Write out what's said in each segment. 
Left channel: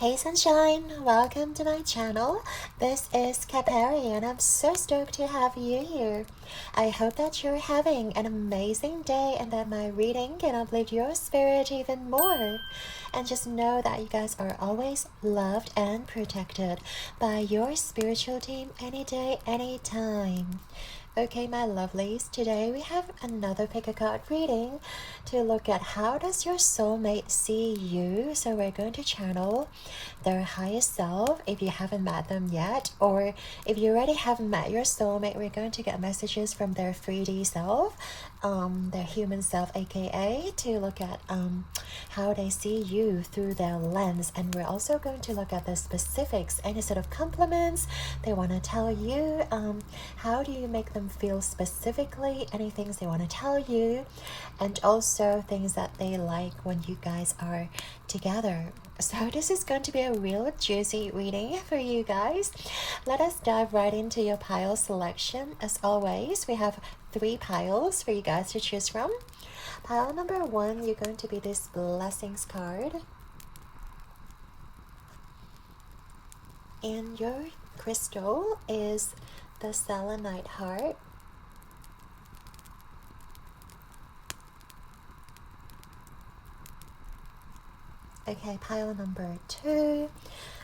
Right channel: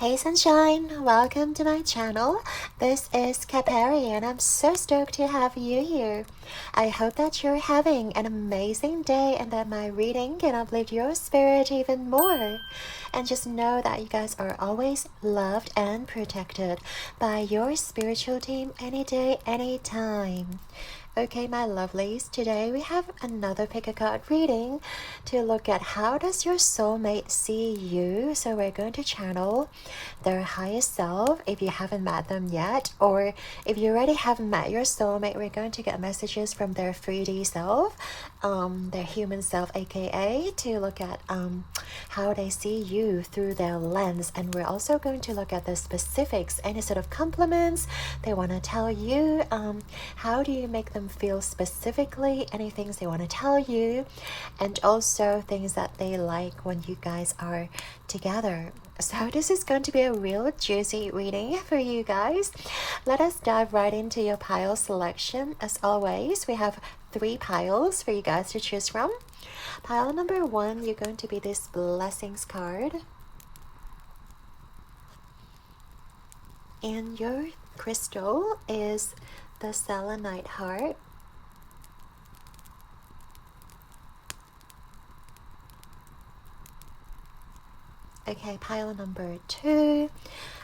Hey sunshine, welcome to my channel. This is Capari and I'm so stoked to have you here. I hope that you're having an amazing day and that my reading can uplift your spirit even more. And just know that you guys are always loved and protected by your spiritual team any day, anytime. Okay, my lovelies, today we have another pick a card reading to look at how does your soulmate see you. So we're going to channel their highest self if you haven't met them yet, or if you already haven't met your soulmate, we're going to get messages from their 3D self, their human self, aka to look at how they see you through their lens. And we're also going to look at the specifics, any sort of compliments they want to tell you, how do you make them feel specifically, any things they want to tell you, and also things that they like when you guys are together. So this is going to be a real juicy reading for you guys. Let us dive right into your pile selection. As always, we have 3 piles for you guys to choose from. Pile number 1, you're going to be this blessings card. And your crystal is the selenite heart. Okay, pile number 2,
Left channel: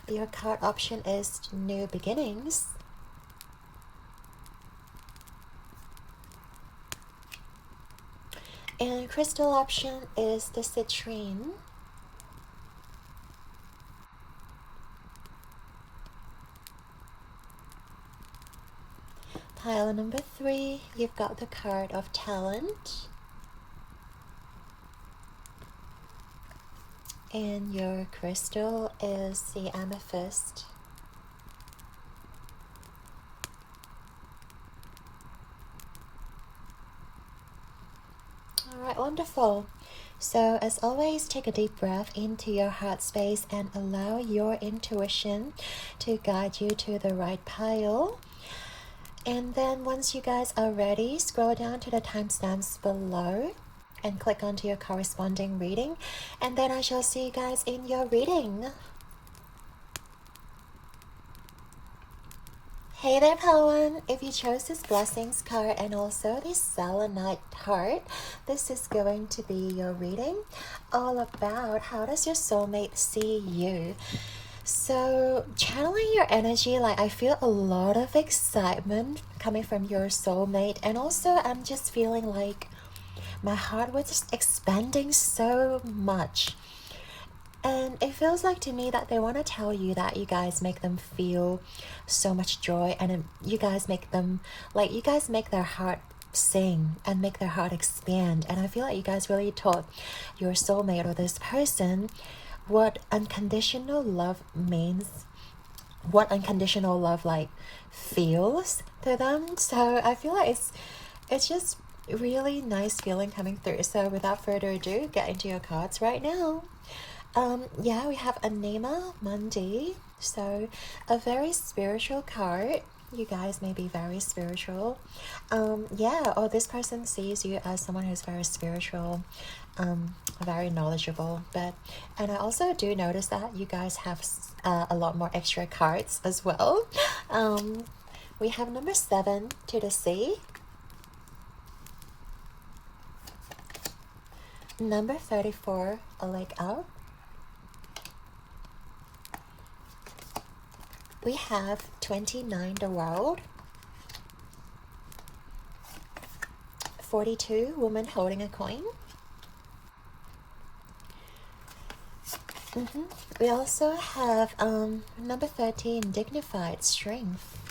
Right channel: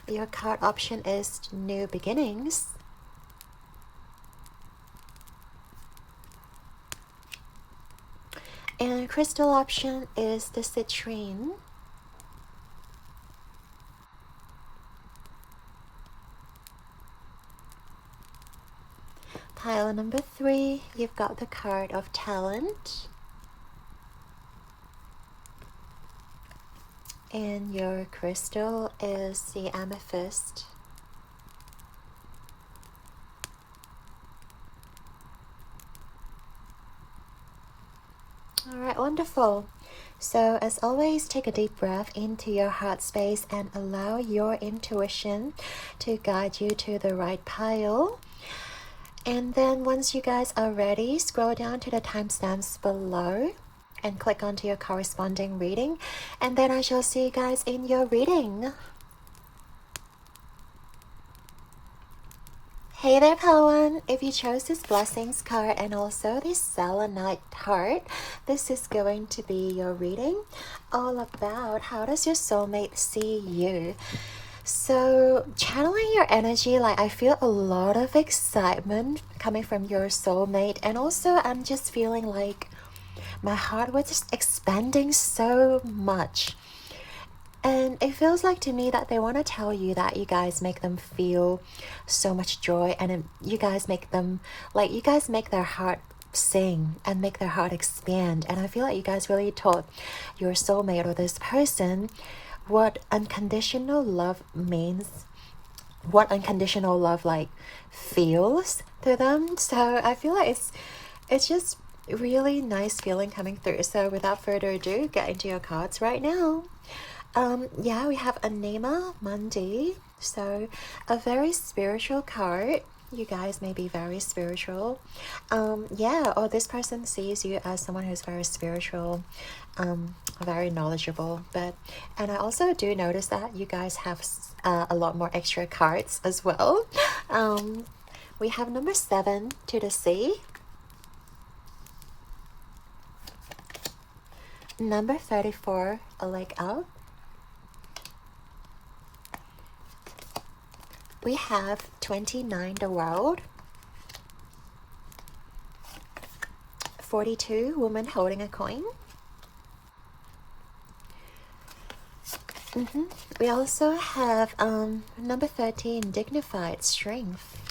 your card option is new beginnings. And crystal option is the citrine. Pile number 3, you've got the card of talent. And your crystal is the amethyst. Alright, wonderful. So as always, take a deep breath into your heart space and allow your intuition to guide you to the right pile. And then once you guys are ready, scroll down to the timestamps below and click onto your corresponding reading, and then I shall see you guys in your reading. Hey there, Pawan. If you chose this blessings card and also this selenite heart, this is going to be your reading all about how does your soulmate see you. So channeling your energy, like I feel a lot of excitement coming from your soulmate, and also I'm just feeling like my heart was just expanding so much. And it feels like to me that they want to tell you that you guys make them feel so much joy, and you guys make them, like you guys make their heart sing and make their heart expand. And I feel like you guys really taught your soulmate or this person what unconditional love means, what unconditional love like feels to them. So I feel like it's just really nice feeling coming through. So without further ado, get into your cards right now. Yeah, we have Anima Mundi, so a very spiritual card. You guys may be very spiritual. Yeah, or this person sees you as someone who's very spiritual, very knowledgeable. And I also do notice that you guys have a lot more extra cards as well. We have number 7, to the sea. Number 34, a leg up. We have 29, the world. 42, woman holding a coin. We also have number 13, dignified strength.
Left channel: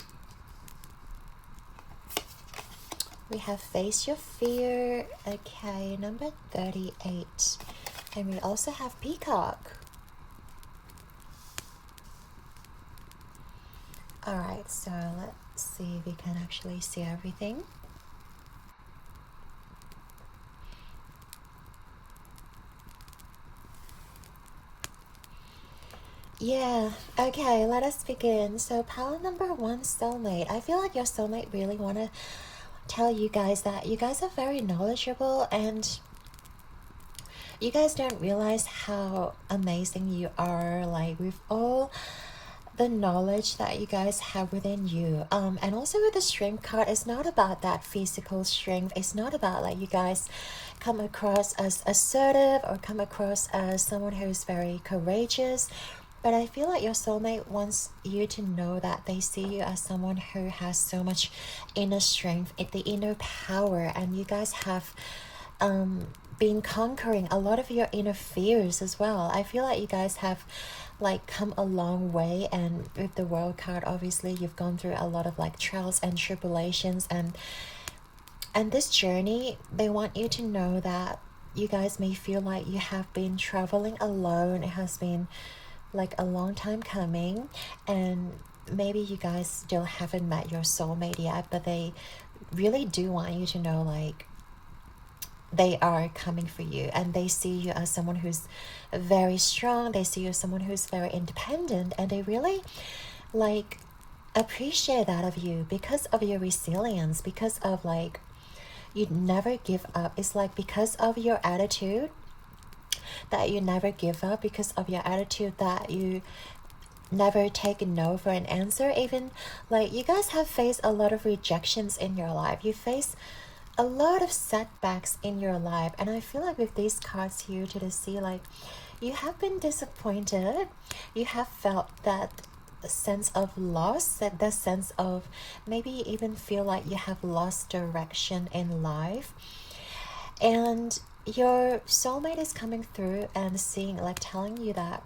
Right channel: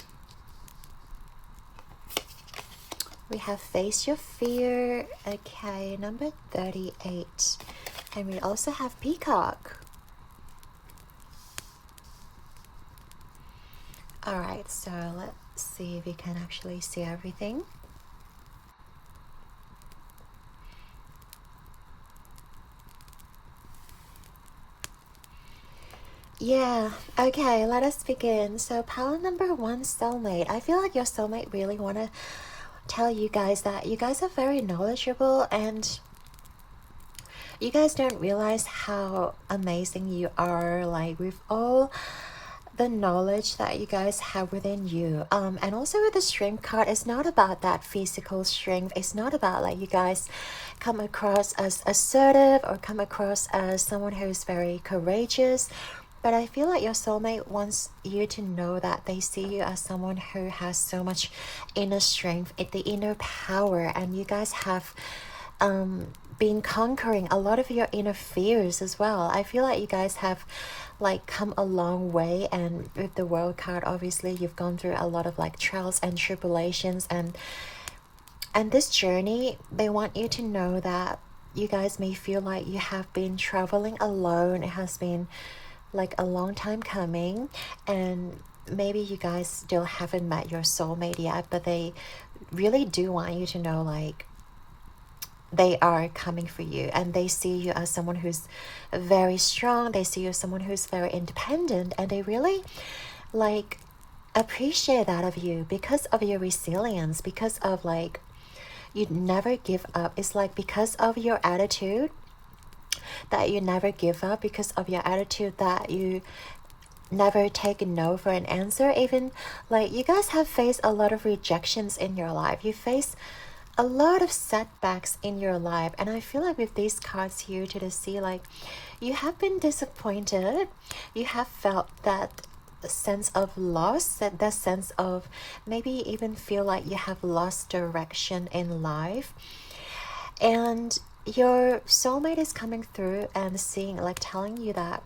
We have face your fear. Okay, number 38. And we also have peacock. Alright, so let's see if we can actually see everything. Yeah, okay, let us begin. So pile number 1, soulmate. I feel like your soulmate really want to tell you guys that you guys are very knowledgeable, and You guys don't realize how amazing you are, like with all the knowledge that you guys have within you. And also with the strength card, it's not about that physical strength. It's not about like you guys come across as assertive or come across as someone who's very courageous. But I feel like your soulmate wants you to know that they see you as someone who has so much inner strength, the inner power, and you guys have been conquering a lot of your inner fears as well. I feel like you guys have like come a long way, and with the World card, obviously you've gone through a lot of like trials and tribulations, and this journey, they want you to know that you guys may feel like you have been traveling alone. It has been like a long time coming, and maybe you guys still haven't met your soulmate yet, but they really do want you to know like they are coming for you, and they see you as someone who's very strong. They see you as someone who's very independent, and they really like appreciate that of you because of your resilience, because of like you never give up. It's like because of your attitude that you never give up, because of your attitude that you never take a no for an answer. Even like you guys have faced a lot of rejections in your life. You face a lot of setbacks in your life, and I feel like with these cards here to the sea, like you have been disappointed. You have felt that sense of loss, that sense of maybe even feel like you have lost direction in life, and your soulmate is coming through and seeing, like telling you that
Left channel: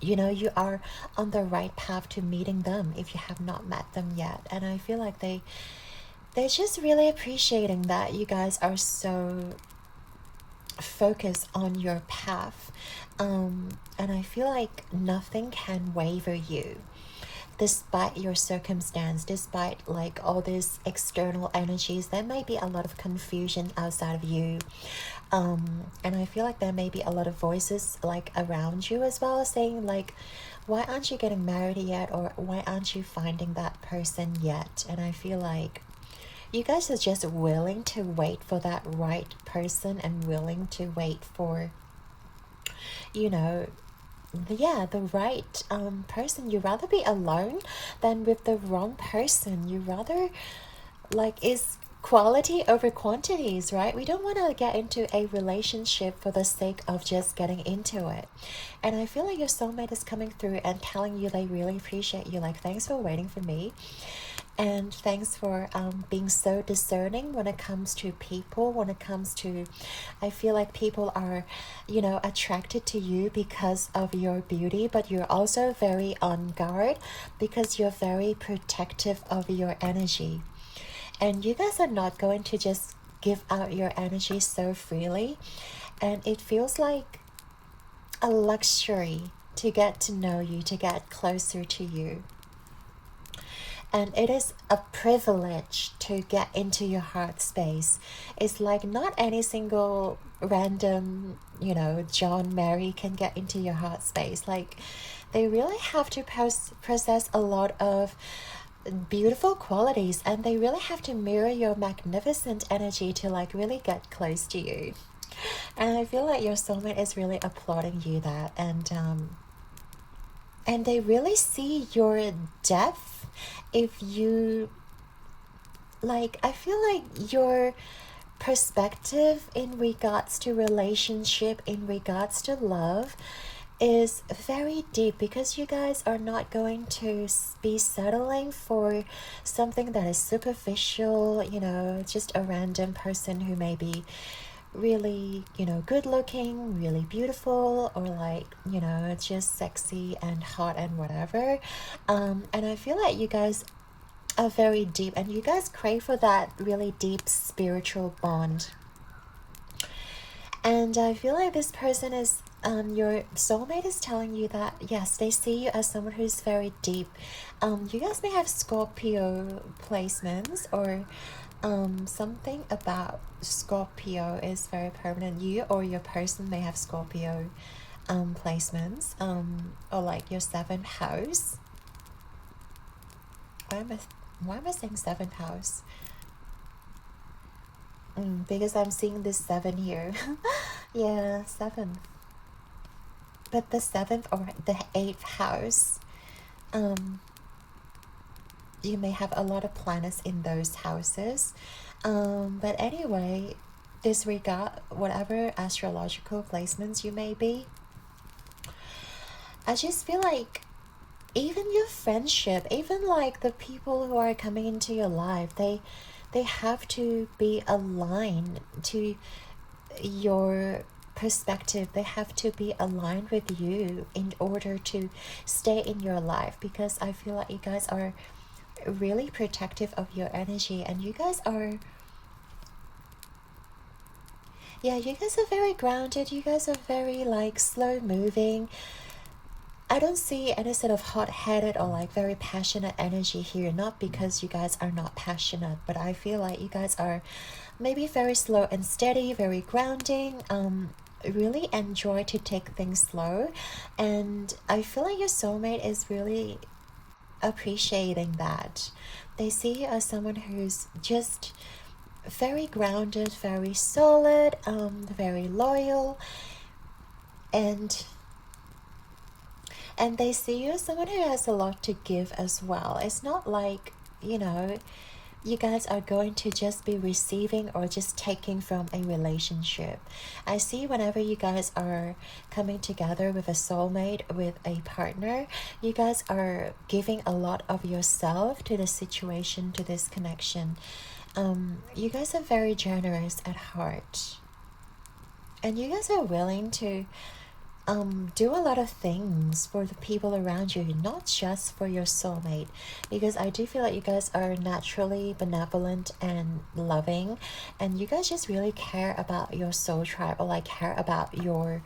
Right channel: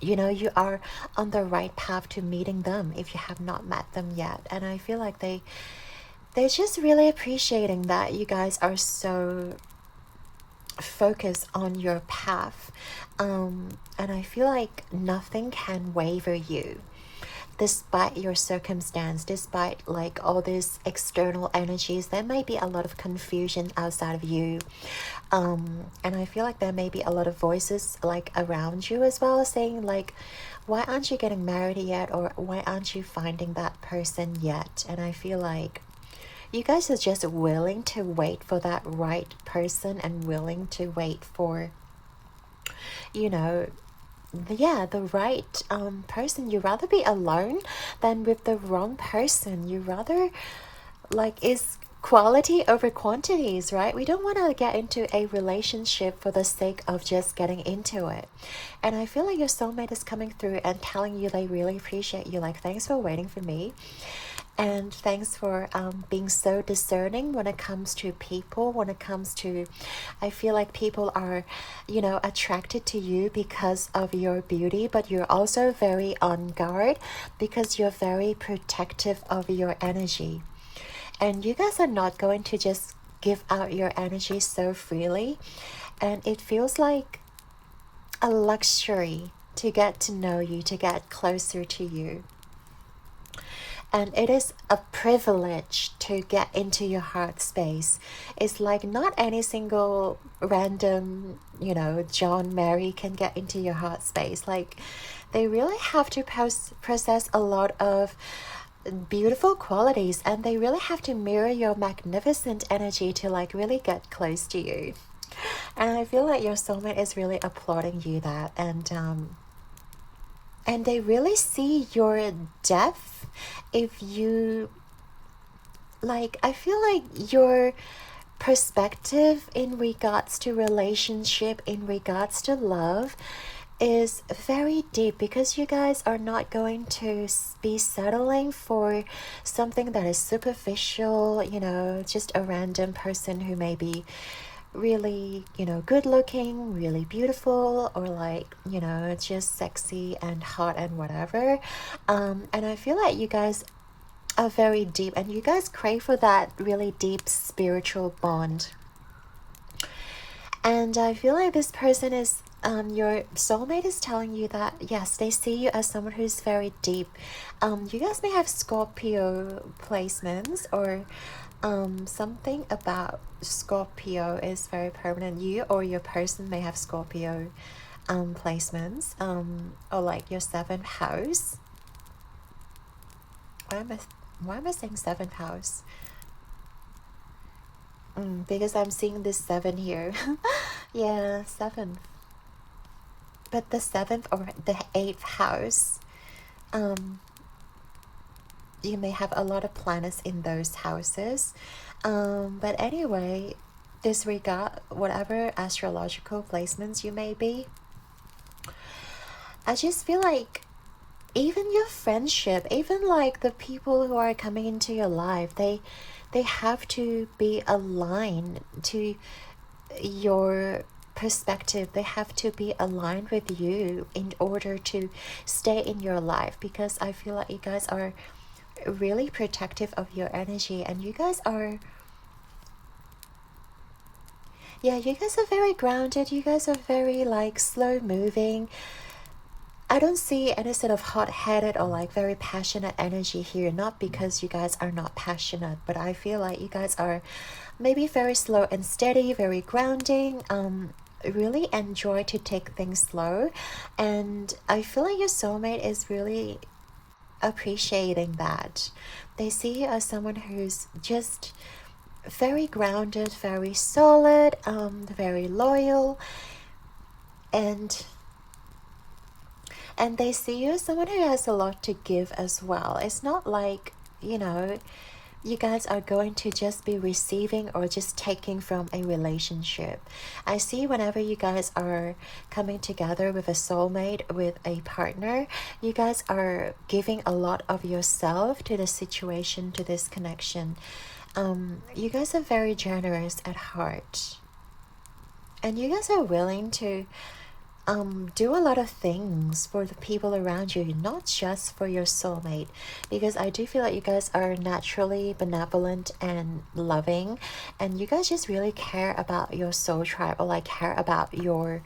you know you are on the right path to meeting them if you have not met them yet. And I feel like they're just really appreciating that you guys are so focused on your path, and I feel like nothing can waver you despite your circumstance, despite like all these external energies. There may be a lot of confusion outside of you, and I feel like there may be a lot of voices like around you as well, saying like, why aren't you getting married yet, or why aren't you finding that person yet? And I feel like you guys are just willing to wait for that right person, and willing to wait for, you know, the right person. You rather be alone than with the wrong person. You rather like, is quality over quantities, right? We don't want to get into a relationship for the sake of just getting into it. And I feel like your soulmate is coming through and telling you they really appreciate you. Like, thanks for waiting for me. And thanks for being so discerning when it comes to people, when it comes to, I feel like people are, you know, attracted to you because of your beauty, but you're also very on guard because you're very protective of your energy. And you guys are not going to just give out your energy so freely. And it feels like a luxury to get to know you, to get closer to you. And it is a privilege to get into your heart space. It's like not any single random, you know, John, Mary can get into your heart space. Like, they really have to possess a lot of beautiful qualities, and they really have to mirror your magnificent energy to like really get close to you. And I feel like your soulmate is really applauding you that, and they really see your depth. If you like, I feel like your perspective in regards to relationship, in regards to love, is very deep, because you guys are not going to be settling for something that is superficial, you know, just a random person who may be really, you know, good looking, really beautiful, or like, you know, just sexy and hot and whatever. And I feel like you guys are very deep, and you guys crave for that really deep spiritual bond. And I feel like this person is, your soulmate is telling you that, yes, they see you as someone who's very deep. You guys may have Scorpio placements, or something about Scorpio is very permanent. You or your person may have Scorpio placements, or like your 7th house. Why am I saying 7th house? Because I'm seeing this 7 here. Yeah, 7th. But the 7th or the 8th house, you may have a lot of planets in those houses. But anyway, disregard whatever astrological placements you may be. I just feel like even your friendship, even like the people who are coming into your life, they have to be aligned to your perspective. They have to be aligned with you in order to stay in your life, because I feel like you guys are really protective of your energy, and you guys are, yeah, you guys are very grounded. You guys are very like slow moving. I don't see any sort of hot-headed or like very passionate energy here, not because you guys are not passionate, but I feel like you guys are maybe very slow and steady, very grounding, really enjoy to take things slow, and I feel like your soulmate is really appreciating that. They see you as someone who's just very grounded, very solid, very loyal, and they see you as someone who has a lot to give as well. It's not like, you know, you guys are going to just be receiving or just taking from a relationship. I see whenever you guys are coming together with a soulmate, with a partner, you guys are giving a lot of yourself to the situation, to this connection. You guys are very generous at heart. And you guys are willing to do a lot of things for the people around you, not just for your soulmate, because I do feel like you guys are naturally benevolent and loving, and you guys just really care about your soul tribe, or like care about your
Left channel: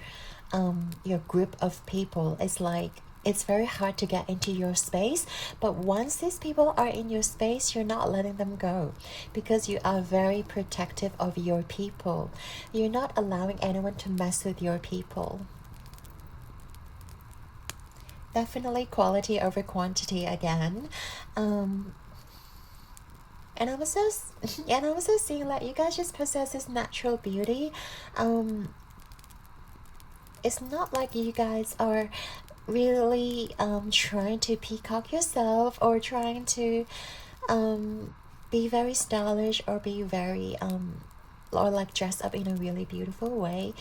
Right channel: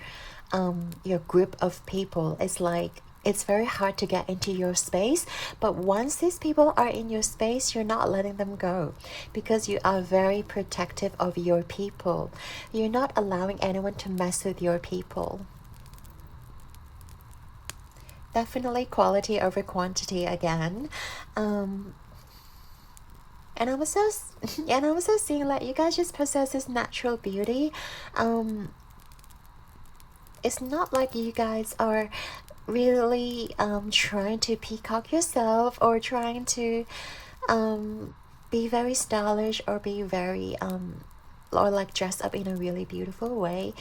group of people. It's like it's very hard to get into your space, but once these people are in your space, you're not letting them go, because you are very protective of your people. You're not allowing anyone to mess with your people. Definitely quality over quantity again. And I'm also seeing like you guys just possess this natural beauty. It's not like you guys are really trying to peacock yourself, or trying to be very stylish, or be very or like dress up in a really beautiful way.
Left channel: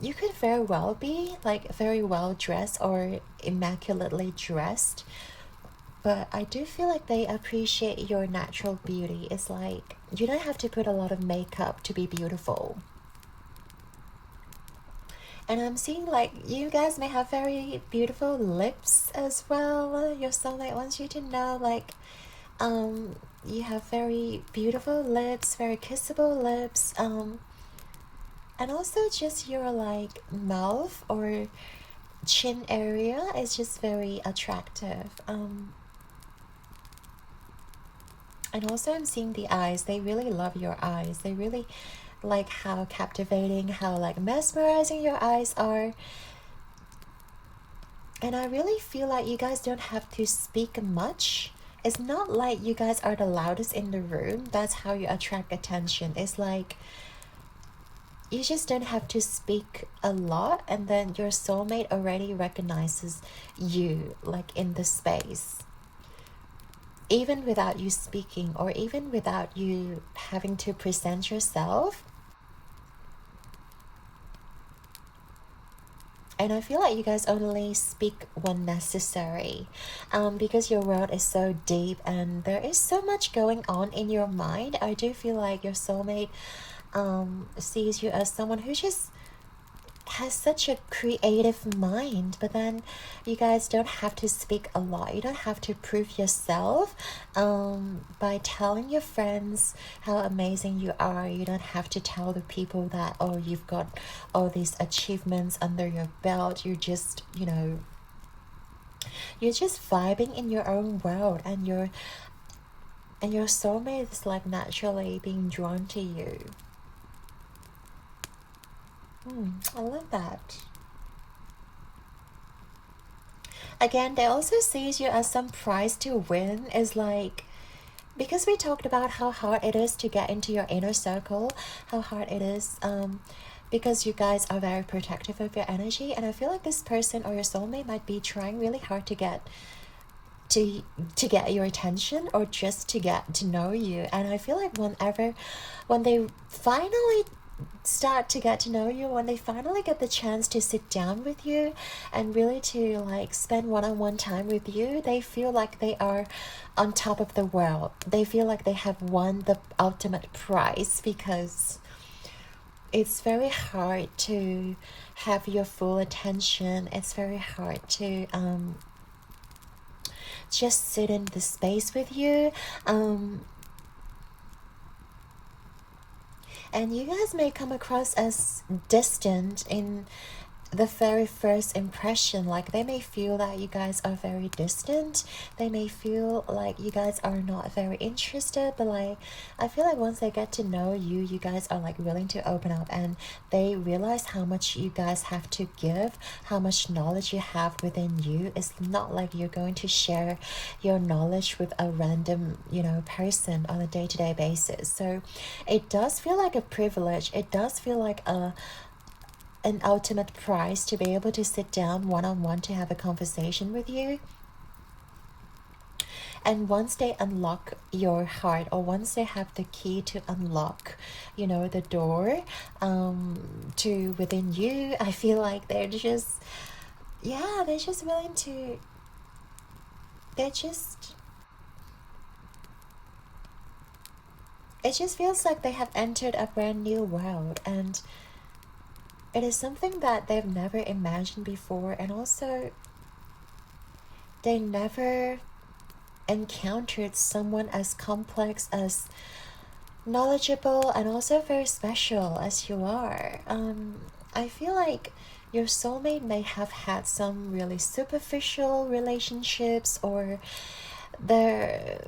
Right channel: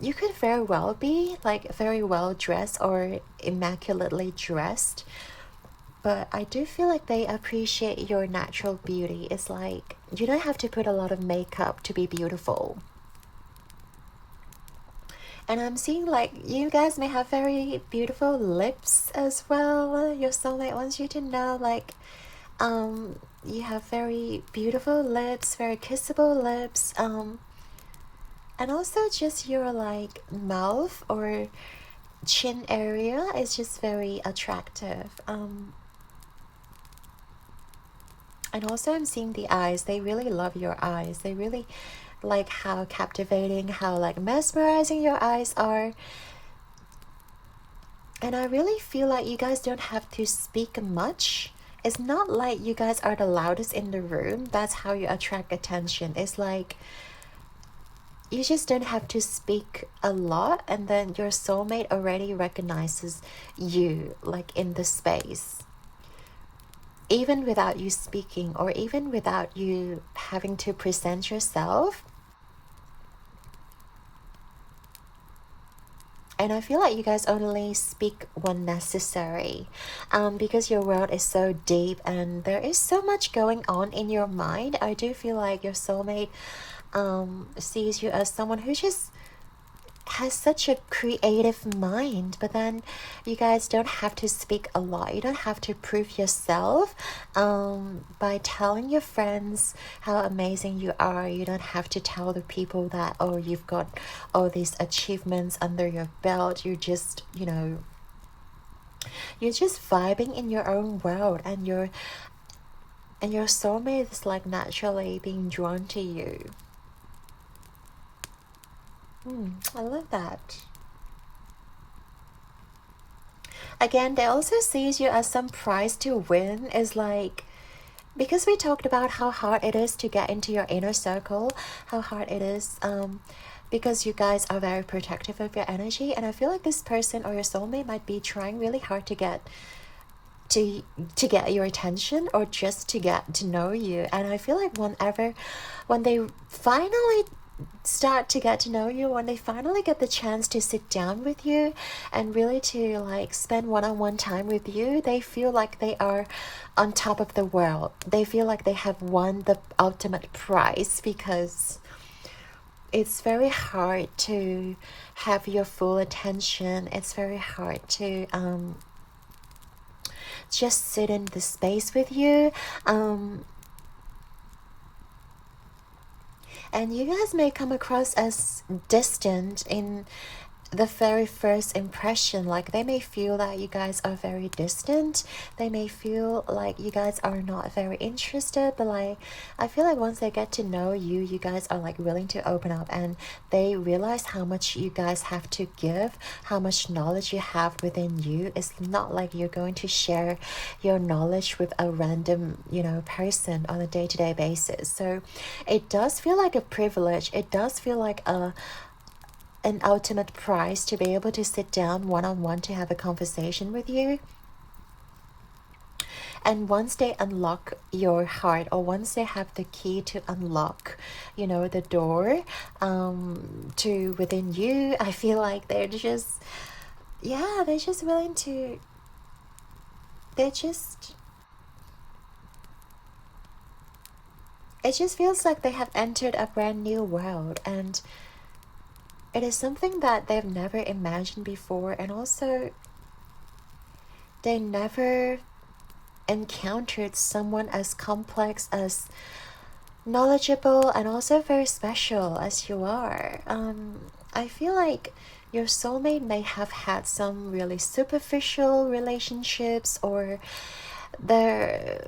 You could very well be like very well dressed or immaculately dressed, but I do feel like they appreciate your natural beauty. It's like you don't have to put a lot of makeup to be beautiful. And I'm seeing like you guys may have very beautiful lips as well. Your soulmate wants you to know, like you have very beautiful lips, very kissable lips, and also just your like mouth or chin area is just very attractive. And also I'm seeing the eyes. They really love your eyes. They really like how captivating, how like mesmerizing your eyes are. And I really feel like you guys don't have to speak much. It's not like you guys are the loudest in the room. That's how you attract attention. It's like you just don't have to speak a lot, and then your soulmate already recognizes you like in the space, even without you speaking, or even without you having to present yourself. And I feel like you guys only speak when necessary, because your world is so deep and there is so much going on in your mind. I do feel like your soulmate sees you as someone who just has such a creative mind, but then you guys don't have to speak a lot. You don't have to prove yourself by telling your friends how amazing you are. You don't have to tell the people that, oh, you've got all these achievements under your belt. You just, you know, you're just vibing in your own world, and your soulmate is like naturally being drawn to you. I love that. Again, they also sees you as some prize to win. Is like, because we talked about how hard it is to get into your inner circle, how hard it is because you guys are very protective of your energy. And I feel like this person or your soulmate might be trying really hard to get your attention, or just to get to know you. And I feel like when they finally start to get to know you, when they finally get the chance to sit down with you and really to like spend one-on-one time with you, they feel like they are on top of the world. They feel like they have won the ultimate prize, because it's very hard to have your full attention. It's very hard to just sit in the space with you. And you guys may come across as distant in the very first impression. Like, they may feel that you guys are very distant. They may feel like you guys are not very interested. But like, I feel like once they get to know you, you guys are like willing to open up, and they realize how much you guys have to give, how much knowledge you have within you. It's not like you're going to share your knowledge with a random, you know, person on a day-to-day basis. So it does feel like a privilege. It does feel like an ultimate prize to be able to sit down one-on-one to have a conversation with you. And once they unlock your heart, or once they have the key to unlock, you know, the door to within you, I feel like they're just, yeah, they're just willing to, it just feels like they have entered a brand new world, and it is something that they've never imagined before. And also, they never encountered someone as complex, as knowledgeable, and also very special as you are. I feel like your soulmate may have had some really superficial relationships, or their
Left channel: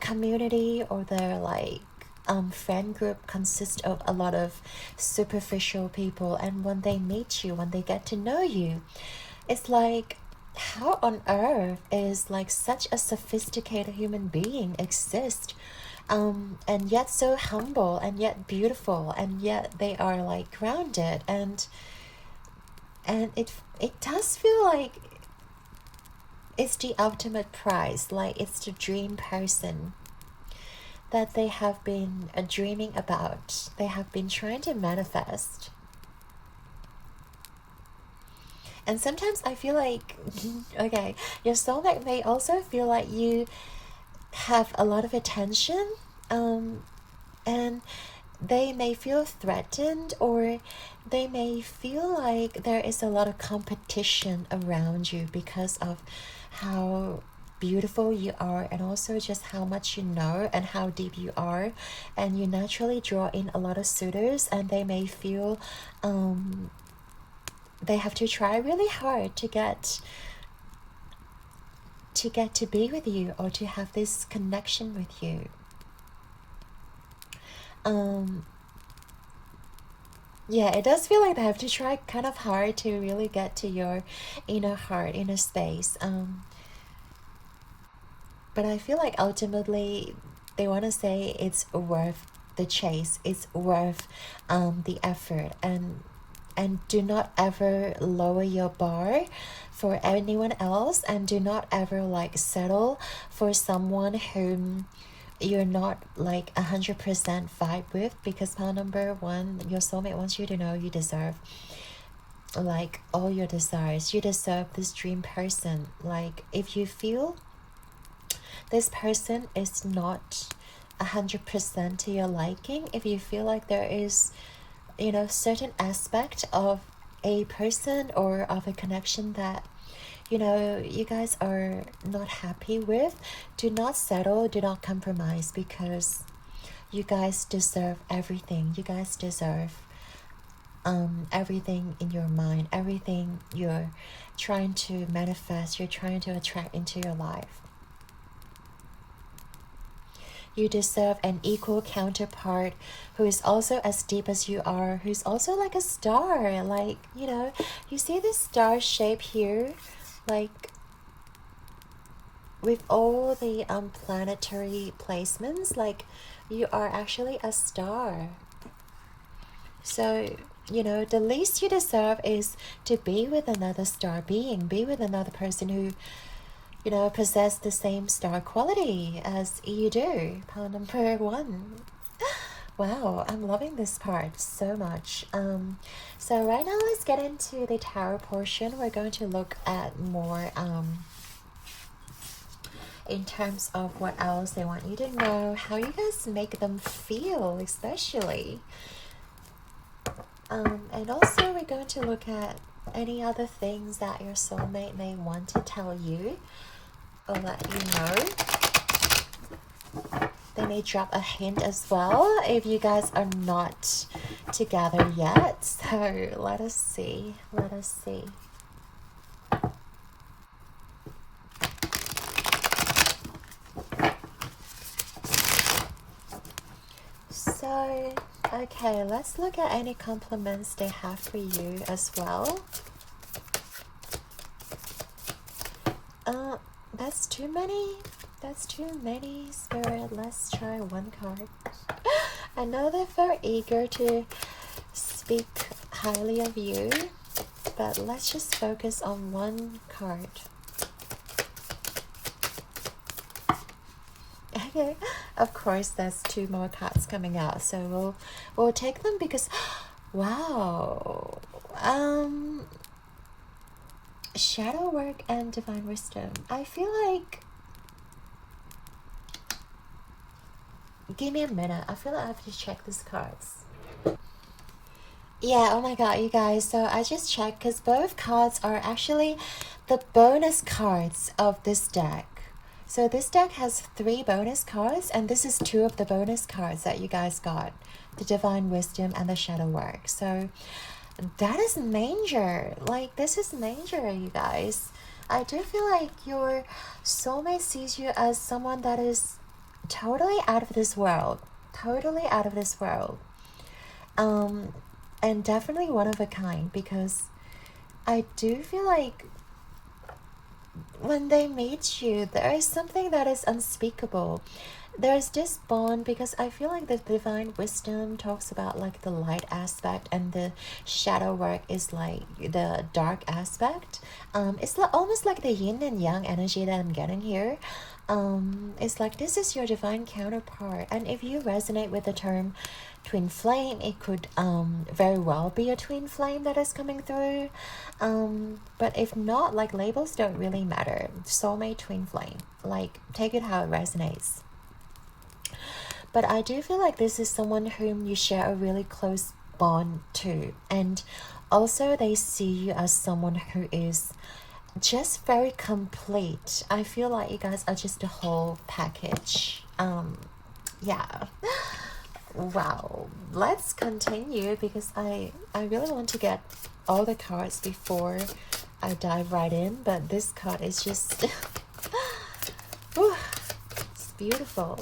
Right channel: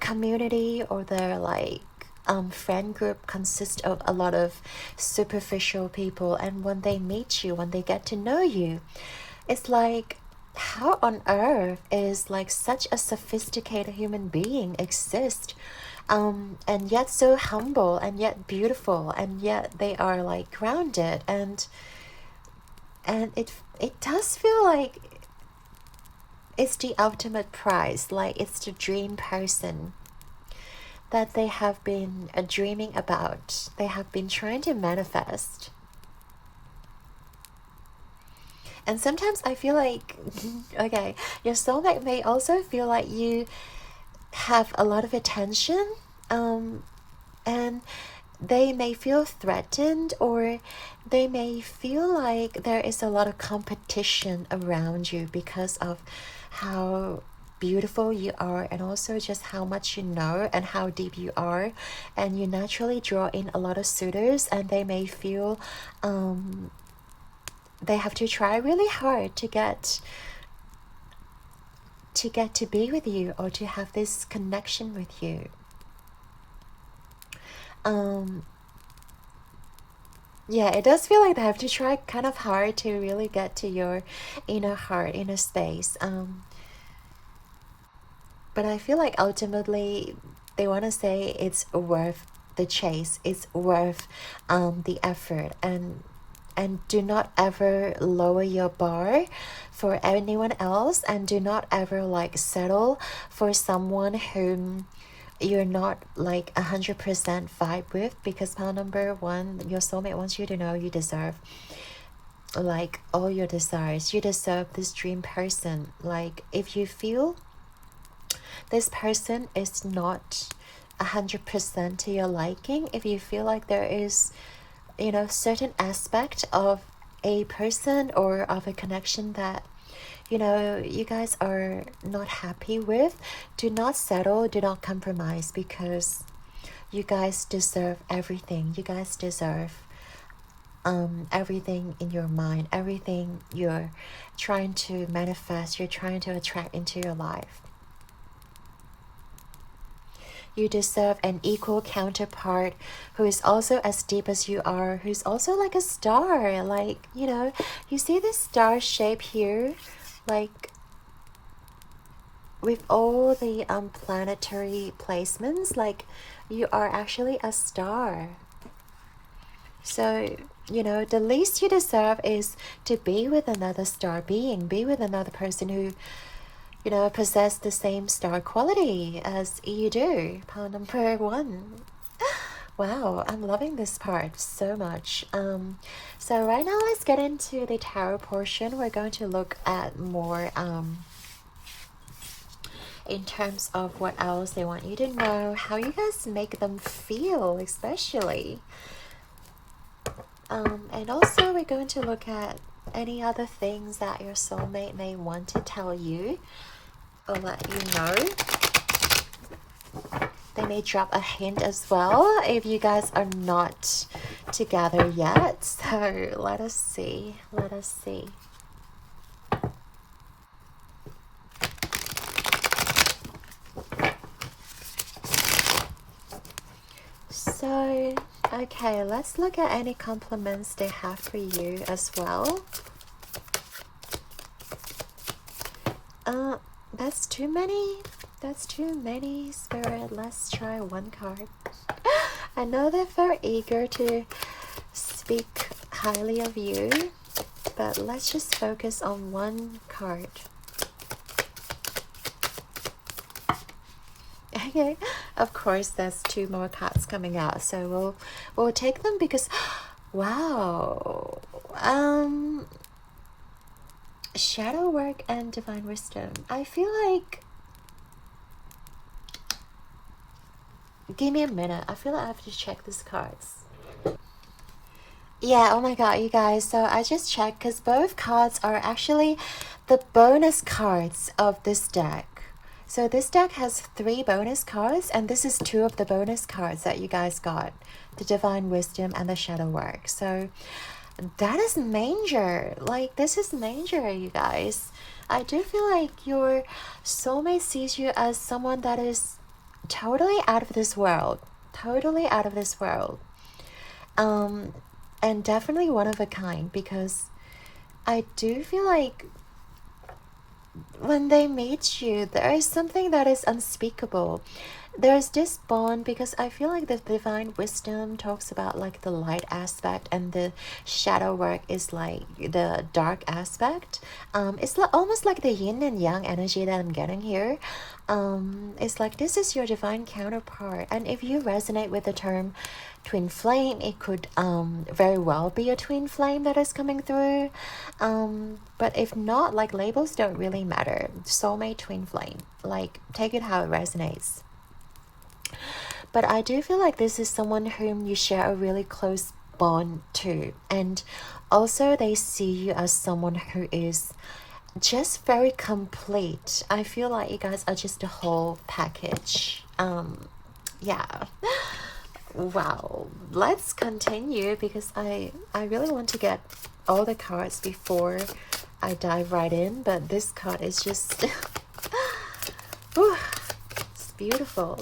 community or their like friend group consists of a lot of superficial people. And when they meet you, when they get to know you, it's like, how on earth is like such a sophisticated human being exist, and yet so humble, and yet beautiful, and yet they are like grounded, and it does feel like it's the ultimate prize. Like, it's the dream person that they have been dreaming about, they have been trying to manifest. And sometimes I feel like, okay, your soulmate may also feel like you have a lot of attention, and they may feel threatened, or they may feel like there is a lot of competition around you because of how beautiful you are, and also just how much you know and how deep you are. And you naturally draw in a lot of suitors, and they may feel they have to try really hard to get to be with you, or to have this connection with you. Yeah, it does feel like they have to try kind of hard to really get to your inner heart, inner space. But I feel like ultimately they want to say it's worth the chase, it's worth the effort, and do not ever lower your bar for anyone else, and do not ever like settle for someone whom you're not like 100% vibe with, because pile number one, your soulmate wants you to know you deserve like all your desires. You deserve this dream person. Like, if you feel this person is not 100% to your liking, if you feel like there is, you know, certain aspect of a person or of a connection that, you know, you guys are not happy with, do not settle, do not compromise, because you guys deserve everything. You guys deserve everything in your mind, everything you're trying to manifest, you're trying to attract into your life. You deserve an equal counterpart who is also as deep as you are, who's also like a star. Like, you know, you see this star shape here, like with all the planetary placements, like you are actually a star. So you know, the least you deserve is to be with another star being, be with another person who, you know, possess the same star quality as you do. Pile number 1. Wow, I'm loving this part so much. So right now let's get into the tarot portion. We're going to look at more in terms of what else they want you to know, how you guys make them feel, especially. And also we're going to look at any other things that your soulmate may want to tell you or let you know. They may drop a hint as well if you guys are not together yet. So let us see. Let us see. So, okay, let's look at any compliments they have for you as well. That's too many. That's too many, Spirit. Let's try one card. I know they're very eager to speak highly of you, but let's just focus on one card. Okay, of course there's 2 more cards coming out, so we'll take them because wow. Shadow work and divine wisdom. I feel like, give me a minute, I feel like I have to check these cards. Yeah, oh my god, you guys, so I just checked because both cards are actually the bonus cards of this deck. So this deck has 3 bonus cards, and this is 2 of the bonus cards that you guys got. The Divine Wisdom and the Shadow Work. So that is major. Like, this is major, you guys. I do feel like your soulmate sees you as someone that is totally out of this world. Totally out of this world. And definitely one of a kind, because I do feel like when they meet you, there is something that is unspeakable. There's this bond, because I feel like the divine wisdom talks about like the light aspect, and the shadow work is like the dark aspect. It's almost like the yin and yang energy that I'm getting here. It's like this is your divine counterpart, and if you resonate with the term twin flame, it could very well be a twin flame that is coming through, but if not, like, labels don't really matter. Soulmate, twin flame, like, take it how it resonates. But I do feel like this is someone whom you share a really close bond to, and also they see you as someone who is just very complete. I feel like you guys are just a whole package. Yeah. Wow, let's continue, because I really want to get all the cards before I dive right in, but this card is just whew, it's beautiful.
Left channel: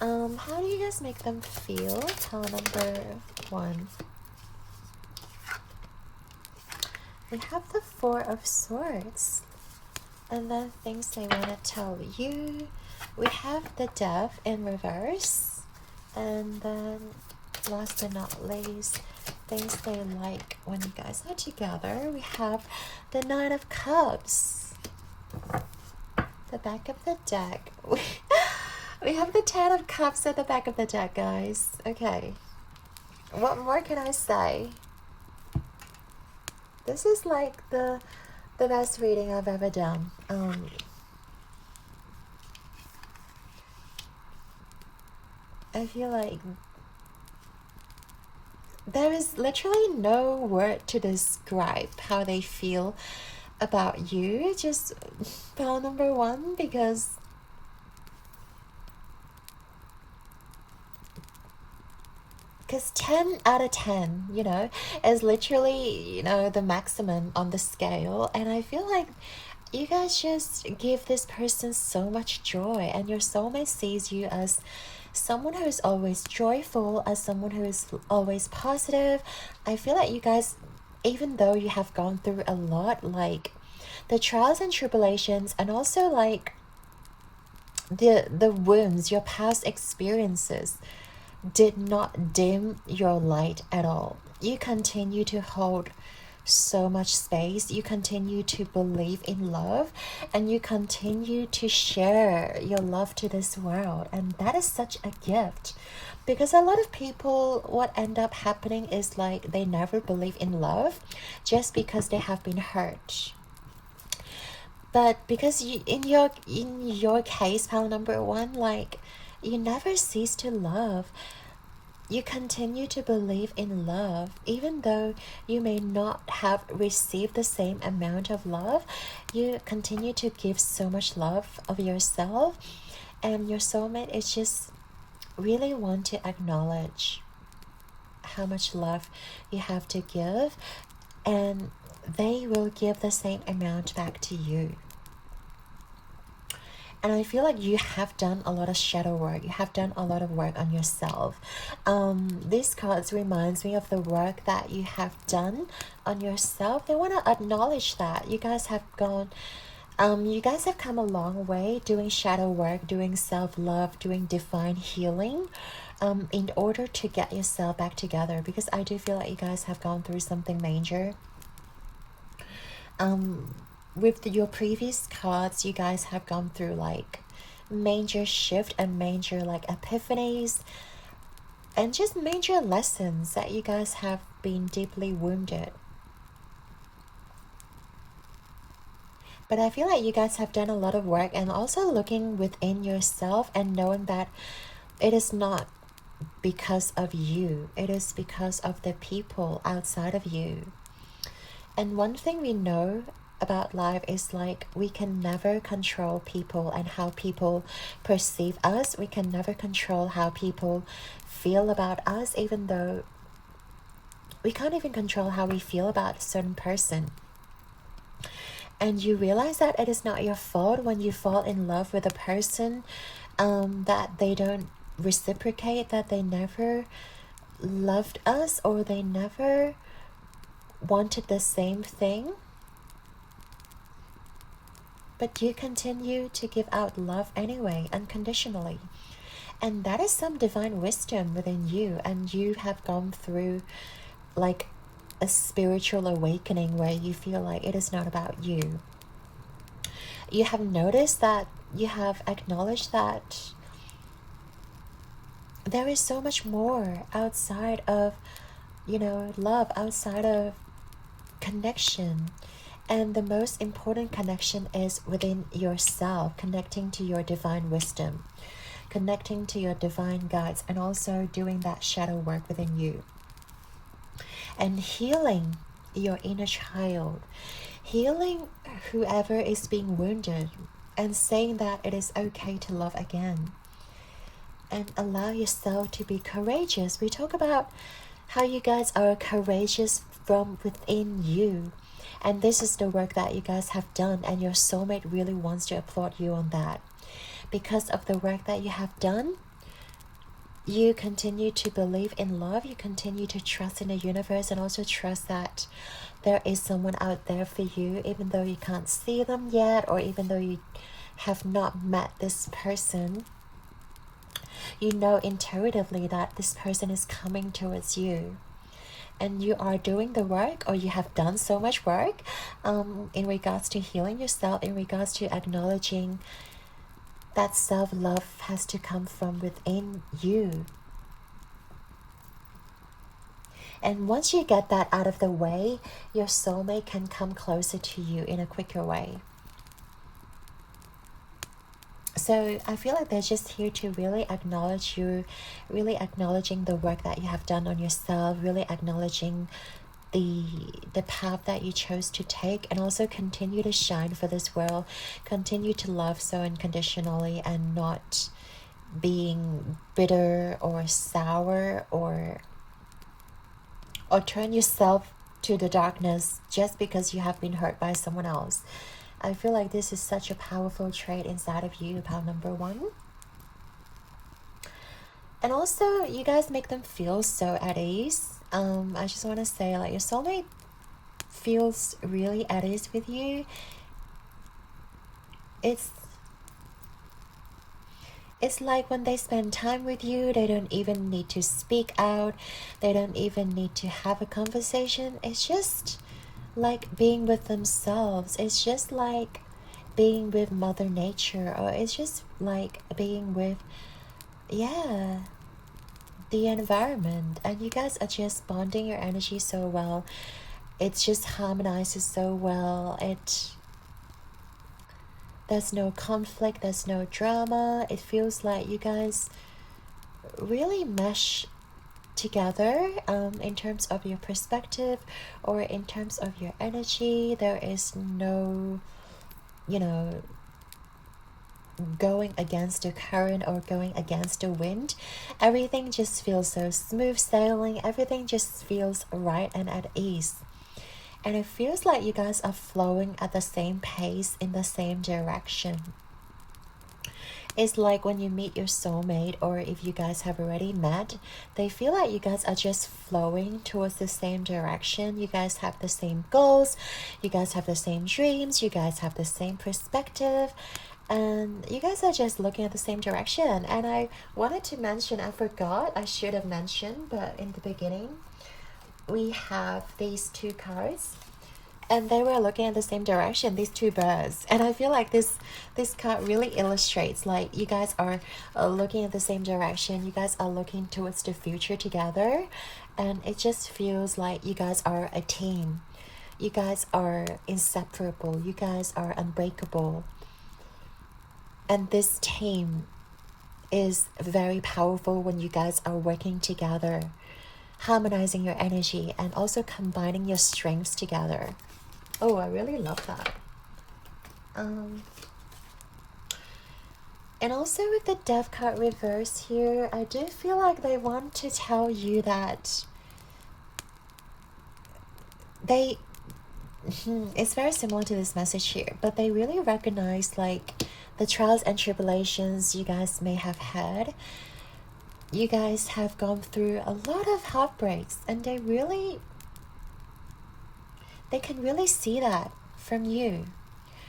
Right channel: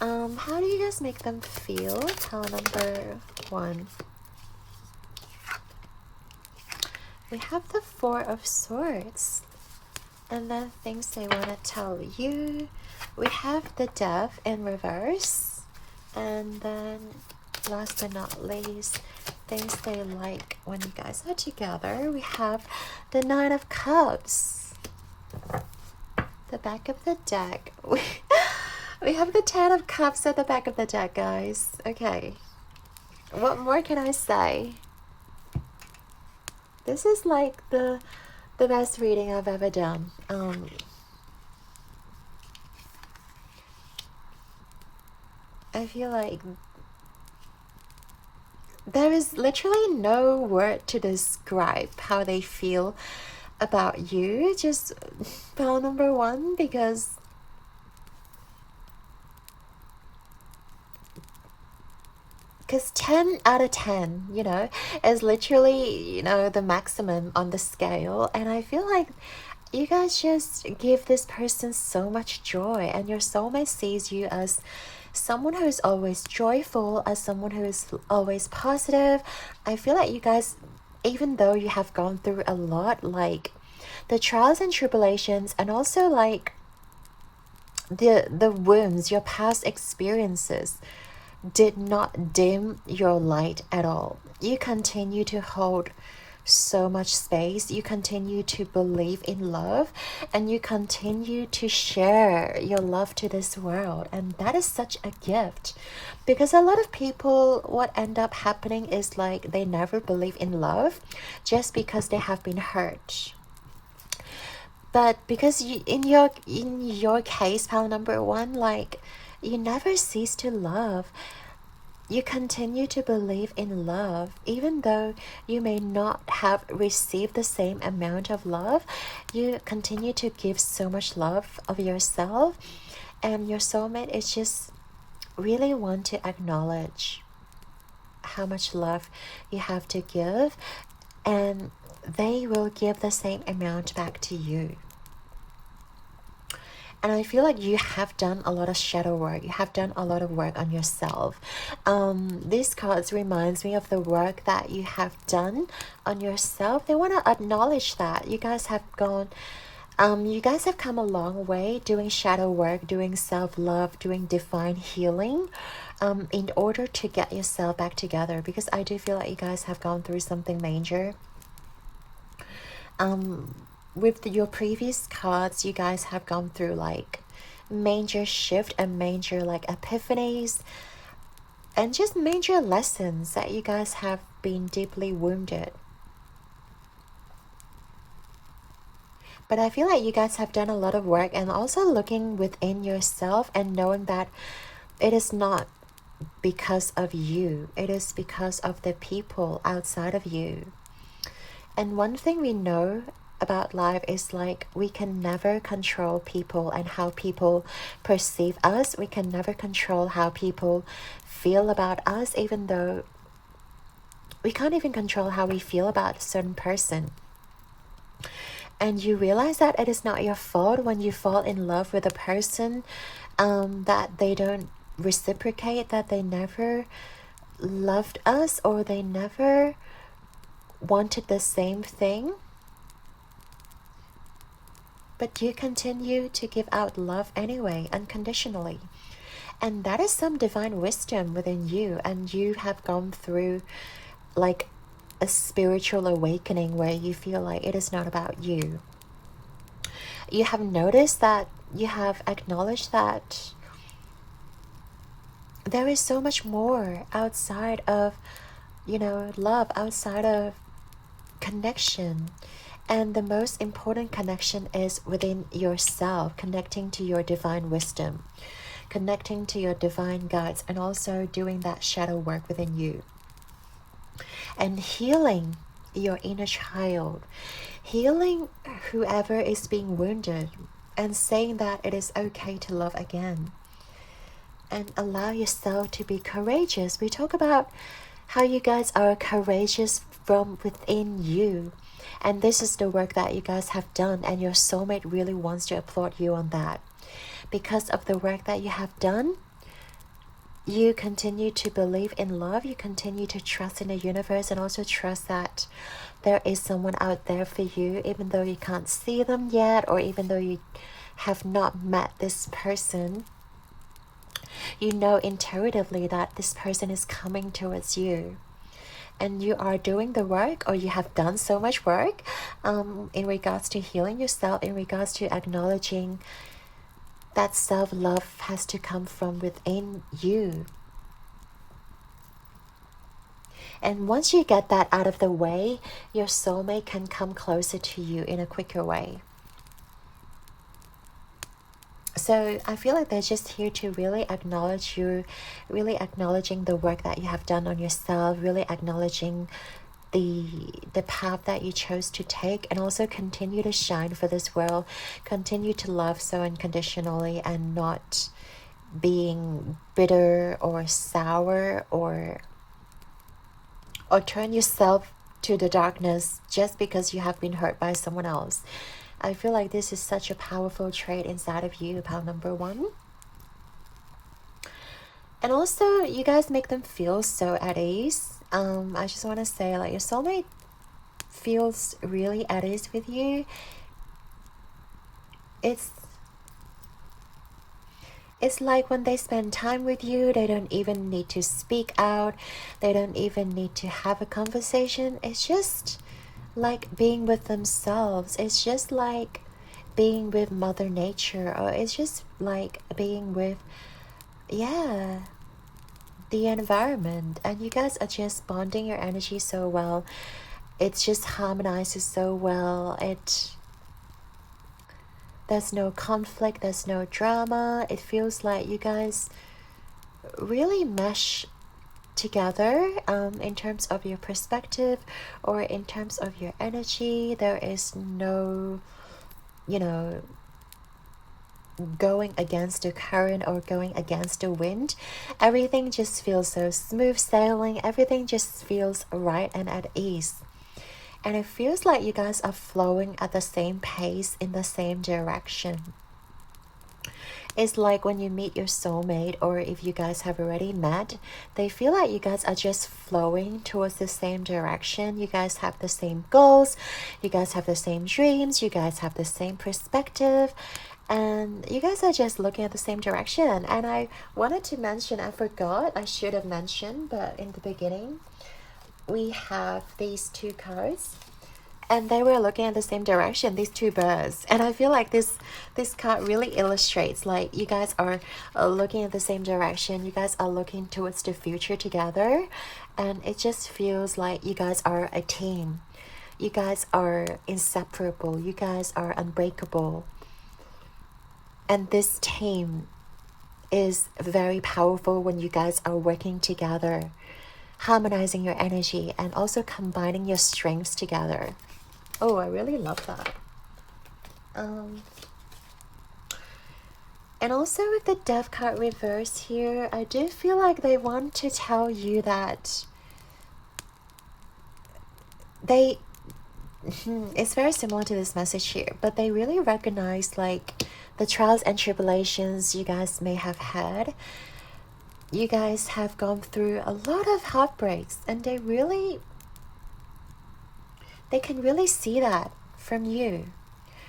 How do you guys make them feel? Tell number 1. We have the 4 of Swords, and then things they want to tell you. We have the Death in reverse, and then last but not least, things they like when you guys are together. We have the 9 of Cups, the back of the deck. We have the 10 of Cups at the back of the deck, guys. Okay, what more can I say? This is like the best reading I've ever done. I feel like there is literally no word to describe how they feel about you. Just pile number 1, because because 10 out of 10, you know, is literally, you know, the maximum on the scale. And I feel like you guys just give this person so much joy, and your soulmate sees you as someone who is always joyful, as someone who is always positive. I feel like you guys, even though you have gone through a lot, like the trials and tribulations, and also like the wounds, your past experiences, did not dim your light at all. you continue to hold so much space, you continue to believe in love, and you continue to share your love to this world. And that is such a gift, because a lot of people, what end up happening is like they never believe in love just because they have been hurt. But because you, in your case, pal number one, like, you never cease to love. You continue to believe in love, even though you may not have received the same amount of love. You continue to give so much love of yourself, and your soulmate is just really want to acknowledge how much love you have to give, and they will give the same amount back to you. And I feel like you have done a lot of shadow work. You have done a lot of work on yourself. These cards reminds me of the work that you have done on yourself. They want to acknowledge that you guys have gone, you guys have come a long way doing shadow work, doing self-love, doing divine healing, in order to get yourself back together. Because I do feel like you guys have gone through something major. With your previous cards, you guys have gone through like major shift and major like epiphanies and just major lessons that you guys have been deeply wounded. But I feel like you guys have done a lot of work, and also looking within yourself and knowing that it is not because of you, it is because of the people outside of you. And one thing we know about life is like we can never control people and how people perceive us. We can never control how people feel about us, even though we can't even control how we feel about a certain person. And you realize that it is not your fault when you fall in love with a person, that they don't reciprocate, that they never loved us, or they never wanted the same thing. But you continue to give out love anyway, unconditionally. And that is some divine wisdom within you. And you have gone through like a spiritual awakening where you feel like it is not about you. You have noticed that, you have acknowledged that there is so much more outside of, love, outside of connection. And the most important connection is within yourself, connecting to your divine wisdom, connecting to your divine guides, and also doing that shadow work within you. And healing your inner child, healing whoever is being wounded, and saying that it is okay to love again. And allow yourself to be courageous. We talk about how you guys are courageous from within you. And this is the work that you guys have done, and your soulmate really wants to applaud you on that. Because of the work that you have done, you continue to believe in love, you continue to trust in the universe, and also trust that there is someone out there for you, even though you can't see them yet, or even though you have not met this person. You know intuitively that this person is coming towards you. And you are doing the work, or you have done so much work in regards to healing yourself, in regards to acknowledging that self-love has to come from within you. And once you get that out of the way, your soulmate can come closer to you in a quicker way. So I feel like they're just here to really acknowledge you, really acknowledging the work that you have done on yourself, really acknowledging the path that you chose to take, and also continue to shine for this world, continue to love so unconditionally, and not being bitter or sour or turn yourself to the darkness just because you have been hurt by someone else. I feel like this is such a powerful trait inside of you, pal number one. And also, you guys make them feel so at ease. I just want to say, like, your soulmate feels really at ease with you. It's like when they spend time with you, they don't even need to speak out. They don't even need to have a conversation. It's just like being with themselves. It's just like being with Mother Nature, or it's just like being with, yeah, the environment. And you guys are just bonding your energy so well. It just harmonizes so well. There's no conflict, there's no drama. It feels like you guys really mesh together in terms of your perspective or in terms of your energy. There is no, going against the current or going against the wind. Everything just feels so smooth sailing. Everything just feels right and at ease. And it feels like you guys are flowing at the same pace in the same direction. It's like when you meet your soulmate, or if you guys have already met, they feel like you guys are just flowing towards the same direction. You guys have the same goals, you guys have the same dreams, you guys have the same perspective, and you guys are just looking at the same direction. And I wanted to mention, I forgot, I should have mentioned, but in the beginning, we have these two cards. And they were looking at the same direction, these two birds. And I feel like this card really illustrates, like, you guys are looking at the same direction. You guys are looking towards the future together. And it just feels like you guys are a team. You guys are inseparable. You guys are unbreakable. And this team is very powerful when you guys are working together, harmonizing your energy and also combining your strengths together. Oh, I really love that. And also with the Death card reverse here, I do feel like they want to tell you that they, it's very similar to this message here, but they really recognize like the trials and tribulations you guys may have had. You guys have gone through a lot of heartbreaks, and they can really see that from you,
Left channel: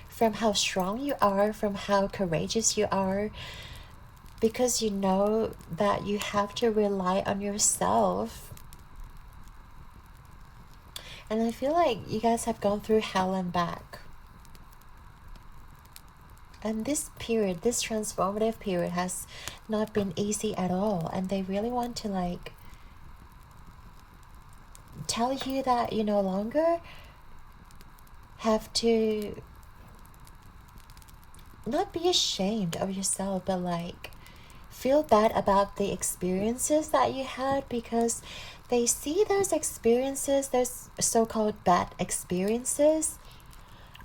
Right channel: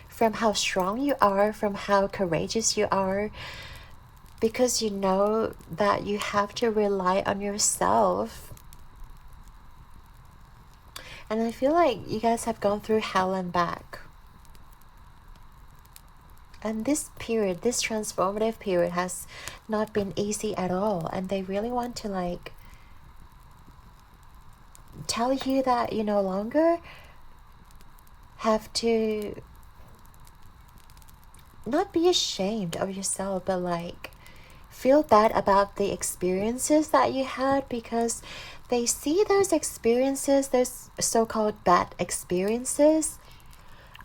from how strong you are, from how courageous you are, because you know that you have to rely on yourself. And I feel like you guys have gone through hell and back. And this period, this transformative period, has not been easy at all. And they really want to like tell you that you no longer have to not be ashamed of yourself, but like feel bad about the experiences that you had, because they see those experiences, those so-called bad experiences,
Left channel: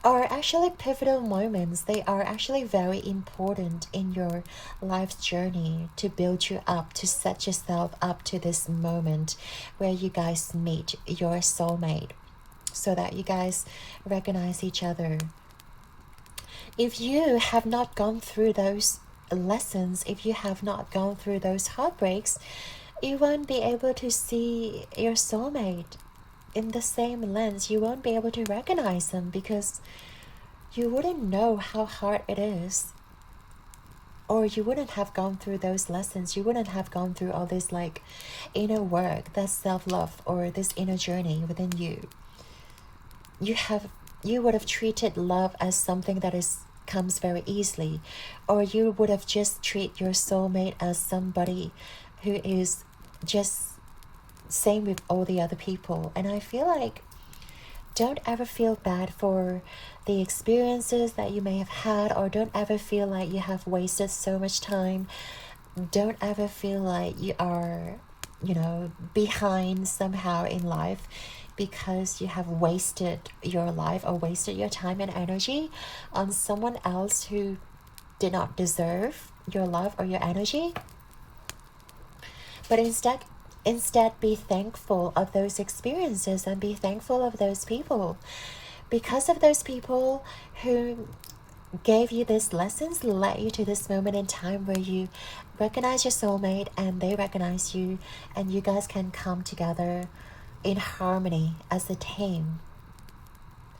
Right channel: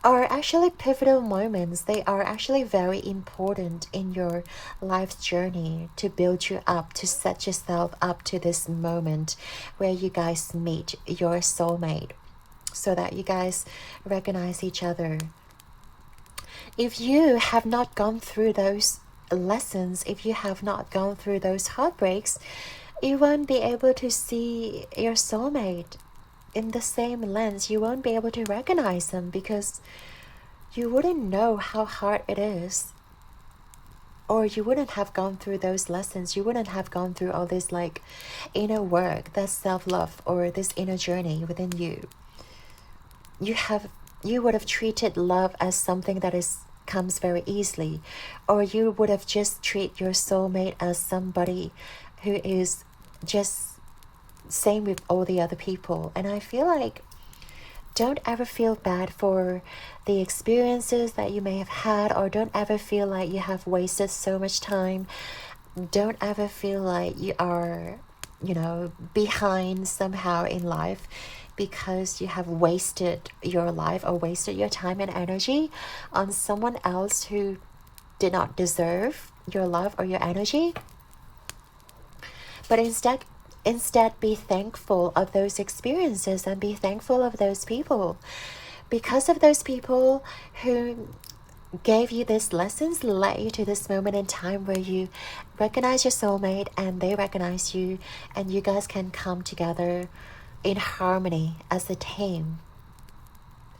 are actually pivotal moments. They are actually very important in your life's journey to build you up, to set yourself up to this moment where you guys meet your soulmate, so that you guys recognize each other. If you have not gone through those lessons, if you have not gone through those heartbreaks, you won't be able to see your soulmate in the same lens. You won't be able to recognize them, because you wouldn't know how hard it is, or you wouldn't have gone through those lessons. You wouldn't have gone through all this like inner work, that self-love, or this inner journey within you. You would have treated love as something that comes very easily, or you would have just treated your soulmate as somebody who is just same with all the other people. And I feel like, don't ever feel bad for the experiences that you may have had, or don't ever feel like you have wasted so much time. Don't ever feel like you are, behind somehow in life, because you have wasted your life or wasted your time and energy on someone else who did not deserve your love or your energy. But instead be thankful of those experiences, and be thankful of those people, because of those people who gave you these lessons, led you to this moment in time where you recognize your soulmate and they recognize you, and you guys can come together in harmony as a team,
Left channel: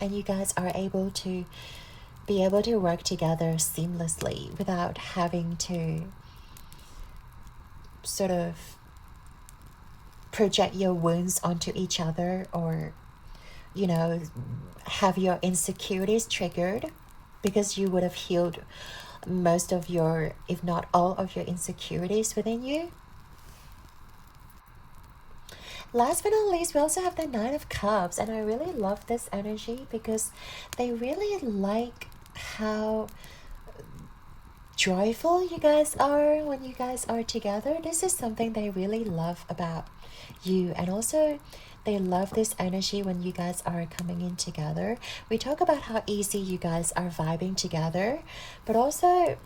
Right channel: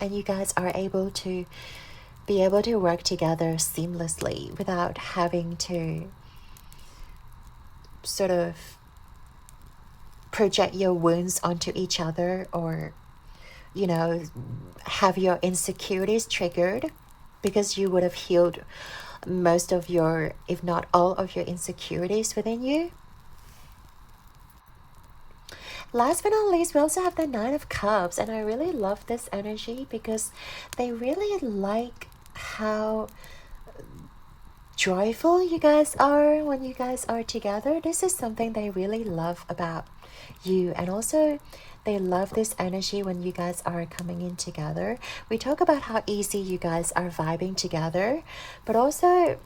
and you guys are able to work together seamlessly without having to sort of project your wounds onto each other, or you know, have your insecurities triggered, because you would have healed most of your, if not all of your insecurities within you. Last but not least, we also have the Nine of Cups, and I really love this energy because they really like how joyful you guys are when you guys are together. This is something they really love about you, and also they love this energy when you guys are coming in together. We talk about how easy you guys are vibing together, but also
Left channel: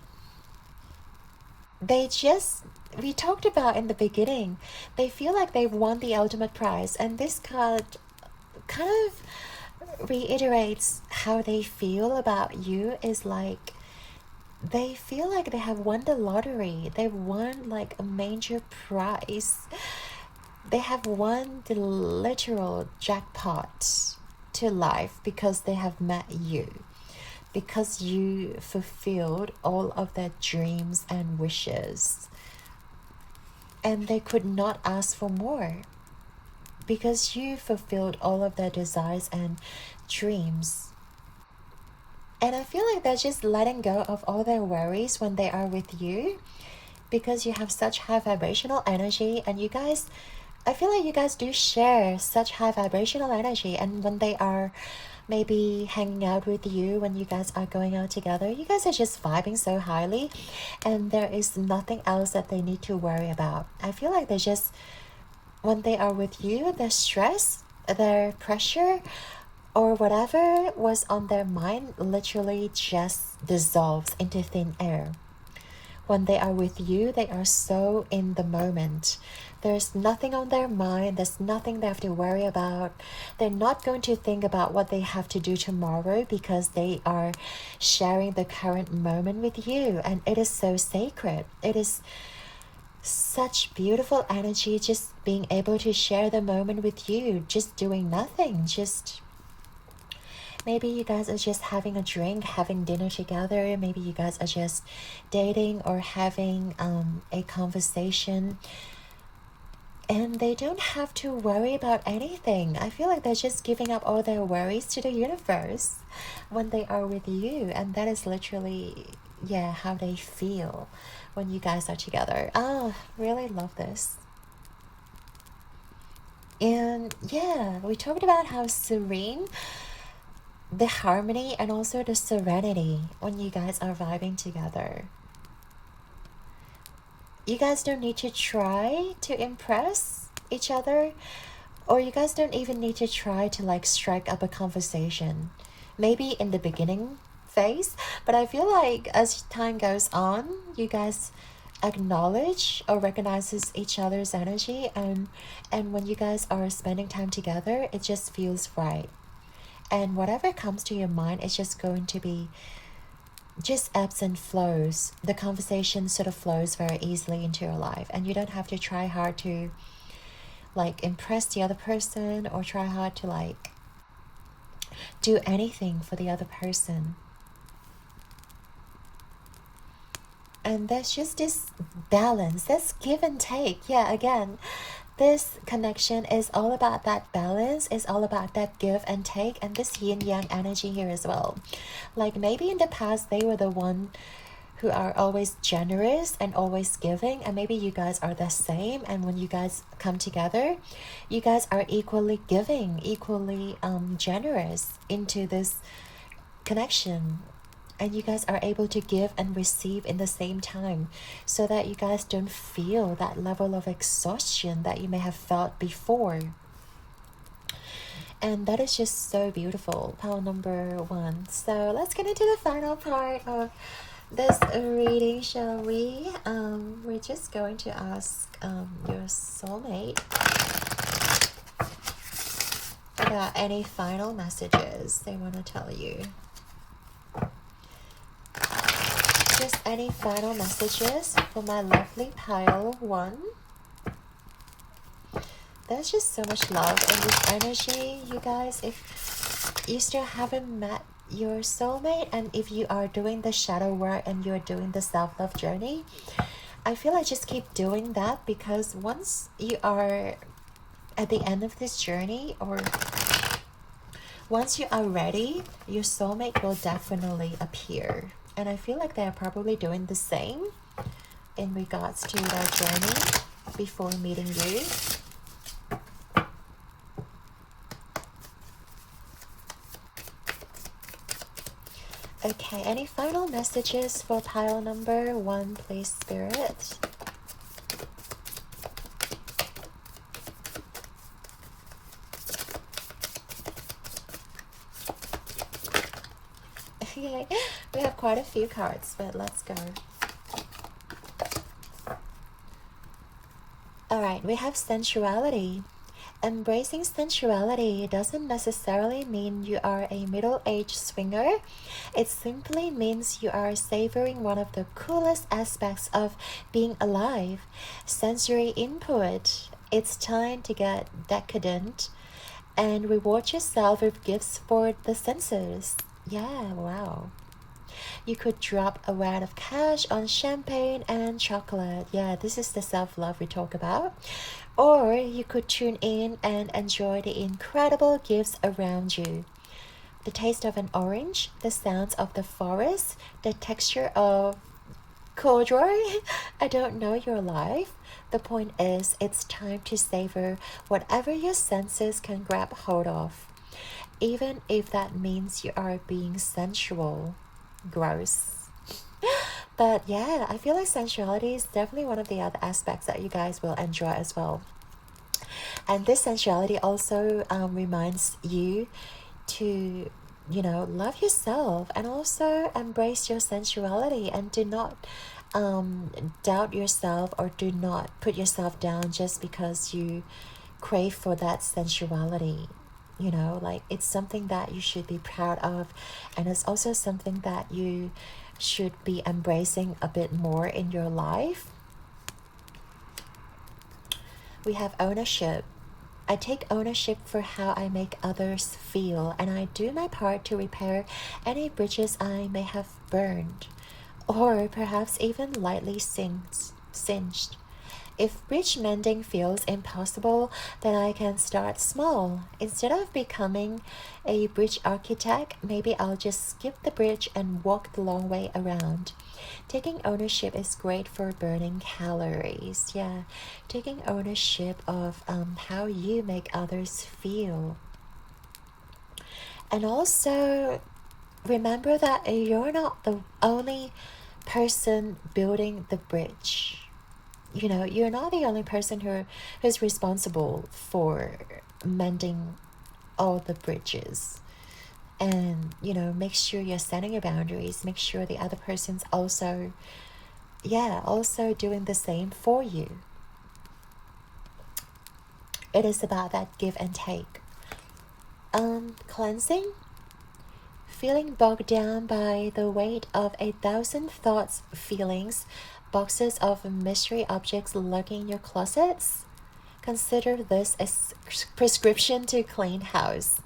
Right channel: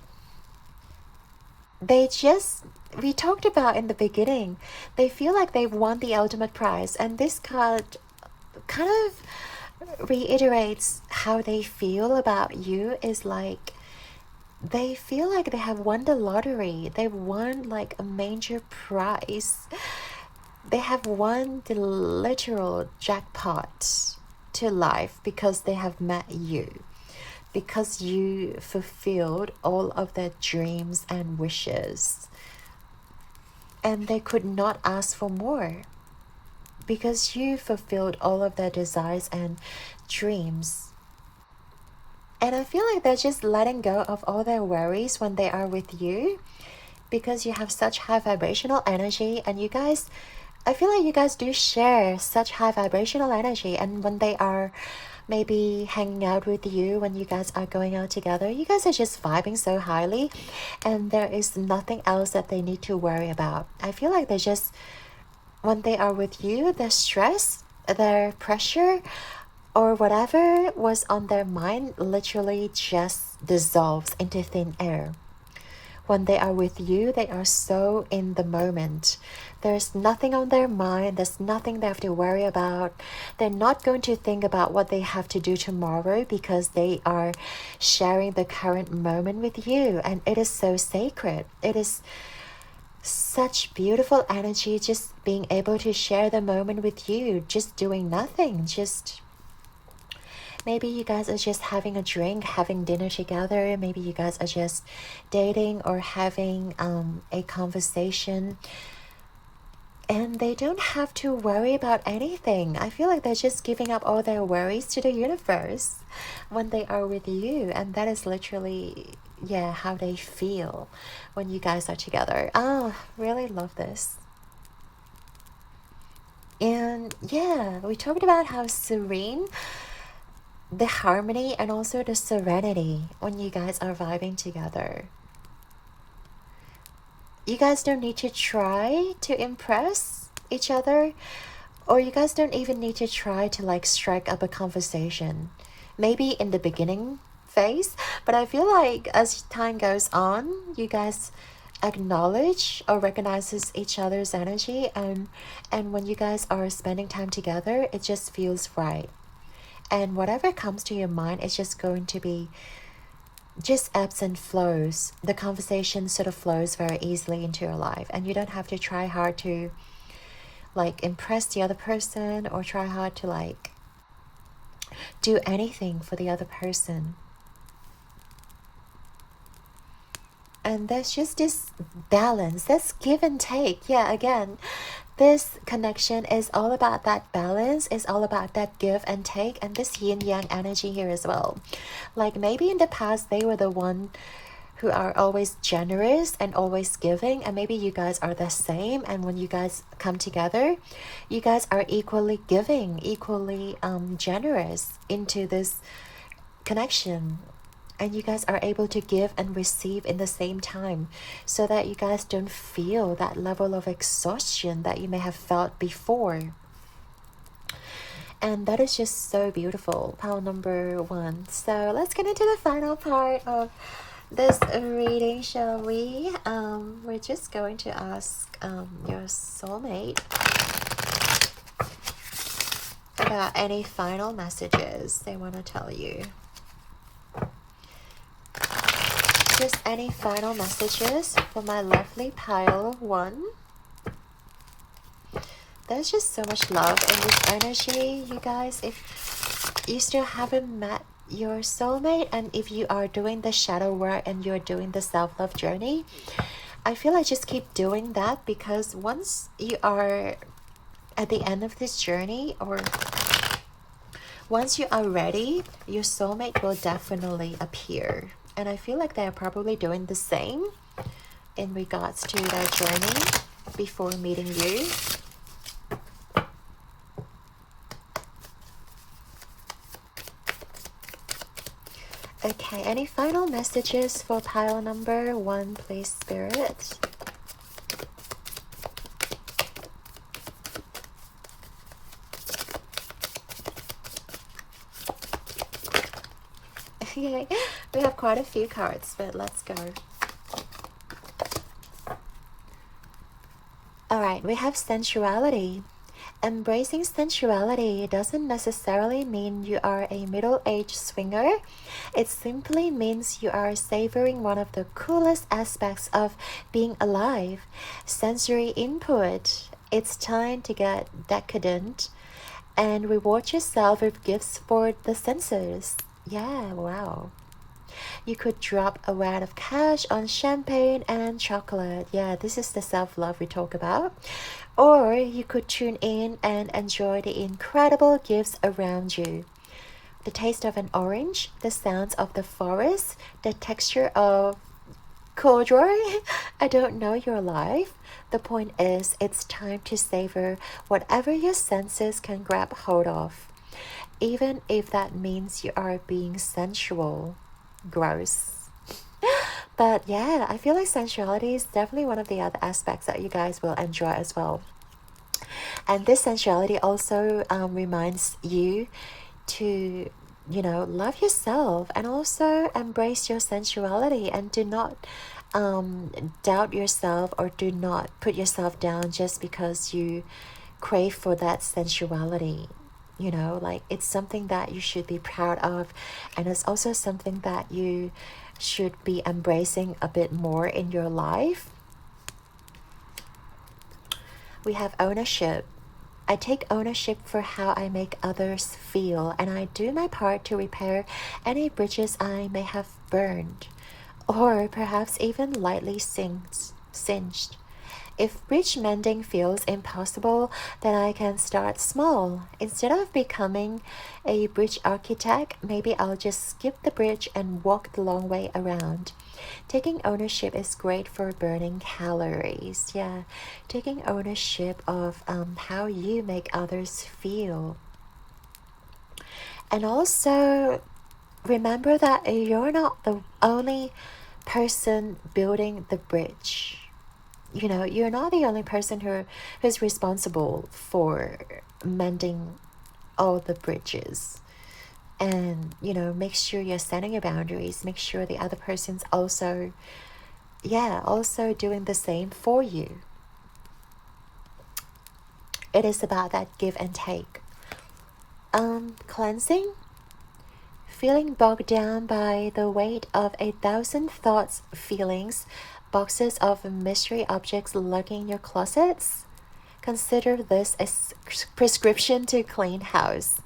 we talked about in the beginning, they feel like they've won the ultimate prize, and this card kind of reiterates how they feel about you. Is like they feel like they have won the lottery. They've won like a major prize. They have won the literal jackpot to life because they have met you, because you fulfilled all of their dreams and wishes, and they could not ask for more because you fulfilled all of their desires and dreams. And I feel like they're just letting go of all their worries when they are with you, because you have such high vibrational energy, and you guys, I feel like you guys do share such high vibrational energy. And when they are maybe hanging out with you, when you guys are going out together, you guys are just vibing so highly, and there is nothing else that they need to worry about. I feel like they're just, when they are with you, their stress, their pressure, or whatever was on their mind literally just dissolves into thin air. When they are with you, they are so in the moment. There's nothing on their mind. There's nothing they have to worry about. They're not going to think about what they have to do tomorrow, because they are sharing the current moment with you. And it is so sacred. It is such beautiful energy, just being able to share the moment with you, just doing nothing. Just maybe you guys are just having a drink, having dinner together. Maybe you guys are just dating or having a conversation. And they don't have to worry about anything. I feel like they're just giving up all their worries to the universe when they are with you. And that is literally, yeah, how they feel when you guys are together. Oh, really love this. And yeah, we talked about how serene, the harmony, and also the serenity when you guys are vibing together. You guys don't need to try to impress each other, or you guys don't even need to try to like strike up a conversation. Maybe in the beginning phase, but I feel like as time goes on, you guys acknowledge or recognizes each other's energy, and when you guys are spending time together, it just feels right. And whatever comes to your mind is just going to be just ebbs and flows. The conversation sort of flows very easily into your life, and you don't have to try hard to like impress the other person, or try hard to like do anything for the other person. And there's just this balance, this give and take. Yeah, again, this connection is all about that balance, is all about that give and take, and this yin yang energy here as well. Like maybe in the past they were the one who are always generous and always giving, and maybe you guys are the same, and when you guys come together, you guys are equally giving, equally generous into this connection. And you guys are able to give and receive in the same time, so that you guys don't feel that level of exhaustion that you may have felt before. And that is just so beautiful. Pile number 1. So let's get into the final part of this reading, shall we? We're just going to ask your soulmate about any final messages they want to tell you. Just any final messages for my lovely pile 1. There's just so much love in this energy, you guys. If you still haven't met your soulmate, and if you are doing the shadow work and you're doing the self-love journey, I feel like just keep doing that, because once you are at the end of this journey, or once you are ready, your soulmate will definitely appear. And I feel like they are probably doing the same in regards to their journey before meeting you. Okay, any final messages for pile number 1, please, Spirit? Okay, we have quite a few cards, but let's go. Alright, we have sensuality. Embracing sensuality doesn't necessarily mean you are a middle-aged swinger. It simply means you are savoring one of the coolest aspects of being alive, sensory input. It's time to get decadent and reward yourself with gifts for the senses. Yeah, wow. You could drop a wad of cash on champagne and chocolate. Yeah, this is the self-love we talk about. Or you could tune in and enjoy the incredible gifts around you. The taste of an orange, the sounds of the forest, the texture of corduroy. I don't know your life. The point is, it's time to savor whatever your senses can grab hold of, even if that means you are being sensual. Gross. But yeah, I feel like sensuality is definitely one of the other aspects that you guys will enjoy as well. And this sensuality also reminds you to, you know, love yourself and also embrace your sensuality, and do not doubt yourself, or do not put yourself down just because you crave for that sensuality. You know, like, it's something that you should be proud of, and it's also something that you should be embracing a bit more in your life. We have ownership. I take ownership for how I make others feel, and I do my part to repair any bridges I may have burned, or perhaps even lightly singed. If bridge mending feels impossible, then I can start small. Instead of becoming a bridge architect, maybe I'll just skip the bridge and walk the long way around. Taking ownership is great for burning calories. Yeah, taking ownership of how you make others feel. And also, remember that you're not the only person building the bridge. You know, you're not the only person who's responsible for mending all the bridges. And, you know, make sure you're setting your boundaries. Make sure the other person's also doing the same for you. It is about that give and take. Cleansing. Feeling bogged down by the weight of 1,000 thoughts, feelings, boxes of mystery objects lurking in your closets? Consider this a prescription to clean house.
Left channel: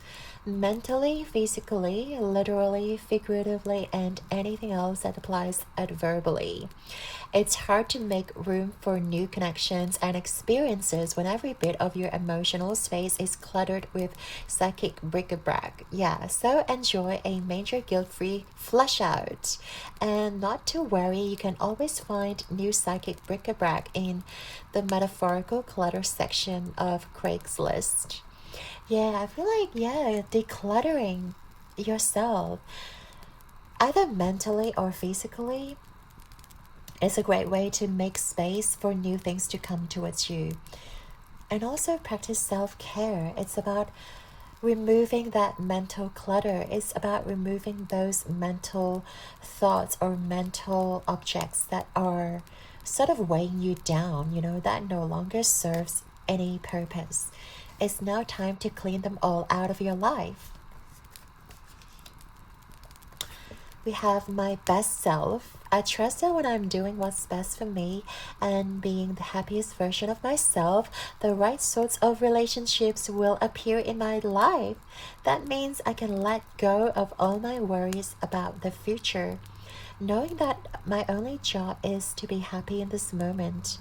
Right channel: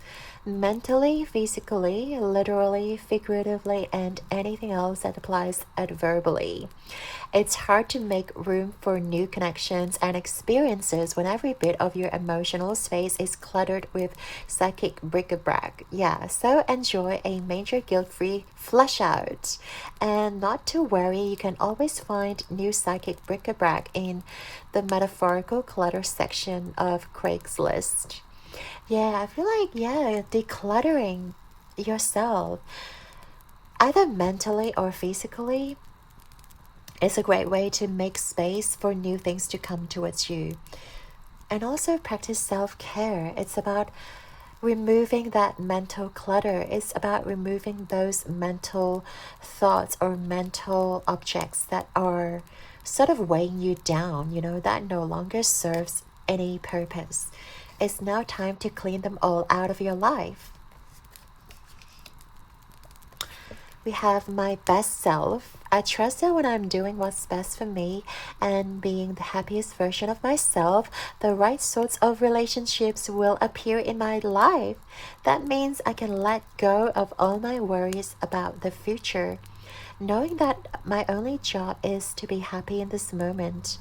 Mentally, physically, literally, figuratively, and anything else that applies adverbally. It's hard to make room for new connections and experiences when every bit of your emotional space is cluttered with psychic bric-a-brac. Yeah, so enjoy a major guilt-free flush out. And not to worry, you can always find new psychic bric-a-brac in the metaphorical clutter section of Craigslist. Yeah, I feel like, decluttering yourself, either mentally or physically, is a great way to make space for new things to come towards you. And also practice self-care. It's about removing that mental clutter. It's about removing those mental thoughts or mental objects that are sort of weighing you down, you know, that no longer serves any purpose. It's now time to clean them all out of your life. We have my best self. I trust that when I'm doing what's best for me and being the happiest version of myself, the right sorts of relationships will appear in my life. That means I can let go of all my worries about the future. knowing that my only job is to be happy in this moment,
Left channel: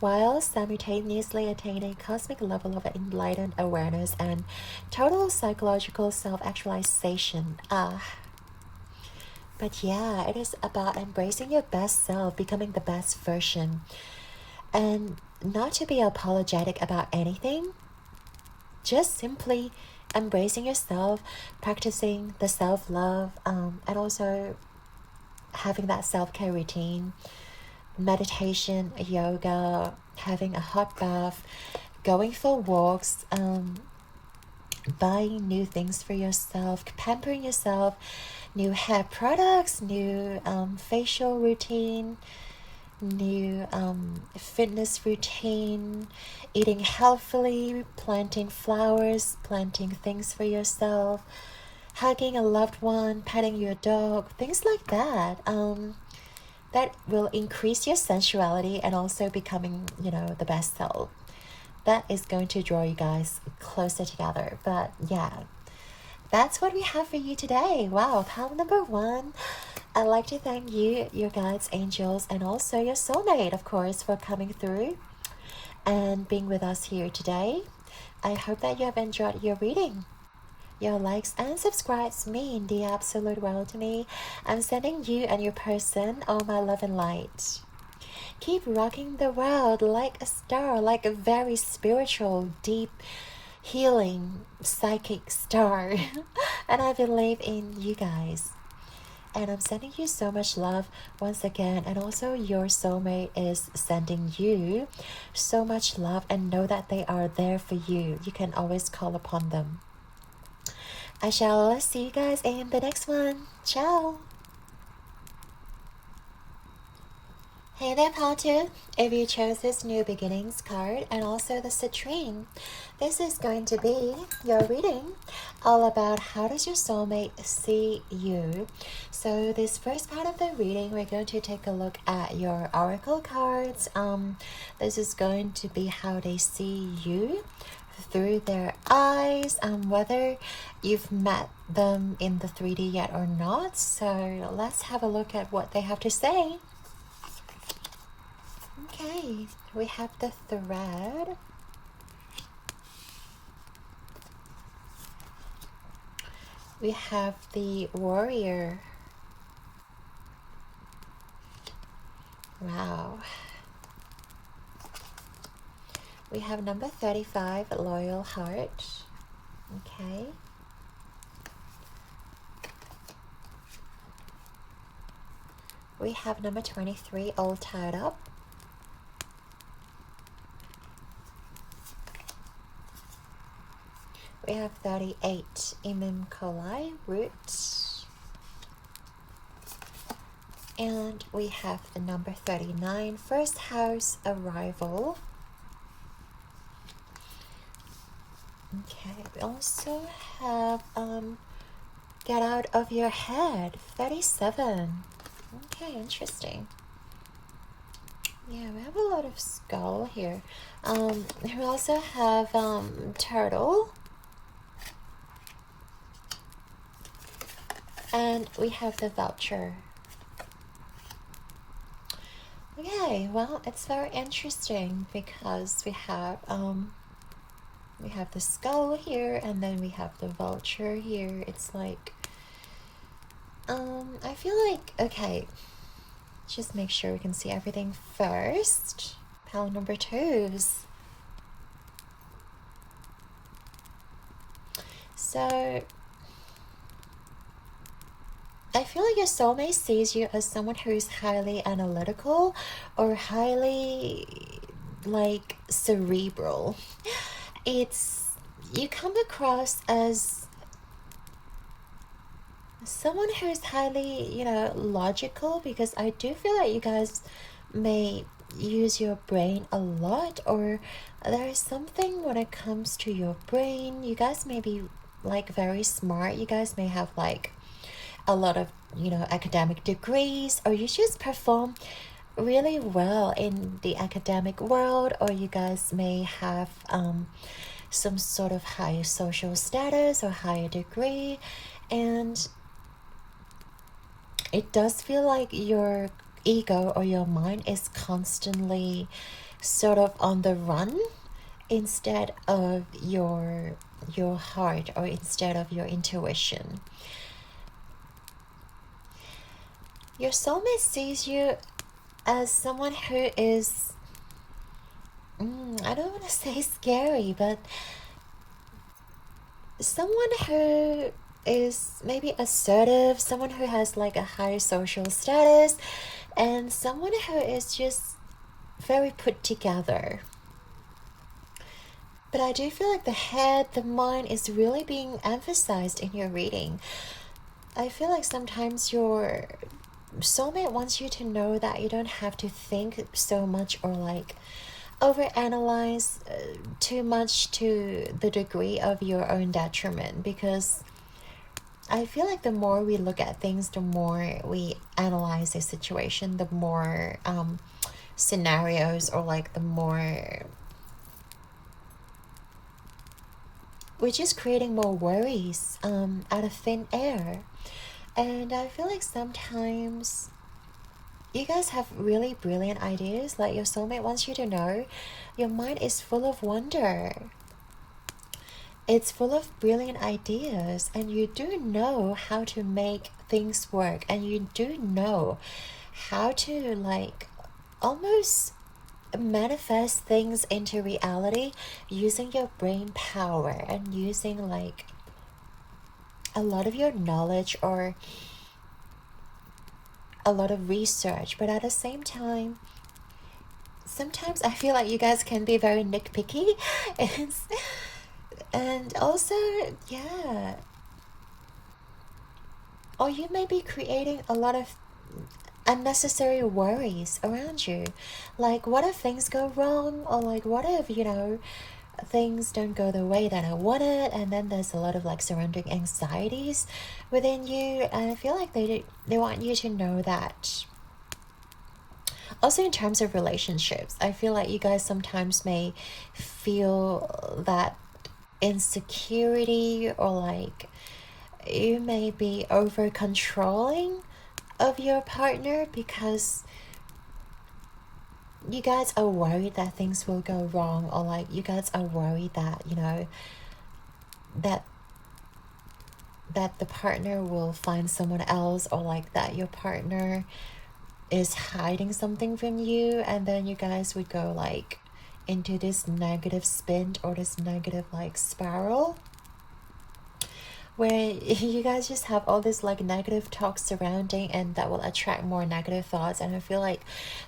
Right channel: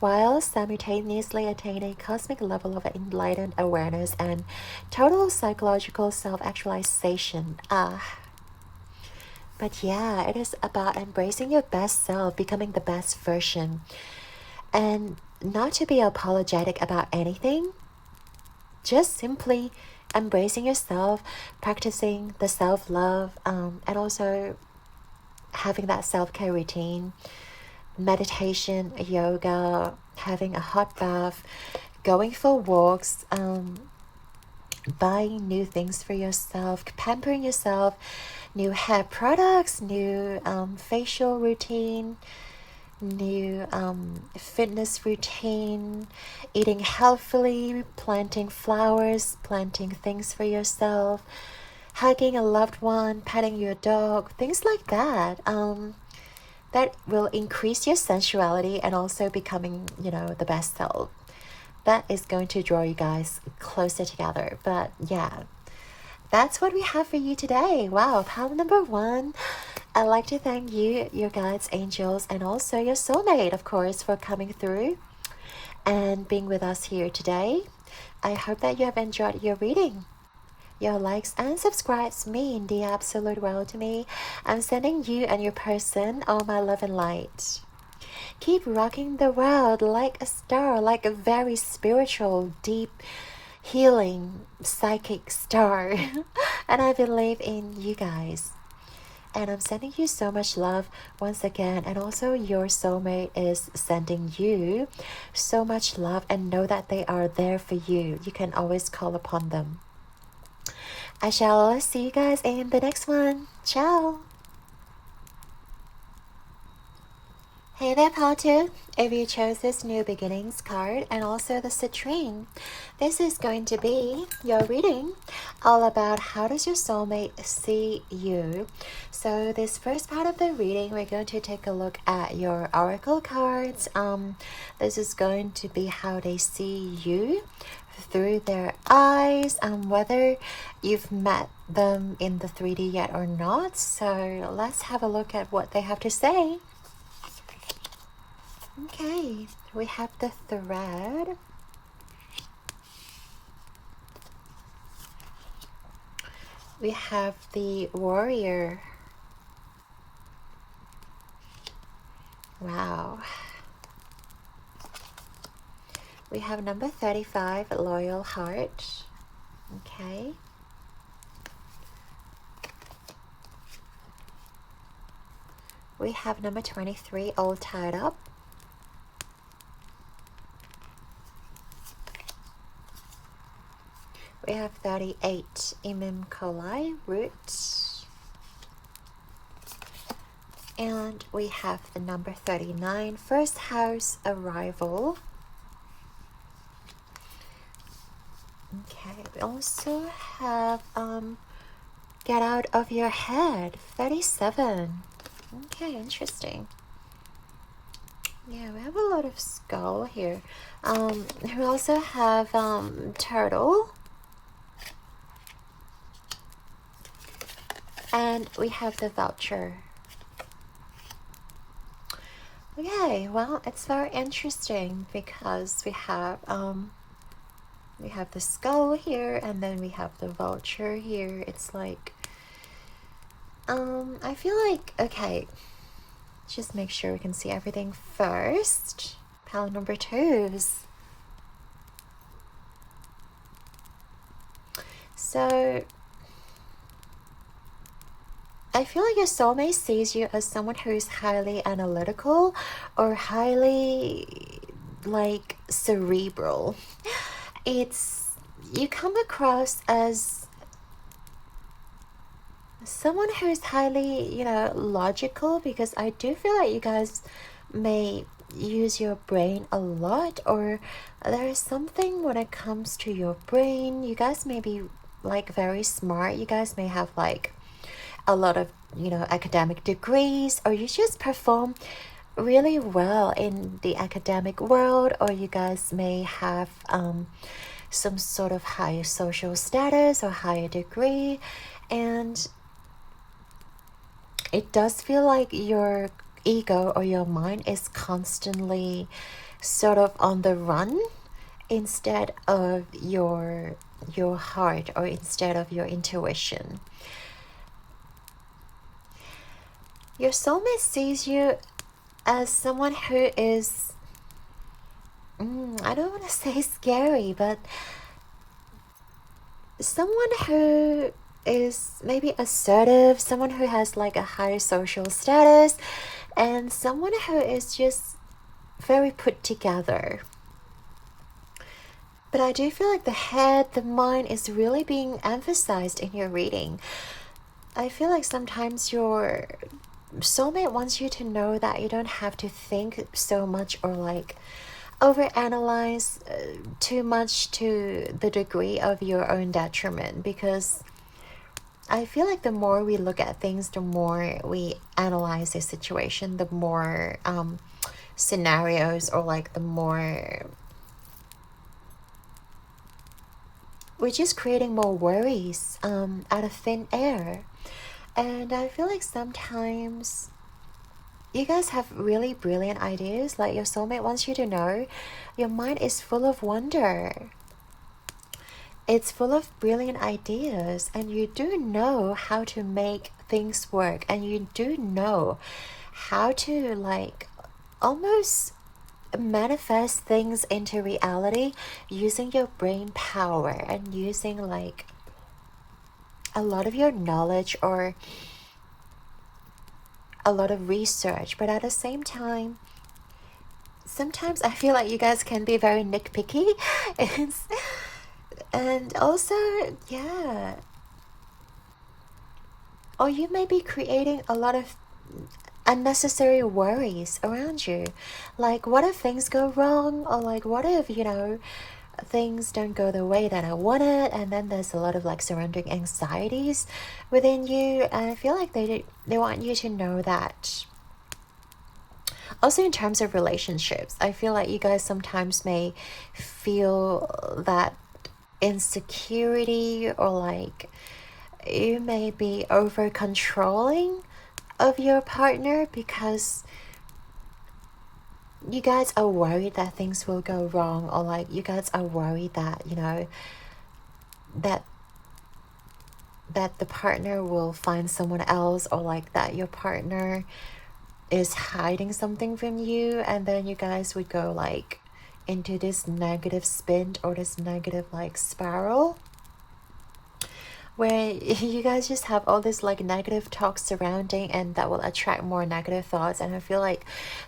while simultaneously attaining cosmic level of enlightened awareness and total psychological self-actualization. But yeah, it is about embracing your best self, becoming the best version, and not to be apologetic about anything, just simply embracing yourself, practicing the self-love, and also having that self-care routine, meditation, yoga, having a hot bath, going for walks, buying new things for yourself, pampering yourself, new hair products, new facial routine, new fitness routine, eating healthily, planting flowers, planting things for yourself, hugging a loved one, petting your dog, things like that. That will increase your sensuality and also becoming, the best self. That is going to draw you guys closer together. But yeah, that's what we have for you today. Wow, pile number 1. I'd like to thank you, your guides, angels, and also your soulmate, of course, for coming through and being with us here today. I hope that you have enjoyed your reading. Your likes and subscribes mean the absolute world to me. I'm sending you and your person all my love and light. Keep rocking the world like a star, like a very spiritual, deep, healing, psychic star. And I believe in you guys. And I'm sending you so much love once again. And also your soulmate is sending you so much love, and know that they are there for you. You can always call upon them. I shall see you guys in the next one. Ciao! Hey there, Potter. If you chose this New Beginnings card and also the citrine, this is going to be your reading all about how does your soulmate see you. So this first part of the reading, we're going to take a look at your oracle cards. This is going to be how they see you through their eyes, and whether you've met them in the 3D yet or not. So let's have a look at what they have to say. Okay, we have the thread. We have the warrior. Wow. We have number 35, loyal heart. Okay. We have number 23, all tied up. We have 38, imam coli, roots. And we have the number 39, first house, arrival. Okay, we also have get out of your head, 37. Okay, interesting. Yeah, we have a lot of skull here. We also have turtle. And we have the vulture. Okay, well, it's very interesting because we have the skull here, and then we have the vulture here. It's like I feel like, okay, just make sure we can see everything first. Pile number 2s. So I feel like your soulmate sees you as someone who's highly analytical or highly like cerebral. You come across as someone who's highly, logical, because I do feel like you guys may use your brain a lot, or there is something when it comes to your brain. You guys may be like very smart. You guys may have like a lot of, academic degrees, or you just perform really well in the academic world, or you guys may have some sort of higher social status or higher degree. And it does feel like your ego or your mind is constantly sort of on the run instead of your heart, or instead of your intuition. Your soulmate sees you as someone who is, I don't want to say scary, but someone who is maybe assertive, someone who has like a higher social status, and someone who is just very put together. But I do feel like the head, the mind is really being emphasized in your reading. I feel like sometimes your soulmate wants you to know that you don't have to think so much or like overanalyze too much to the degree of your own detriment, because I feel like the more we look at things, the more we analyze a situation, the more scenarios, or like the more we're just creating more worries out of thin air. And I feel like sometimes you guys have really brilliant ideas. Like your soulmate wants you to know your mind is full of wonder. It's full of brilliant ideas, and you do know how to make things work, and you do know how to like almost manifest things into reality using your brain power and using like a lot of your knowledge or a lot of research. But at the same time, sometimes I feel like you guys can be very nitpicky and also, yeah, or you may be creating a lot of unnecessary worries around you. Like, what if things go wrong? Or like, what if, things don't go the way that I wanted? And then there's a lot of like surrounding anxieties within you. And I feel like they want you to know that. Also, in terms of relationships, I feel like you guys sometimes may feel that insecurity, or like you may be over controlling of your partner because you guys are worried that things will go wrong, or like you guys are worried that that the partner will find someone else, or like that your partner is hiding something from you, and then you guys would go like into this negative spin, or this negative like spiral where you guys just have all this like negative talk surrounding, and that will attract more negative thoughts. And I feel like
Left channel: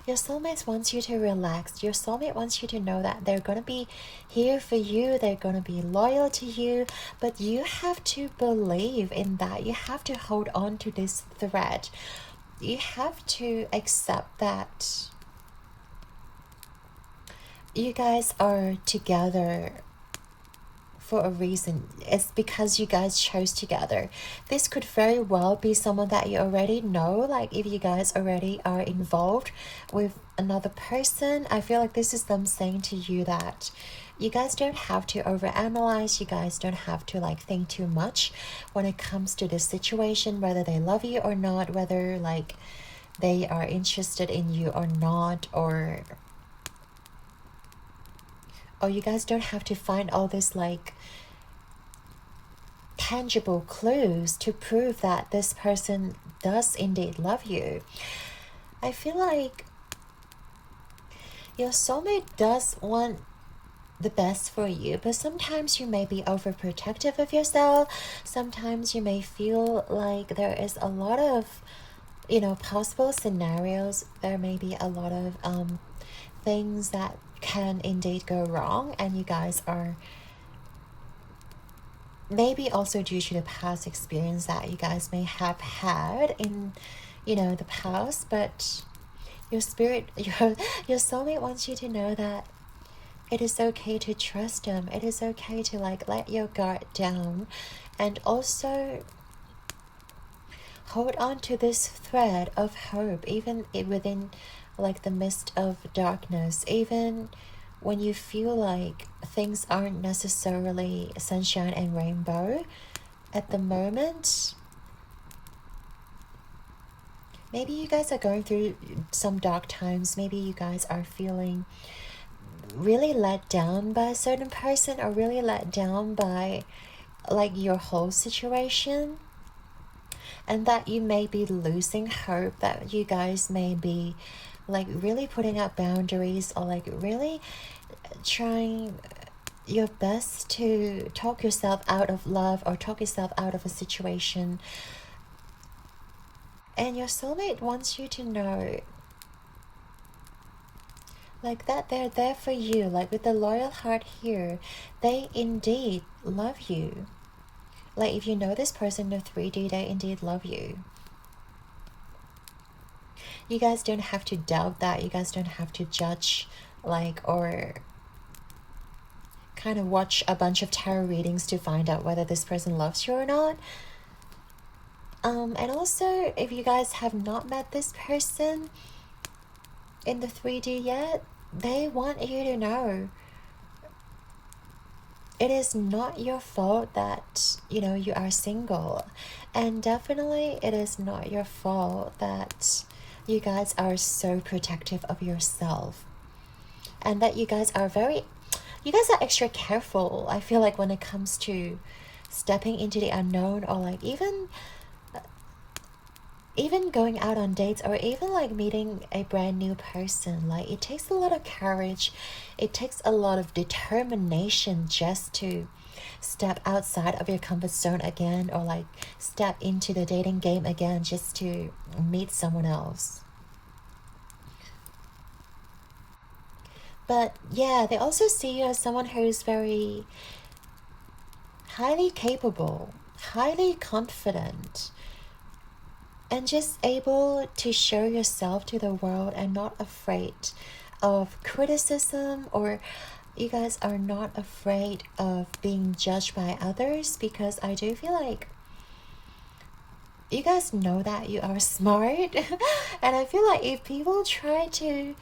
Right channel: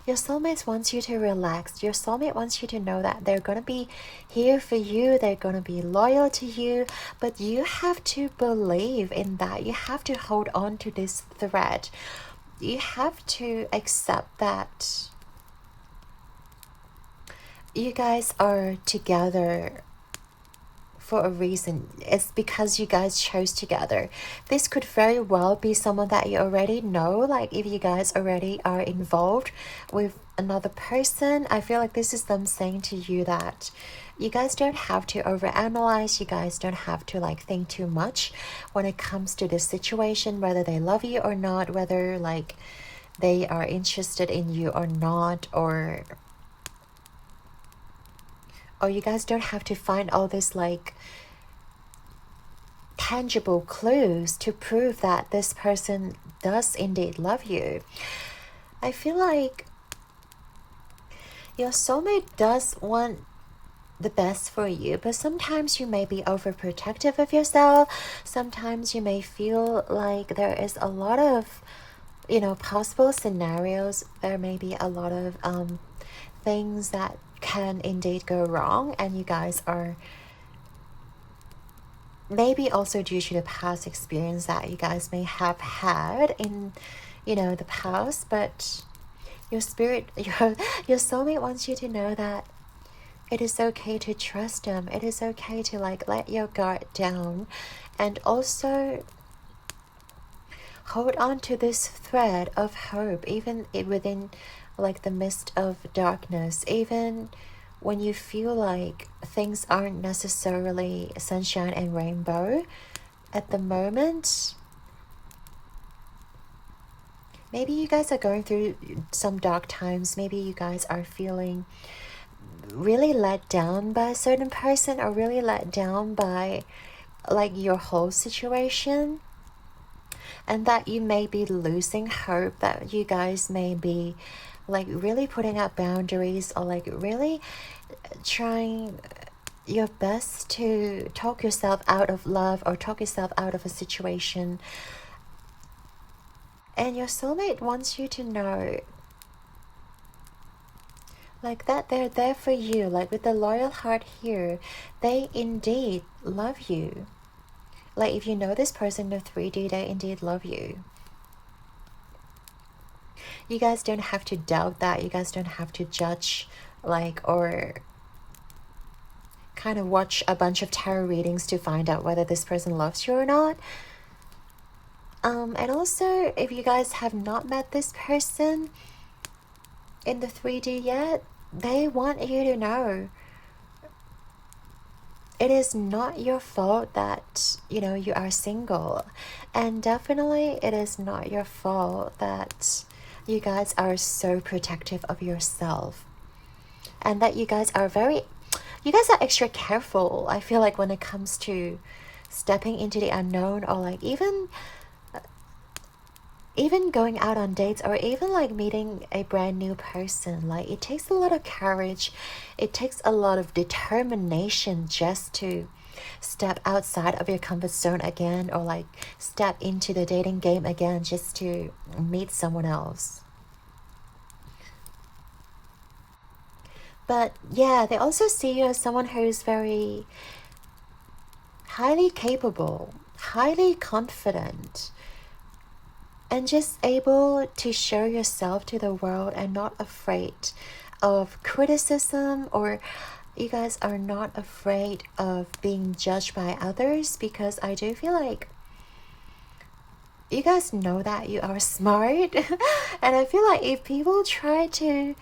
your soulmate wants you to relax. Your soulmate wants you to know that they're gonna be here for you, they're gonna be loyal to you, but you have to believe in that. You have to hold on to this thread. You have to accept that you guys are together for a reason. It's because you guys chose together. This could very well be someone that you already know. Like if you guys already are involved with another person, I feel like this is them saying to you that you guys don't have to overanalyze. You guys don't have to like think too much when it comes to this situation, whether they love you or not, whether like they are interested in you or not, or you guys don't have to find all this like tangible clues to prove that this person does indeed love you. I feel like your soulmate does want the best for you, but sometimes you may be overprotective of yourself. Sometimes you may feel like there is a lot of possible scenarios. There may be a lot of things that can indeed go wrong, and you guys are maybe also due to the past experience that you guys may have had in the past. But your spirit, your soulmate wants you to know that it is okay to trust them. It is okay to like let your guard down, and also hold on to this thread of hope, even within like the midst of darkness, even when you feel like things aren't necessarily sunshine and rainbow at the moment. Maybe you guys are going through some dark times. Maybe you guys are feeling really let down by a certain person, or really let down by like your whole situation, and that you may be losing hope, that you guys may be like really putting up boundaries, or like really trying your best to talk yourself out of love, or talk yourself out of a situation. And your soulmate wants you to know like that they're there for you. Like with the loyal heart here, they indeed love you. Like if you know this person in 3D, they indeed love you. You guys don't have to doubt that. You guys don't have to judge, like, or kind of watch a bunch of tarot readings to find out whether this person loves you or not. And also, if you guys have not met this person in the 3D yet, they want you to know it is not your fault that, you know, you are single. And definitely it is not your fault that you guys are so protective of yourself. And that you guys are extra careful, I feel like, when it comes to stepping into the unknown, or like even going out on dates, or even like meeting a brand new person. Like it takes a lot of courage, it takes a lot of determination just to step outside of your comfort zone again, or like step into the dating game again, just to meet someone else. But yeah, they also see you as someone who's very highly capable, highly confident, and just able to show yourself to the world, and not afraid of criticism, or you guys are not afraid of being judged by others, because I do feel like you guys know that you are smart. And I feel like if people try to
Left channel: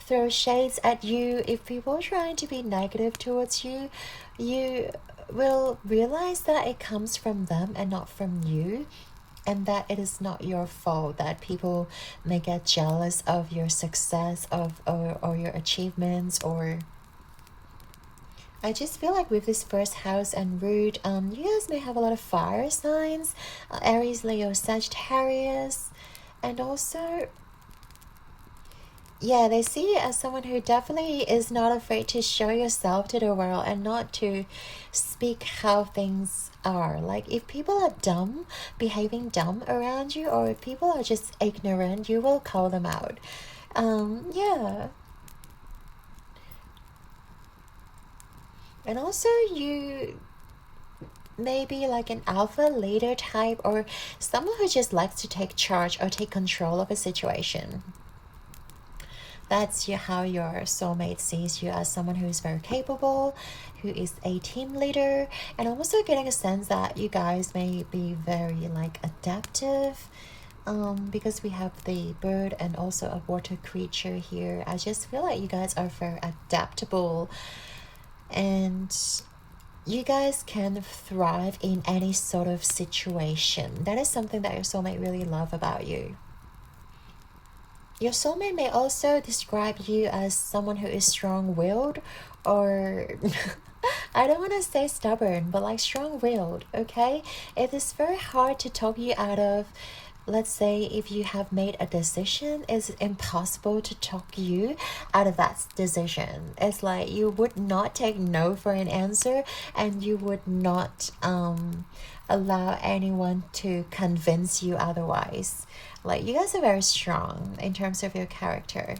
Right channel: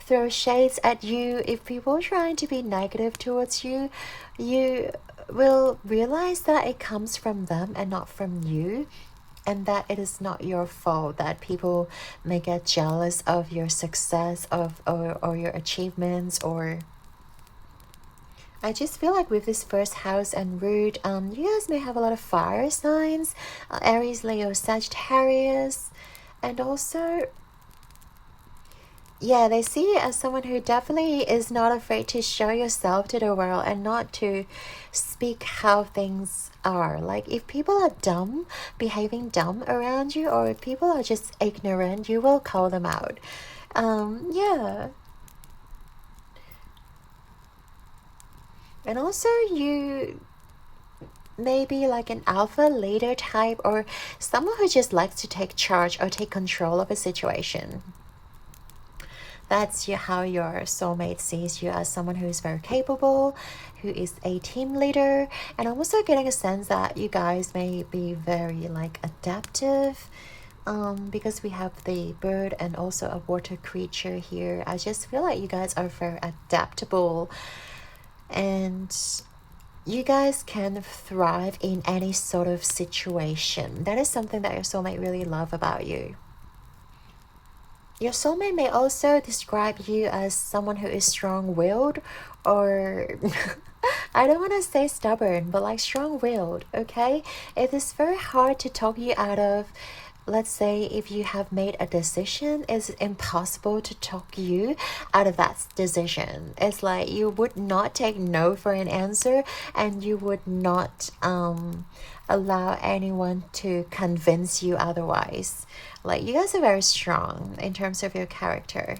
throw shades at you, if people trying to be negative towards you, you will realize that it comes from them and not from you. And that it is not your fault that people may get jealous of your success, or your achievements. Or I just feel like with this first house and root, you guys may have a lot of fire signs, Aries, Leo, Sagittarius. And also, yeah, they see you as someone who definitely is not afraid to show yourself to the world, and not to speak how things are. Like if people are dumb, behaving dumb around you, or if people are just ignorant, you will call them out. Yeah. And also, you may be like an alpha leader type, or someone who just likes to take charge or take control of a situation. That's how your soulmate sees you, as someone who is very capable, who is a team leader. And I'm also getting a sense that you guys may be very like adaptive, because we have the bird and also a water creature here. I just feel like you guys are very adaptable, and you guys can thrive in any sort of situation. That is something that your soulmate really love about you. Your soulmate may also describe you as someone who is strong-willed, or I don't want to say stubborn, but like strong-willed, okay? It is very hard to talk you out of, let's say, if you have made a decision, it's impossible to talk you out of that decision. It's like you would not take no for an answer, and you would not allow anyone to convince you otherwise. Like you guys are very strong in terms of your character.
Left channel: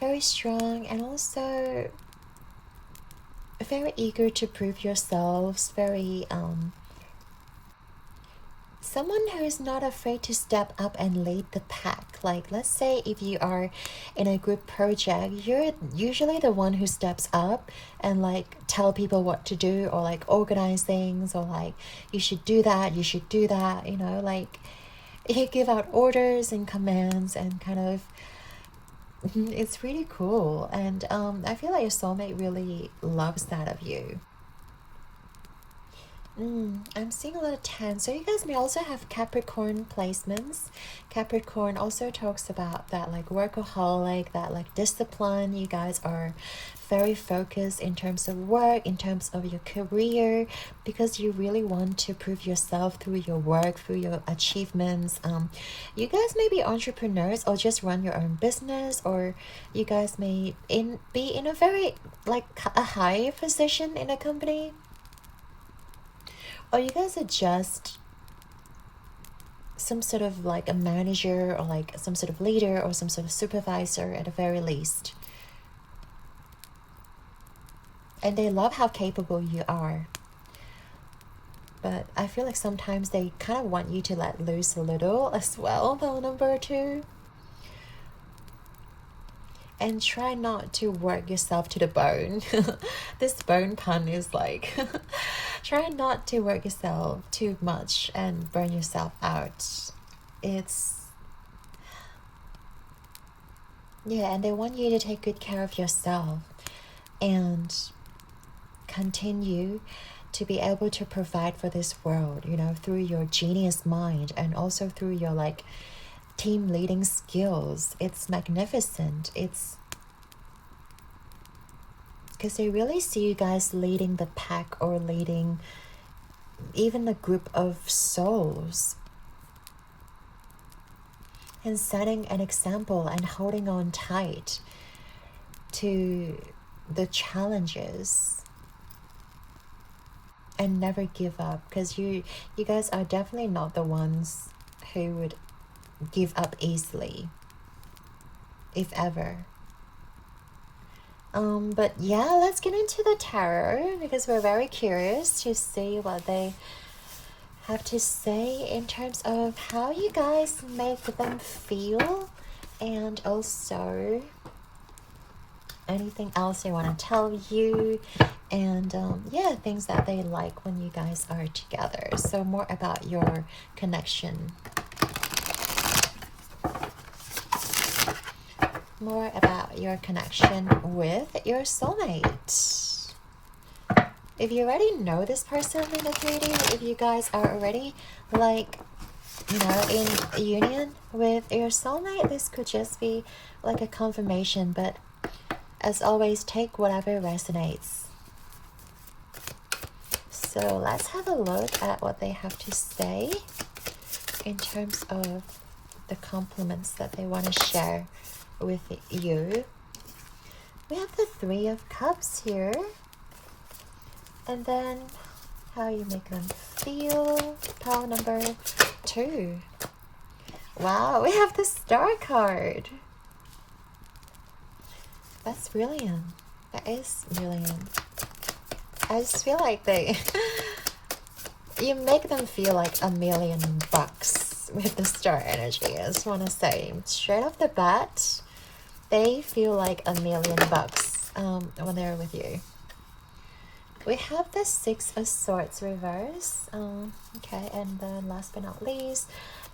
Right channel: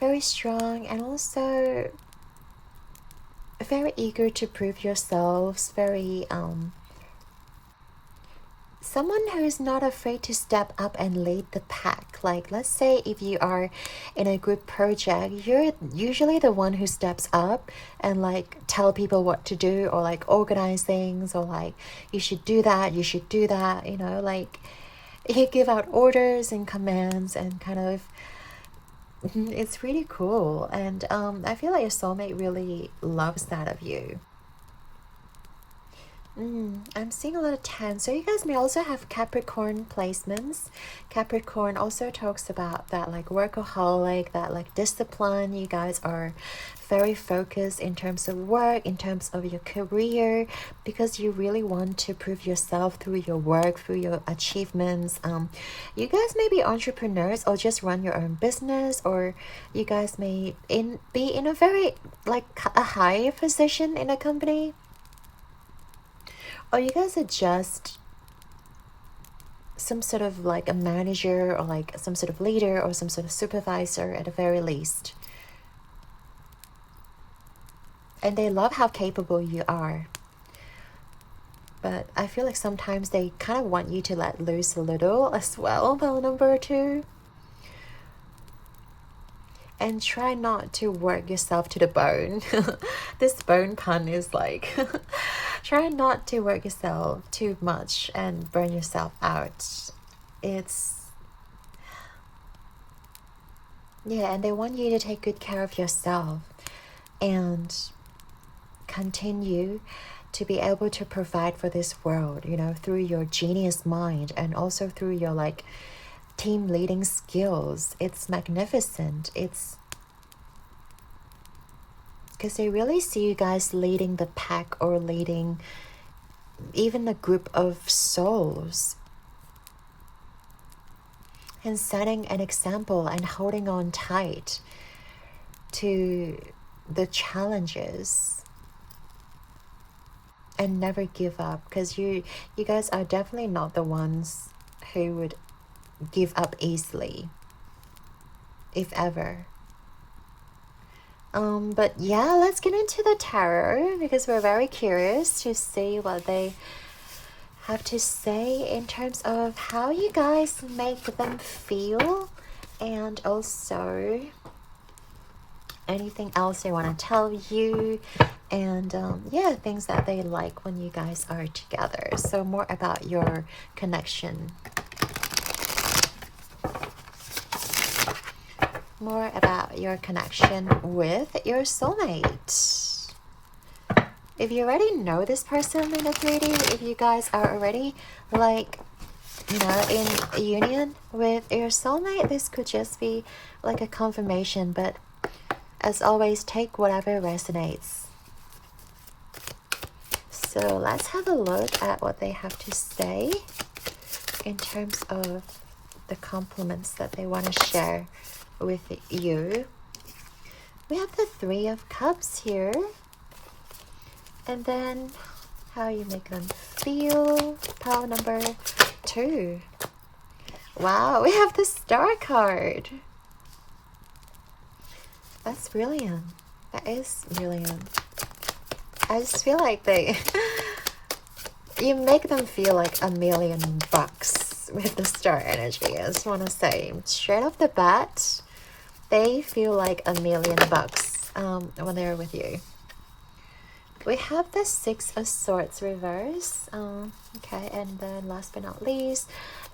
Very strong, and also very eager to prove yourselves. Very someone who is not afraid to step up and lead the pack. Like let's say if you are in a group project, you're usually the one who steps up and like tell people what to do, or like organize things, or like you should do that, you should do that, you know, like you give out orders and commands, and kind of it's really cool. And I feel like your soulmate really loves that of you. I'm seeing a lot of 10. So you guys may also have Capricorn placements. Capricorn also talks about that like workaholic, that like discipline. You guys are very focused in terms of work, in terms of your career, because you really want to prove yourself through your work, through your achievements. You guys may be entrepreneurs or just run your own business, or you guys may be in a very like a high position in a company, or you guys are just some sort of like a manager or like some sort of leader or some sort of supervisor at the very least. And they love how capable you are. But I feel like sometimes they kind of want you to let loose a little as well, pile number 2. And try not to work yourself to the bone. This bone pun is like, try not to work yourself too much and burn yourself out. Yeah, and they want you to take good care of yourself and continue to be able to provide for this world, you know, through your genius mind and also through your like team leading skills. It's magnificent. It's because they really see you guys leading the pack or leading even a group of souls and setting an example and holding on tight to the challenges and never give up, because you guys are definitely not the ones who would give up easily, if ever. But yeah, let's get into the tarot, because we're very curious to see what they have to say in terms of how you guys make them feel, and also anything else they want to tell you, and yeah, things that they like when you guys are together. So more about your connection, more about your connection with your soulmate. If you already know this person in the 3D, if you guys are already like, you know, in a union with your soulmate, this could just be like a confirmation, but as always, take whatever resonates. So let's have a look at what they have to say in terms of the compliments that they want to share with you. We have the 3 of Cups here. And then how you make them feel. Pile number 2. Wow, we have the Star card. That's brilliant. That is brilliant. I just feel like you make them feel like $1,000,000 with the star energy. I just want to say, straight off the bat, they feel like $1,000,000 when they're with you. We have the 6 of Swords reverse. Okay, and then last but not least,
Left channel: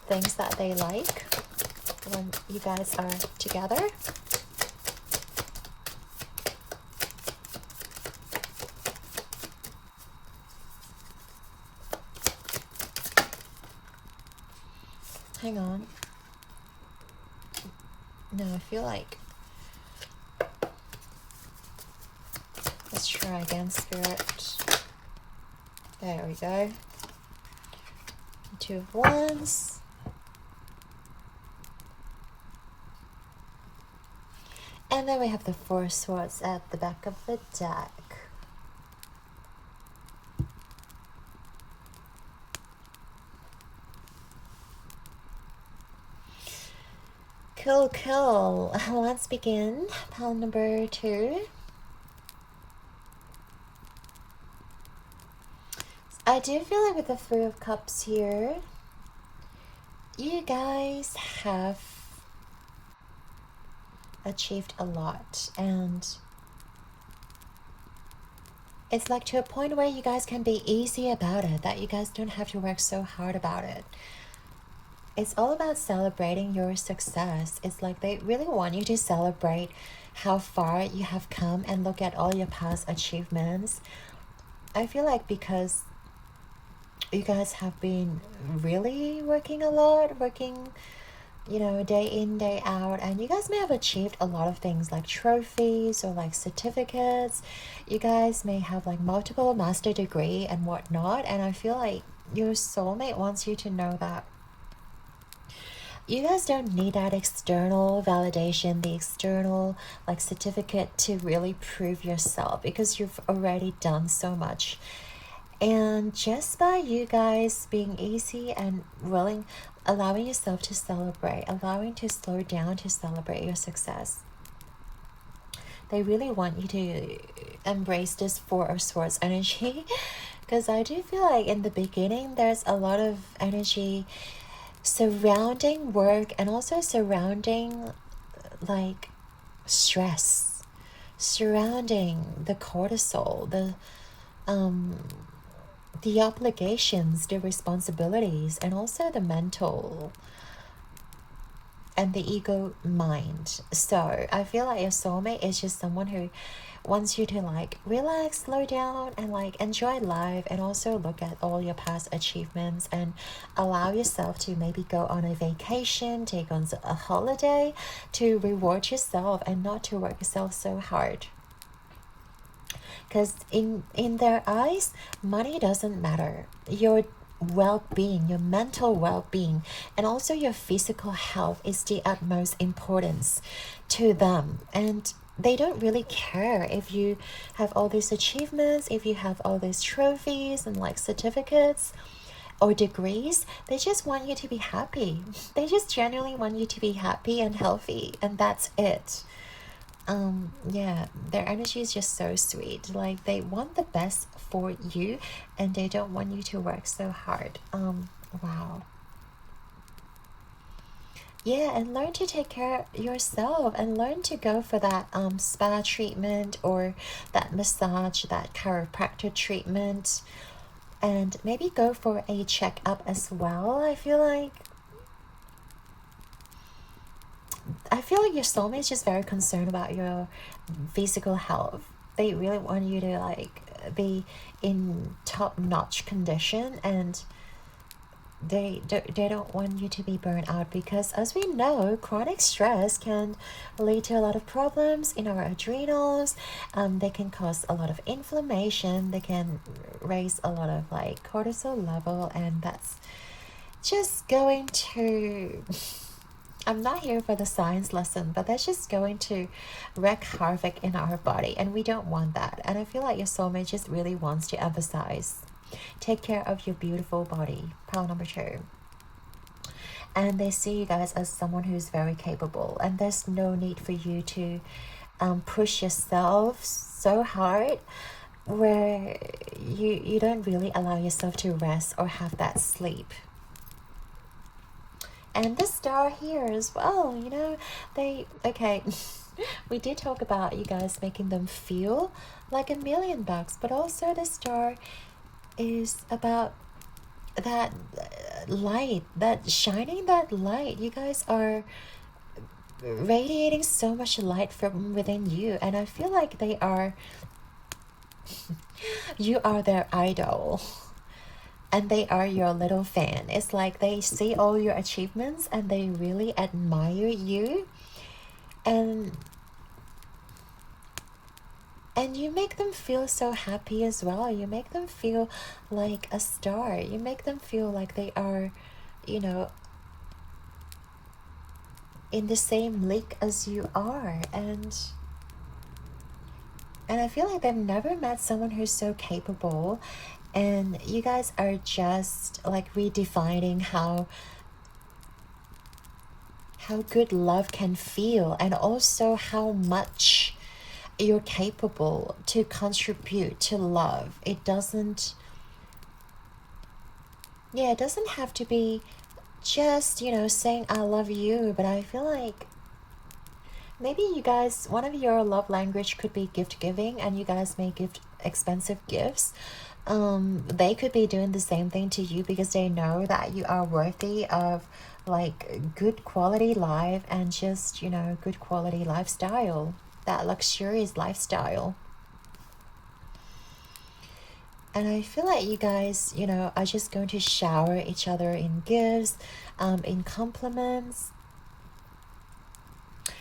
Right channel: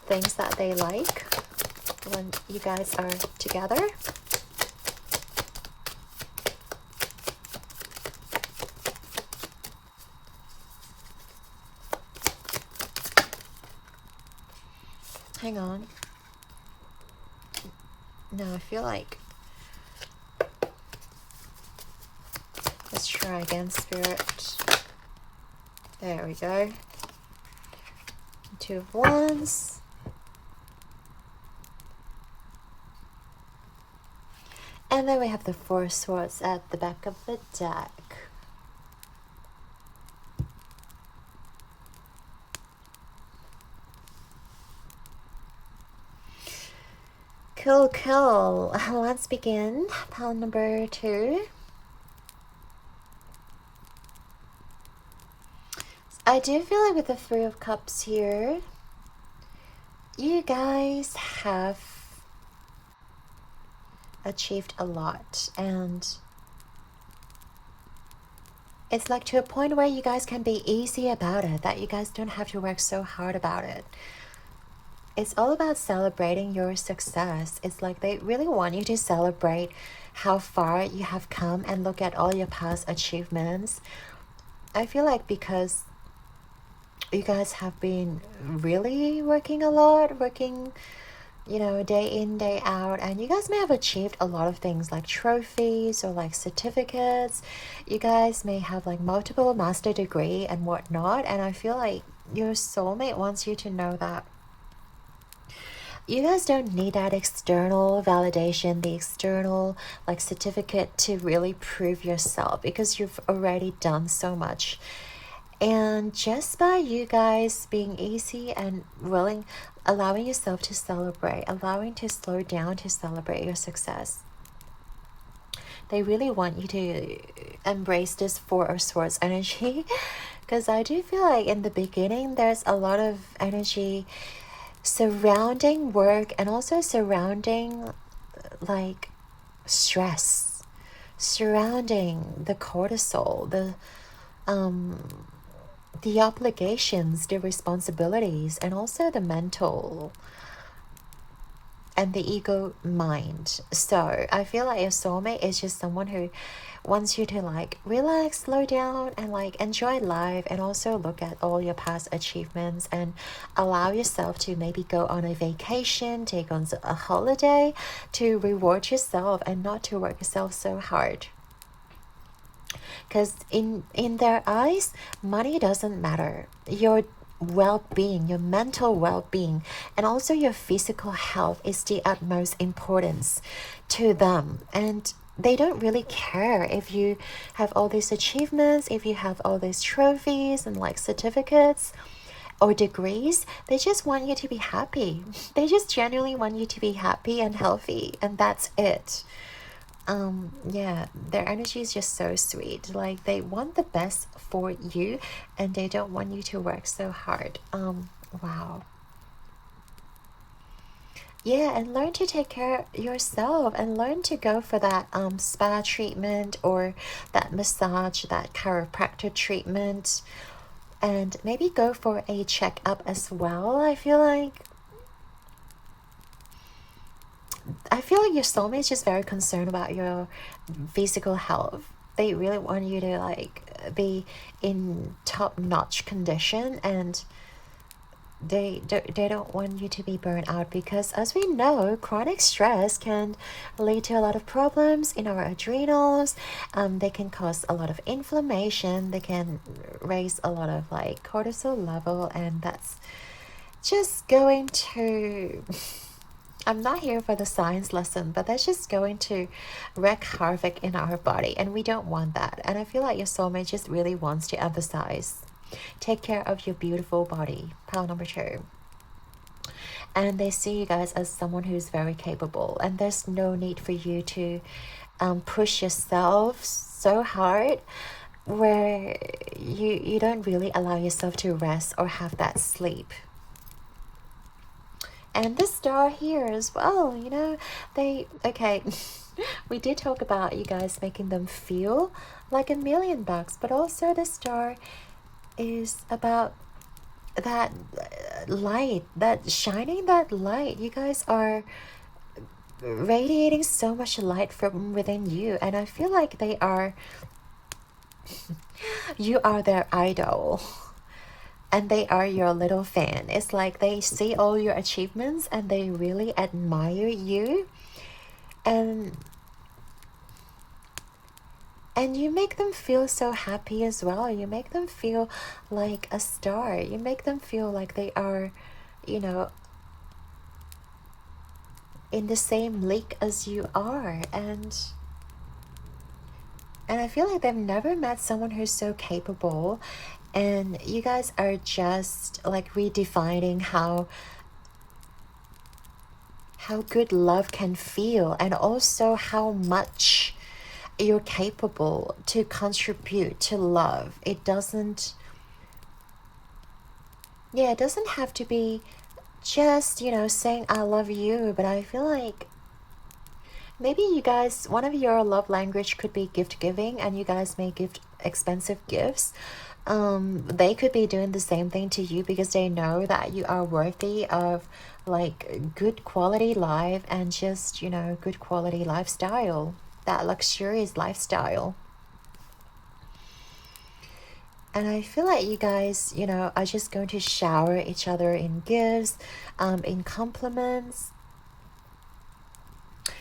things that they like when you guys are together. Hang on. No, I feel like... Let's try again, Spirit. There we go. 2 of Wands. And then we have the 4 of Swords at the back of the deck. Cool, cool. Let's begin. Pile number 2. I do feel like with the 3 of Cups here, you guys have achieved a lot, and it's like to a point where you guys can be easy about it, that you guys don't have to work so hard about it. It's all about celebrating your success. It's like they really want you to celebrate how far you have come and look at all your past achievements. I feel like because you guys have been really working a lot, you know, day in, day out, and you guys may have achieved a lot of things like trophies or like certificates. You guys may have like multiple master degree and whatnot, and I feel like your soulmate wants you to know that you guys don't need that external validation, the external like certificate to really prove yourself, because you've already done so much. And just by you guys being easy and willing, allowing yourself to celebrate, allowing to slow down to celebrate your success, they really want you to embrace this Four of Swords energy. Because I do feel like in the beginning, there's a lot of energy surrounding work and also surrounding like stress, surrounding the cortisol, the obligations, the responsibilities, and also the mental and the ego mind. So I feel like your soulmate is just someone who wants you to like relax, slow down, and like enjoy life, and also look at all your past achievements and allow yourself to maybe go on a vacation, take on a holiday to reward yourself and not to work yourself so hard. Because in their eyes, money doesn't matter. Your well-being, your mental well-being, and also your physical health is the utmost importance to them. And they don't really care if you have all these achievements, if you have all these trophies and like certificates or degrees. They just want you to be happy. They just genuinely want you to be happy and healthy, and that's it. Yeah, their energy is just so sweet. Like they want the best for you, and they don't want you to work so hard. Wow. Yeah, and learn to take care of yourself, and learn to go for that spa treatment or that massage, that chiropractor treatment, and maybe go for a checkup as well. I feel like your soulmate is just very concerned about your physical health. They really want you to like be in top-notch condition, and they don't want you to be burnt out, because as we know, chronic stress can lead to a lot of problems in our adrenals. They can cause a lot of inflammation. They can raise a lot of like cortisol level, and that's just going to I'm not here for the science lesson, but that's just going to wreak havoc in our body, and we don't want that. And I feel like your soulmate just really wants to emphasize, take care of your beautiful body, pile number 2. And they see you guys as someone who's very capable, and there's no need for you to push yourself so hard where you don't really allow yourself to rest or have that sleep. And the star here as well, you know, okay, we did talk about you guys making them feel like $1,000,000, but also the star is about that light, that shining that light. You guys are radiating so much light from within you, and I feel like you are their idol. And they are your little fan. It's like they see all your achievements and they really admire you. And you make them feel so happy as well. You make them feel like a star. You make them feel like they are, you know, in the same league as you are. And I feel like they've never met someone who's so capable. And you guys are just like redefining how good love can feel, and also how much you're capable to contribute to love. It doesn't have to be just, you know, saying I love you, but I feel like maybe you guys, one of your love language could be gift giving, and you guys may give expensive gifts. They could be doing the same thing to you because they know that you are worthy of like good quality life, and just, you know, good quality lifestyle, that luxurious lifestyle. And I feel like you guys, you know, are just going to shower each other in gifts, in compliments,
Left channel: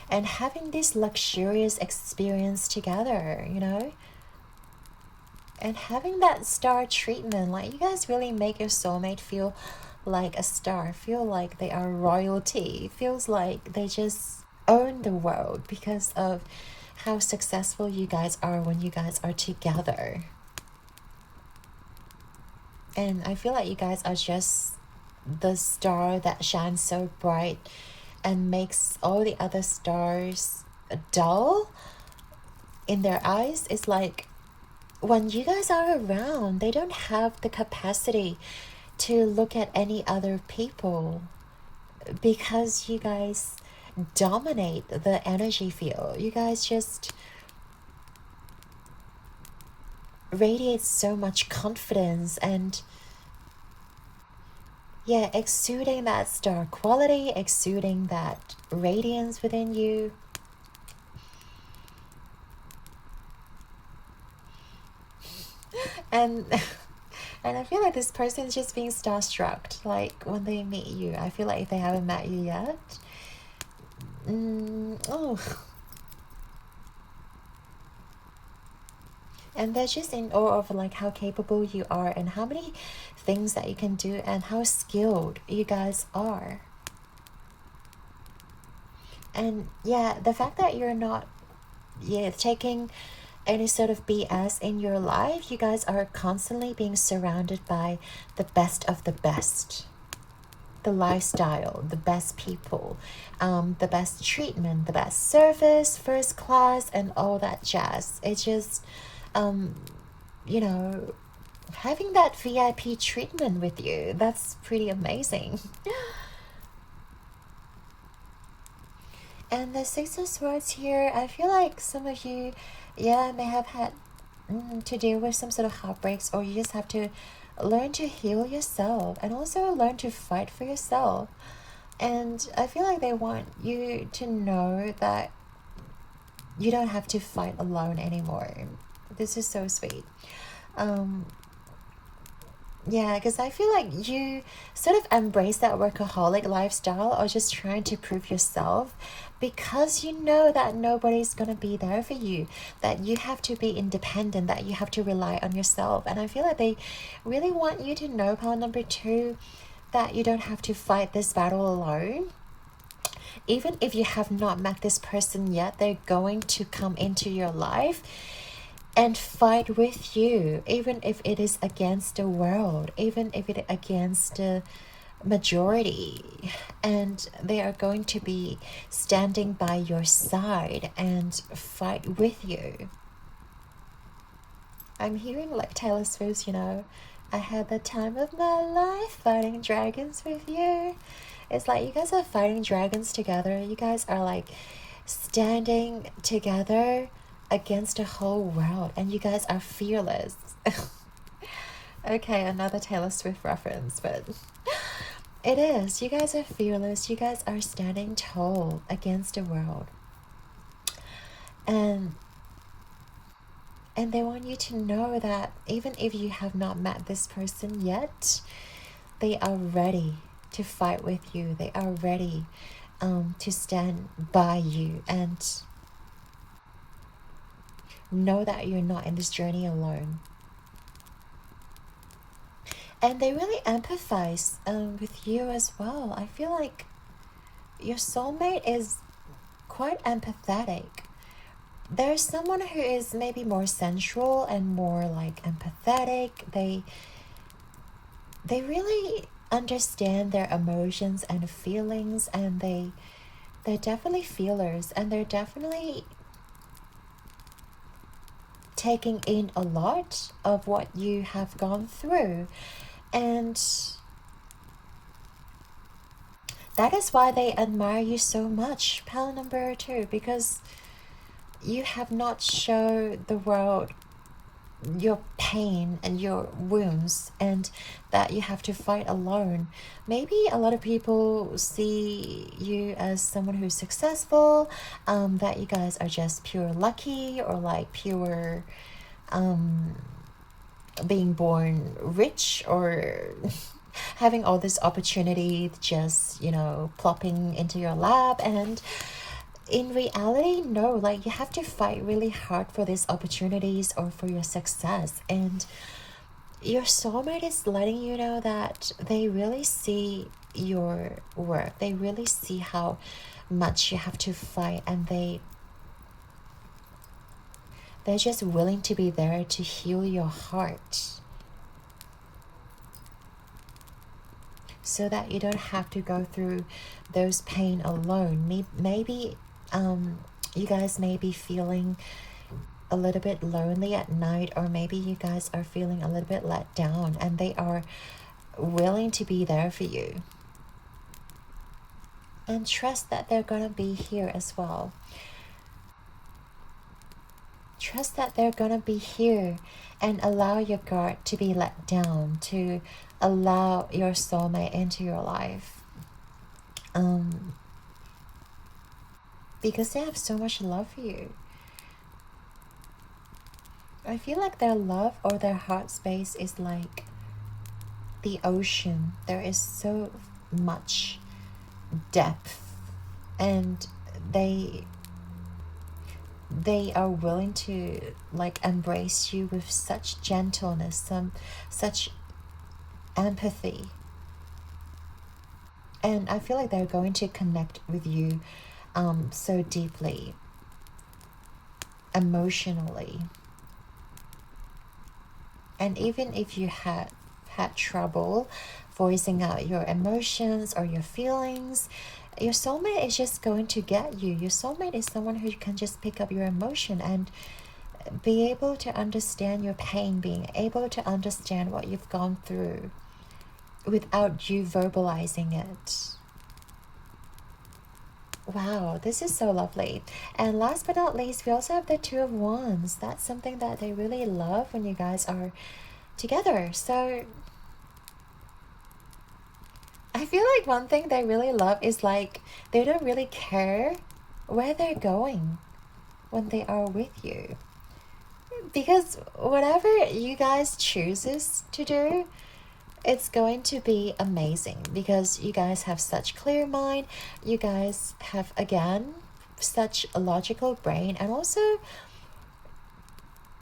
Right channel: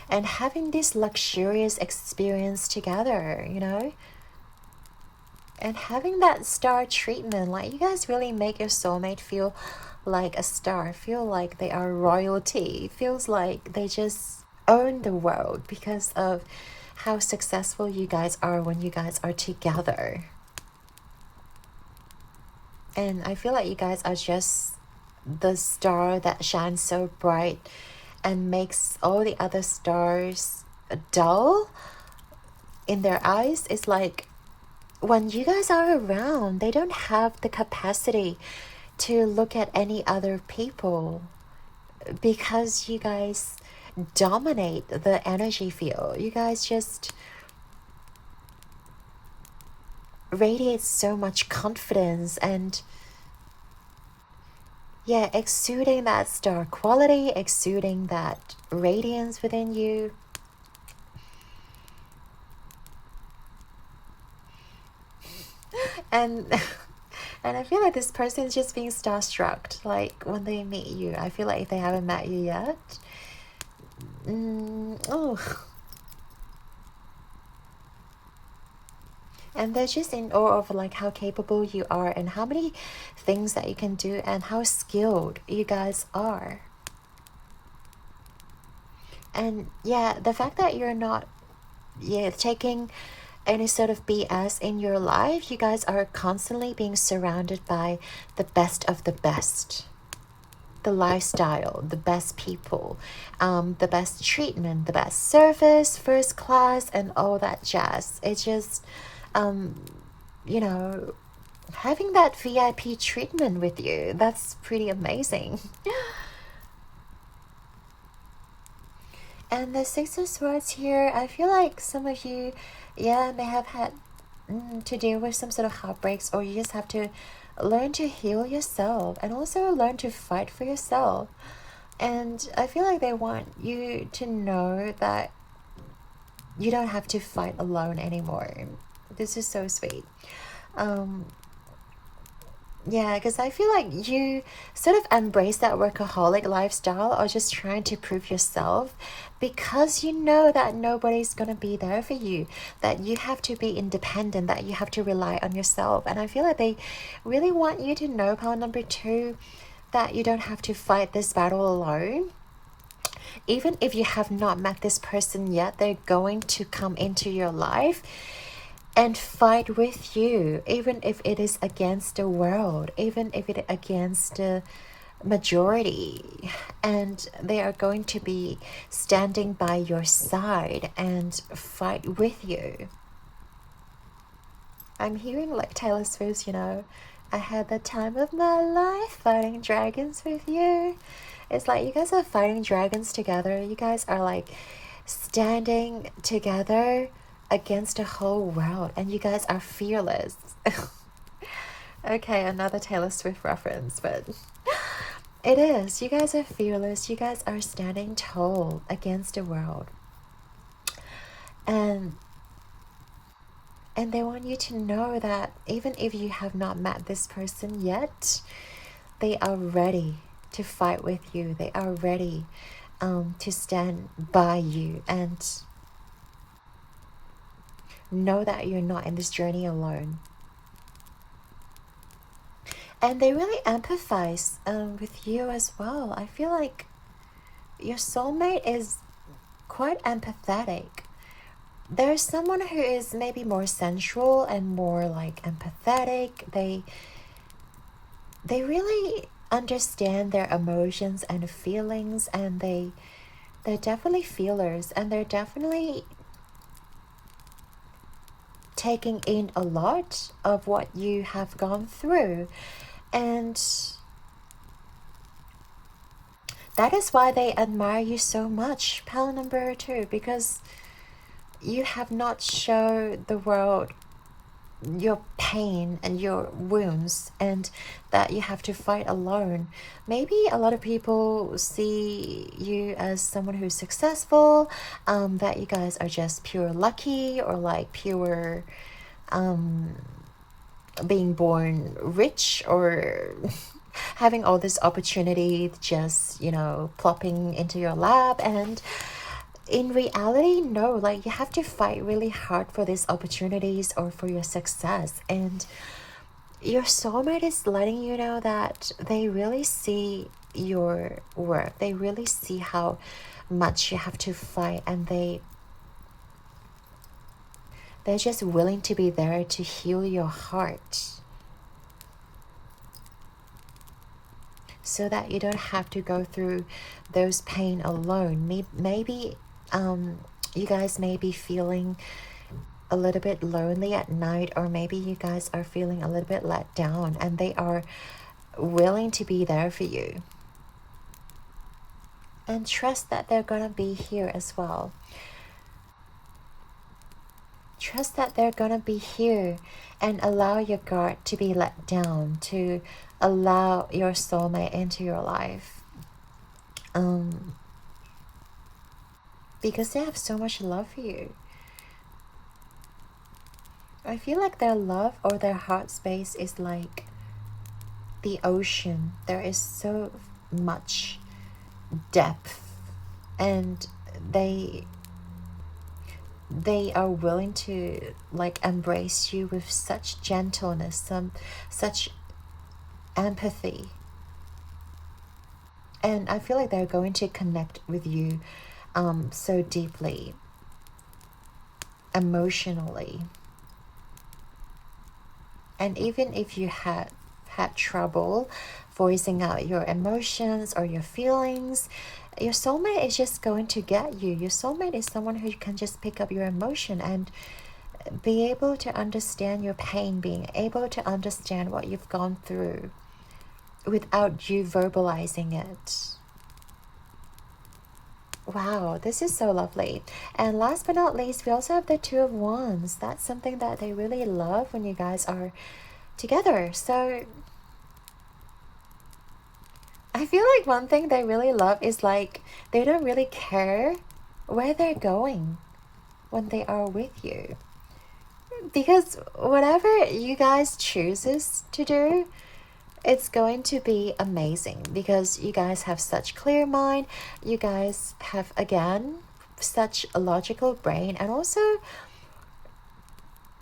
and having this luxurious experience together, you know, and having that star treatment. Like, you guys really make your soulmate feel like a star, feel like they are royalty, feels like they just own the world because of how successful you guys are when you guys are together. And I feel like you guys are just the star that shines so bright and makes all the other stars dull in their eyes. It's like when you guys are around, they don't have the capacity to look at any other people because you guys dominate the energy field. You guys just radiate so much confidence and, yeah, exuding that star quality, exuding that radiance within you. And and I feel like this person is just being starstruck, like when they meet you. I feel like if they haven't met you yet, and they're just in awe of like how capable you are and how many things that you can do and how skilled you guys are. And yeah, the fact that you're not taking any sort of BS in your life, you guys are constantly being surrounded by the best of the best. The lifestyle, the best people, the best treatment, the best service, first class, and all that jazz. It's just, you know, having that VIP treatment with you, that's pretty amazing. And the Six of Swords here, I feel like some of you, may have had to deal with some sort of heartbreaks, or you just have to learn to heal yourself and also learn to fight for yourself. And I feel like they want you to know that you don't have to fight alone anymore. This is so sweet. Yeah, because I feel like you sort of embrace that workaholic lifestyle or just trying to prove yourself because you know that nobody's going to be there for you, that you have to be independent, that you have to rely on yourself. And I feel like they really want you to know, pile number 2, that you don't have to fight this battle alone. Even if you have not met this person yet, they're going to come into your life and fight with you, even if it is against the world, even if it is against the majority. And they are going to be standing by your side and fight with you. I'm hearing like Taylor Swift, you know, I had the time of my life fighting dragons with you. It's like you guys are fighting dragons together. You guys are like standing together against the whole world, and you guys are fearless. Okay, another Taylor Swift reference, but it is. You guys are fearless. You guys are standing tall against the world. And they want you to know that even if you have not met this person yet, they are ready to fight with you. They are ready to stand by you and know that you're not in this journey alone. And they really empathize with you as well. I feel like your soulmate is quite empathetic. There's someone who is maybe more sensual and more like empathetic. They really understand their emotions and feelings, and they're definitely feelers, and they're definitely taking in a lot of what you have gone through. And that is why they admire you so much, pal number 2, because you have not shown the world your pain and your wounds, and that you have to fight alone. Maybe a lot of people see you as someone who's successful, that you guys are just pure lucky, or like pure being born rich or having all this opportunity just, you know, plopping into your lap. And in reality, no, like you have to fight really hard for these opportunities or for your success. And your soulmate is letting you know that they really see your work. They really see how much you have to fight, and they're just willing to be there to heal your heart, so that you don't have to go through those pain alone. Maybe you guys may be feeling a little bit lonely at night, or maybe you guys are feeling a little bit let down, and they are willing to be there for you. And trust that they're gonna be here as well. Trust that they're gonna be here, and allow your guard to be let down, to allow your soulmate into your life. Because they have so much love for you. I feel like their love or their heart space is like the ocean. There is so much depth, and they are willing to like embrace you with such gentleness, such empathy. And I feel like they're going to connect with you so deeply, emotionally. And even if you had trouble voicing out your emotions or your feelings, your soulmate is just going to get you. Your soulmate is someone who can just pick up your emotion and be able to understand your pain, being able to understand what you've gone through without you verbalizing it. Wow, this is so lovely. And last but not least, we also have the Two of Wands. That's something that they really love when you guys are together. So I feel like one thing they really love is like they don't really care where they're going when they are with you. Because whatever you guys chooses to do, it's going to be amazing, because you guys have such clear mind. You guys have, again, such a logical brain, and also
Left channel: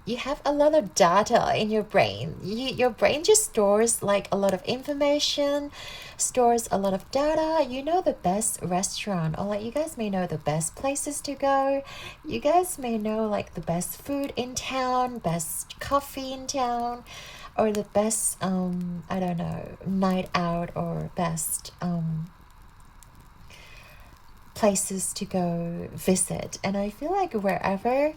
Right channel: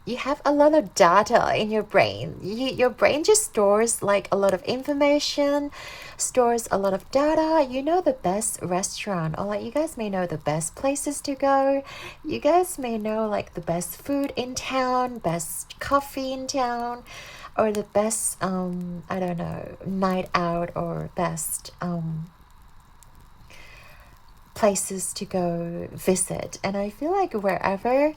you have a lot of data in your brain. Your brain just stores like a lot of information, stores a lot of data. You know the best restaurant, or like you guys may know the best places to go. You guys may know like the best food in town, best coffee in town, or the best I don't know, night out, or best places to go visit. And I feel like whenever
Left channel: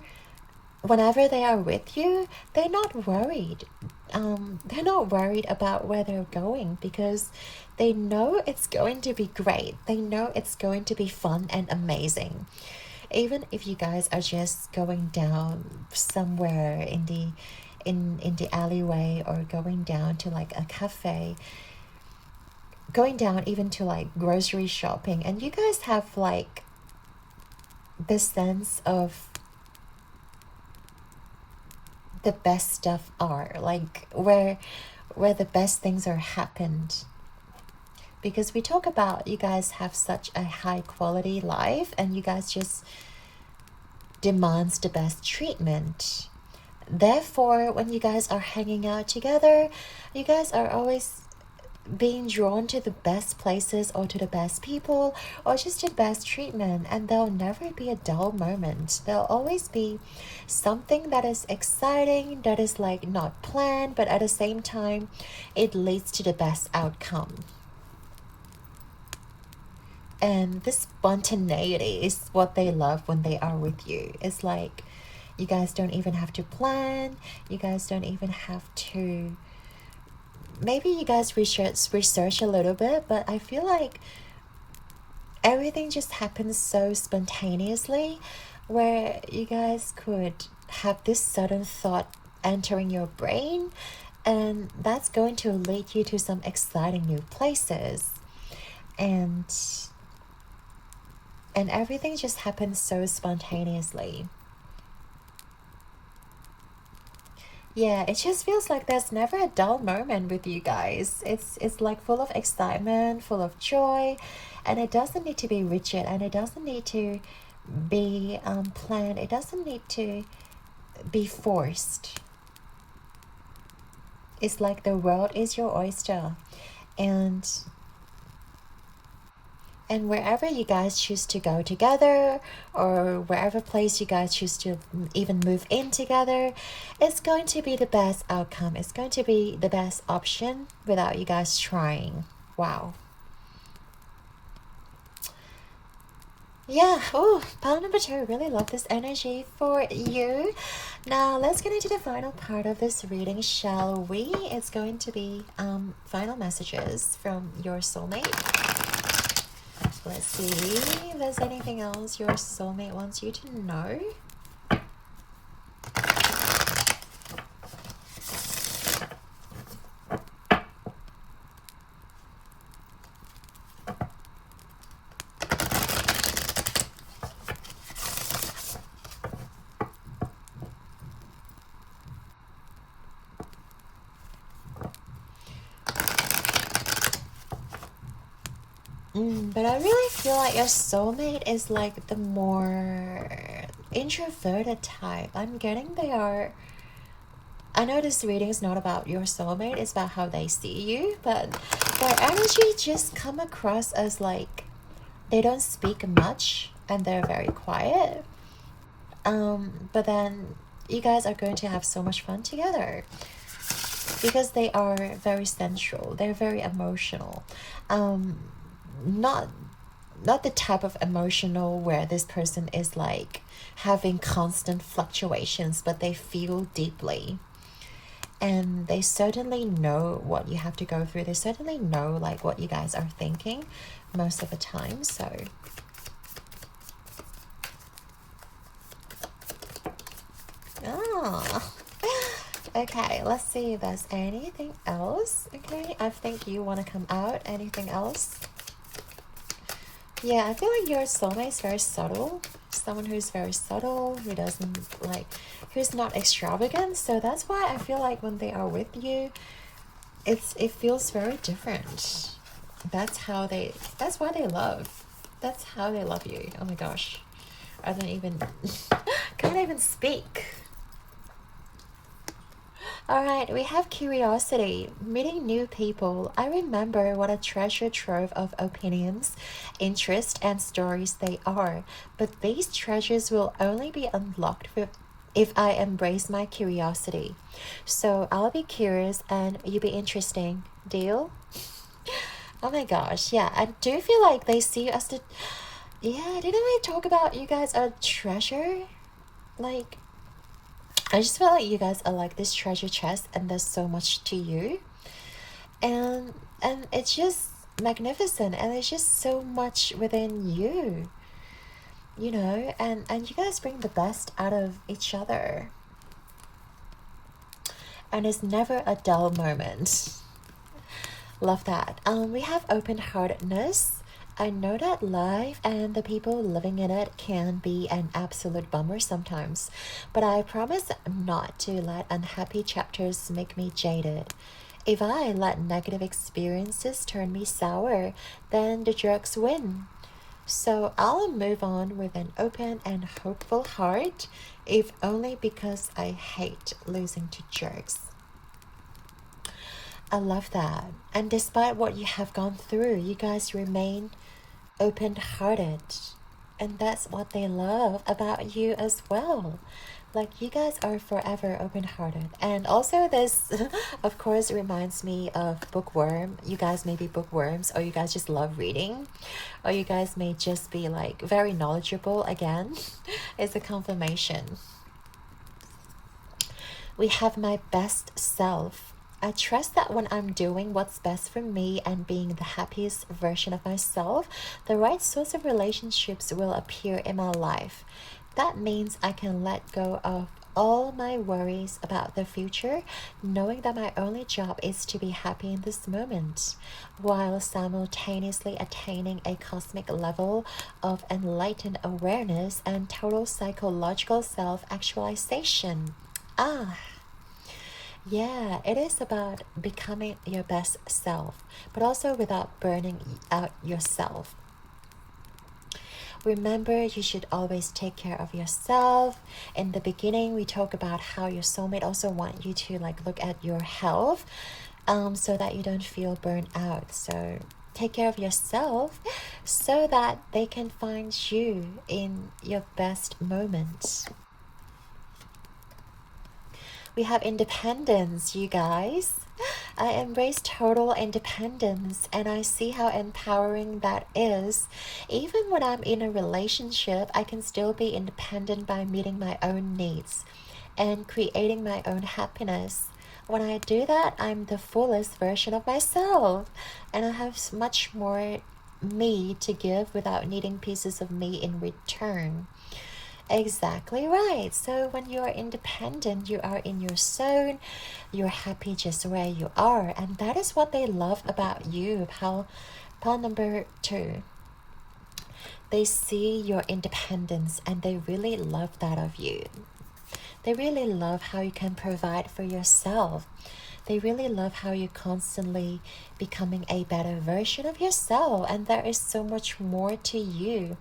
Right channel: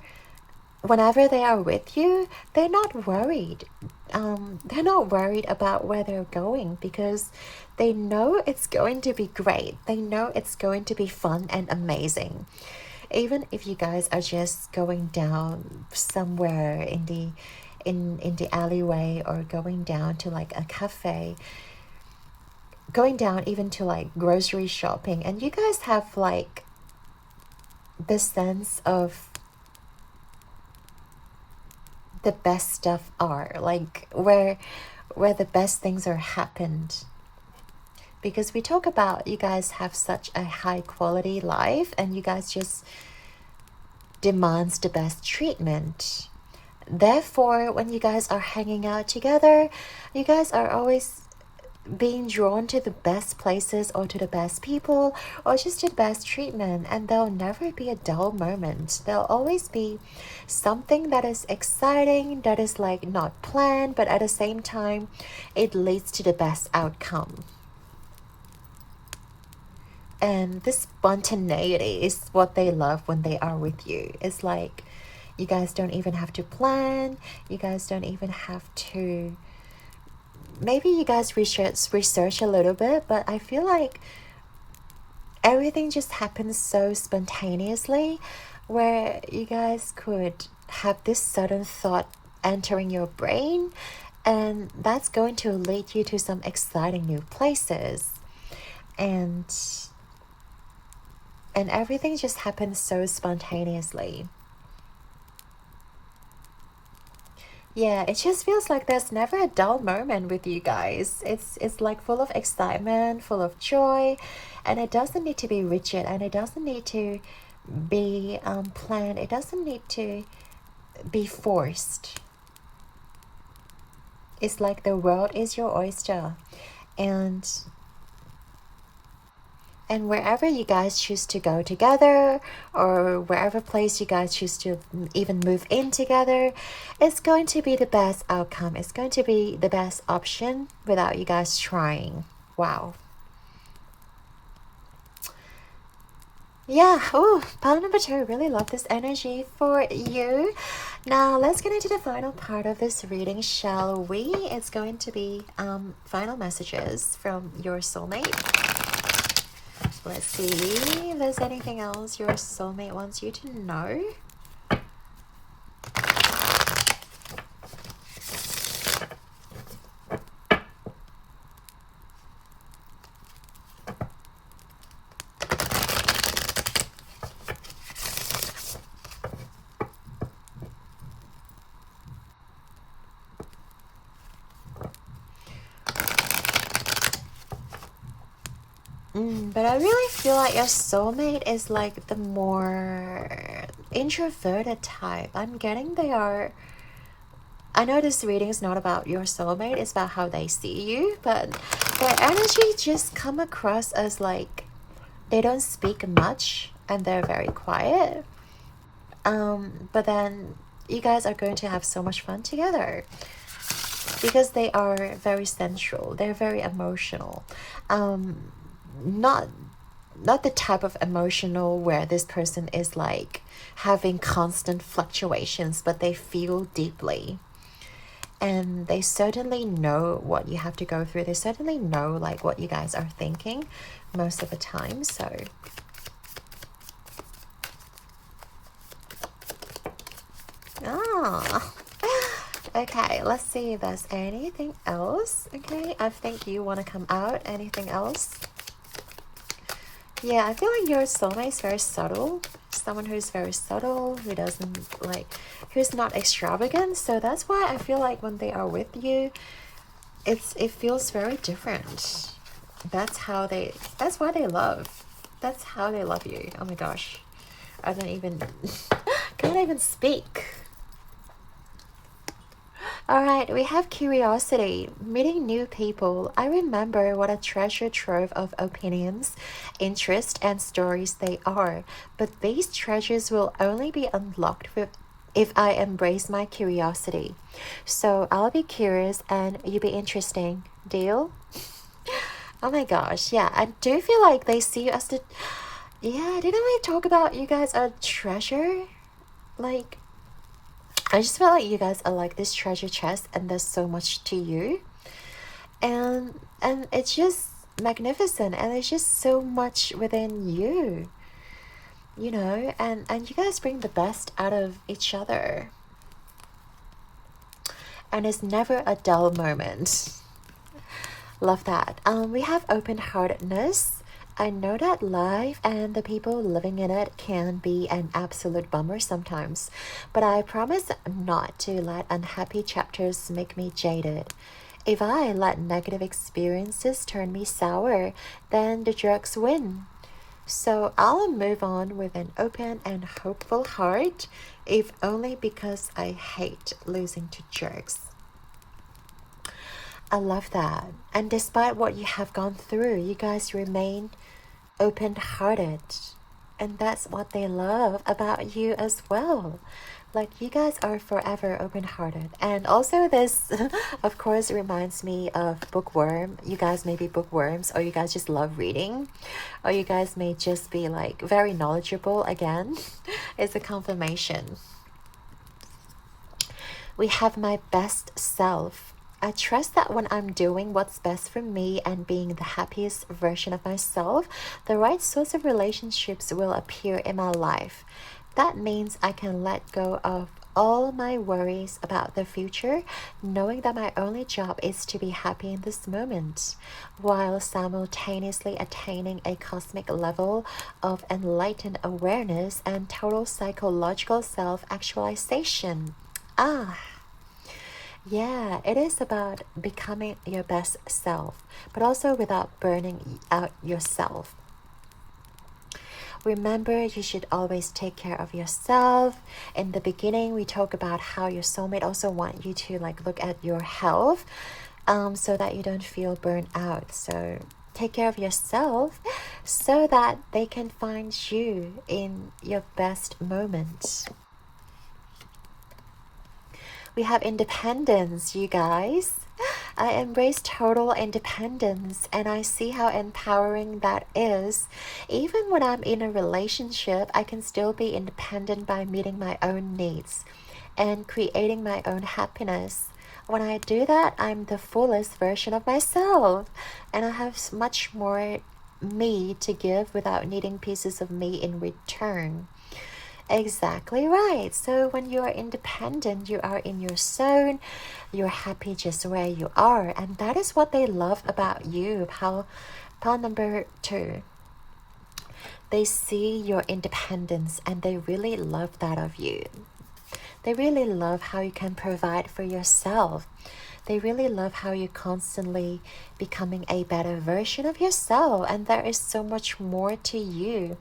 they are with you, they're not worried. They're not worried about where they're going, because they know it's going to be great. They know it's going to be fun and amazing. Even if you guys are just going down somewhere in the alleyway, or going down to like a cafe, going down even to like grocery shopping, and you guys have like this sense of the best stuff are, like where the best things are happened. Because we talk about you guys have such a high quality life, and you guys just demands the best treatment. Therefore, when you guys are hanging out together, you guys are always being drawn to the best places, or to the best people, or just the best treatment. And there'll never be a dull moment. There'll always be something that is exciting, that is like not planned, but at the same time it leads to the best outcome. And this spontaneity is what they love when they are with you. It's like you guys don't even have to plan. You guys don't even have to... Maybe you guys research a little bit, but I feel like everything just happens so spontaneously, where you guys could have this sudden thought entering your brain, and that's going to lead you to some exciting new places. And everything just happens so spontaneously. Yeah, it just feels like there's never a dull moment with you guys. It's like full of excitement, full of joy, and it doesn't need to be rigid, and it doesn't need to be planned. It doesn't need to be forced. It's like the world is your oyster, and wherever you guys choose to go together, or wherever place you guys choose to even move in together, it's going to be the best outcome. It's going to be the best option without you guys trying. Wow. Yeah, oh, pile number 2, really love this energy for you. Now, let's get into the final part of this reading, shall we? It's going to be final messages from your soulmate. Let's see if there's anything else your soulmate wants you to know. But I really feel like your soulmate is like the more introverted type. I'm getting they are... I know this reading is not about your soulmate, it's about how they see you, but their energy just come across as like they don't speak much and they're very quiet. But then you guys are going to have so much fun together because they are very sensual, they're very emotional. Not the type of emotional where this person is like having constant fluctuations, but they feel deeply, and they certainly know what you have to go through. They certainly know like what you guys are thinking most of the time. So okay, let's see if there's anything else. Okay, I think you want to come out. Anything else? Yeah, I feel like your soulmate is very subtle. Someone who's very subtle, who doesn't like, who's not extravagant. So that's why I feel like when they are with you, it feels very different. That's why they love. That's how they love you. Oh my gosh. I don't even, can't even speak. Alright, we have curiosity, meeting new people. I remember what a treasure trove of opinions, interests, and stories they are, but these treasures will only be unlocked if I embrace my curiosity. So I'll be curious and you be interesting. Deal? Oh my gosh, yeah, I do feel like they see you as the... Yeah, didn't I talk about you guys are treasure? Like... I just feel like you guys are like this treasure chest and there's so much to you. And it's just magnificent and it's just so much within you. You know, and you guys bring the best out of each other. And it's never a dull moment. Love that. We have open-heartedness. I know that life and the people living in it can be an absolute bummer sometimes, but I promise not to let unhappy chapters make me jaded. If I let negative experiences turn me sour, then the jerks win. So I'll move on with an open and hopeful heart, if only because I hate losing to jerks. I love that. And despite what you have gone through, you guys remain open-hearted, and that's what they love about you as well. Like, you guys are forever open-hearted. And also this of course reminds me of bookworm. You guys may be bookworms, or you guys just love reading, or you guys may just be like very knowledgeable. Again, it's a confirmation. We have my best self. I trust that when I'm doing what's best for me and being the happiest version of myself, the right sorts of relationships will appear in my life. That means I can let go of all my worries about the future, knowing that my only job is to be happy in this moment, while simultaneously attaining a cosmic level of enlightened awareness and total psychological self-actualization. Yeah, it is about becoming your best self, but also without burning out yourself. Remember, you should always take care of yourself. In the beginning, we talk about how your soulmate also want you to like look at your health, so that you don't feel burnt out. So take care of yourself so that they can find you in your best moment. We have independence, you guys. I embrace total independence and I see how empowering that is. Even when I'm in a relationship, I can still be independent by meeting my own needs and creating my own happiness. When I do that, I'm the fullest version of myself and I have much more me to give without needing pieces of me in return. Exactly right. So when you are independent, you are in your zone, you're happy just where you are. And that is what they love about you. Pile number 2. They see your independence and they really love that of you. They really love how you can provide for yourself. They really love how you're constantly becoming a better version of yourself. And there is so much more to you.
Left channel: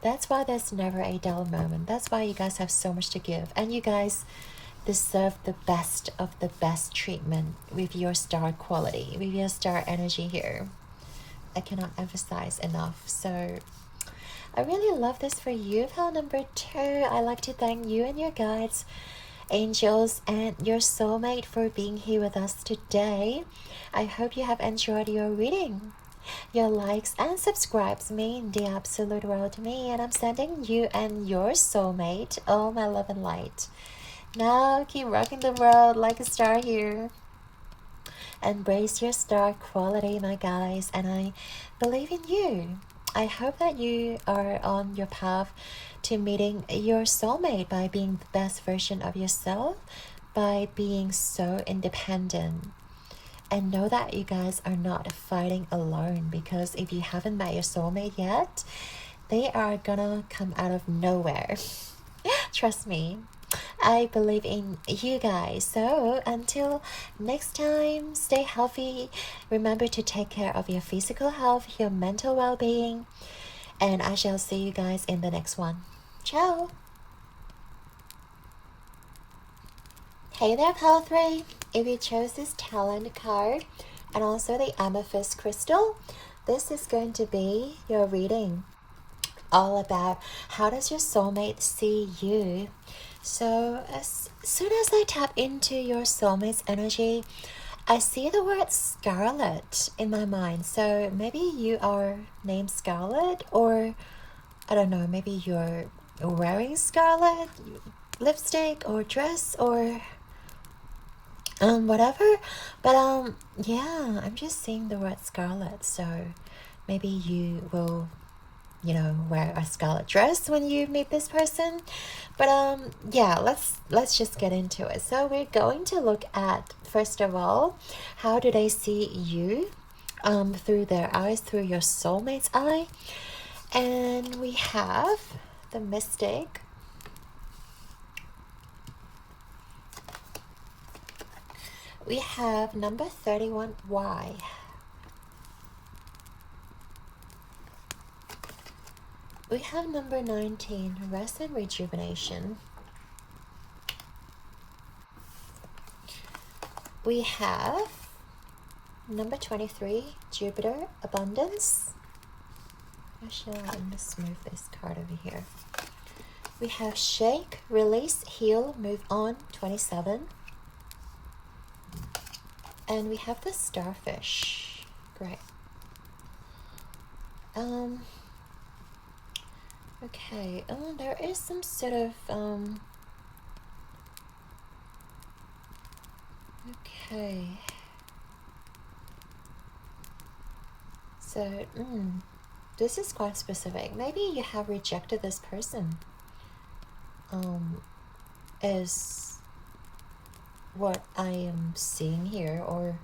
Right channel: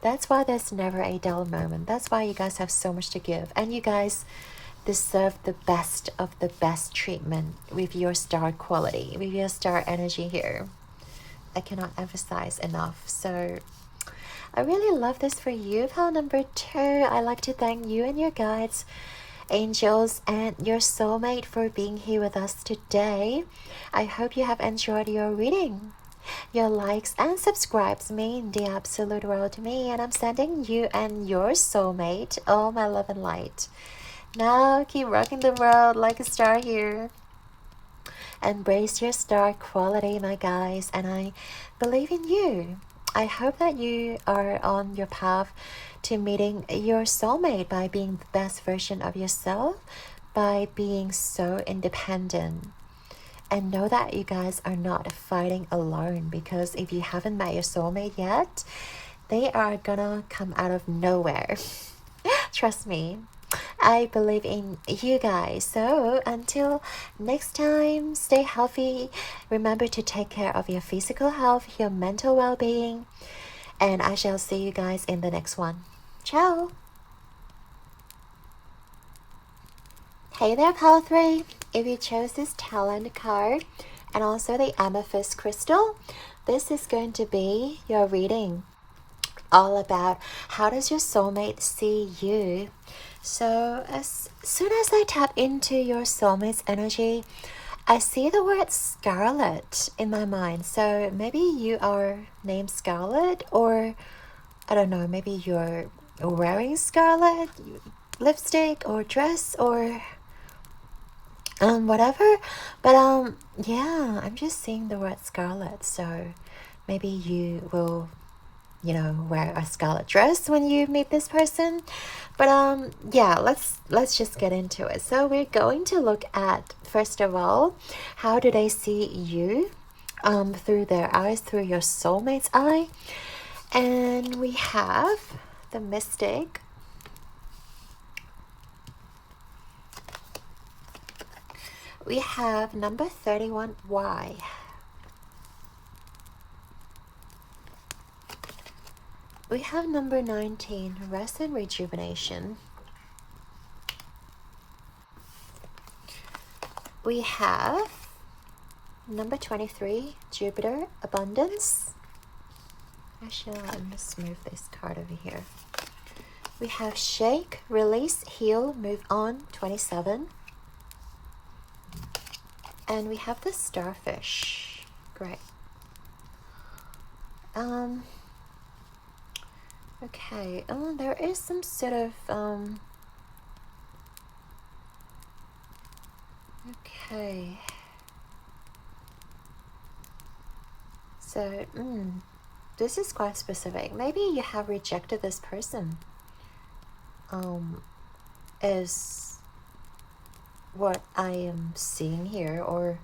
That's why there's never a dull moment. That's why you guys have so much to give. And you guys deserve the best of the best treatment with your star quality, with your star energy here. I cannot emphasize enough. So I really love this for you. Pile number 2. I'd like to thank you and your guides, angels, and your soulmate for being here with us today. I hope you have enjoyed your reading. Your likes and subscribes mean the absolute world to me, and I'm sending you and your soulmate all my love and light. Now keep rocking the world like a star here. Embrace your star quality, my guys, and I believe in you. I hope that you are on your path to meeting your soulmate by being the best version of yourself, by being so independent. And know that you guys are not fighting alone, because if you haven't met your soulmate yet, they are gonna come out of nowhere. Trust me, I believe in you guys. So until next time, stay healthy. Remember to take care of your physical health, your mental well-being, and I shall see you guys in the next one. Ciao. Hey there, pile 3. If you chose this talent card and also the amethyst crystal, this is going to be your reading, all about how does your soulmate see you. So as soon as I tap into your soulmate's energy, I see the word Scarlet in my mind. So maybe you are named Scarlet, or I don't know, maybe you're wearing scarlet lipstick or dress or whatever. But yeah, I'm just seeing the word scarlet. So maybe you will, wear a scarlet dress when you meet this person. But yeah, let's just get into it. So we're going to look at, first of all, how do they see you through their eyes, through your soulmate's eye. And we have the Mystic, we have number 31Y, we have number 19, Rest and Rejuvenation, we have number 23, Jupiter, Abundance. Actually, let me smooth this card over here. We have Shake, Release, Heal, Move On, 27. And we have the Starfish. Great. Okay. There is some sort of okay. So this is quite specific. Maybe you have rejected this person. Is what I am seeing here, or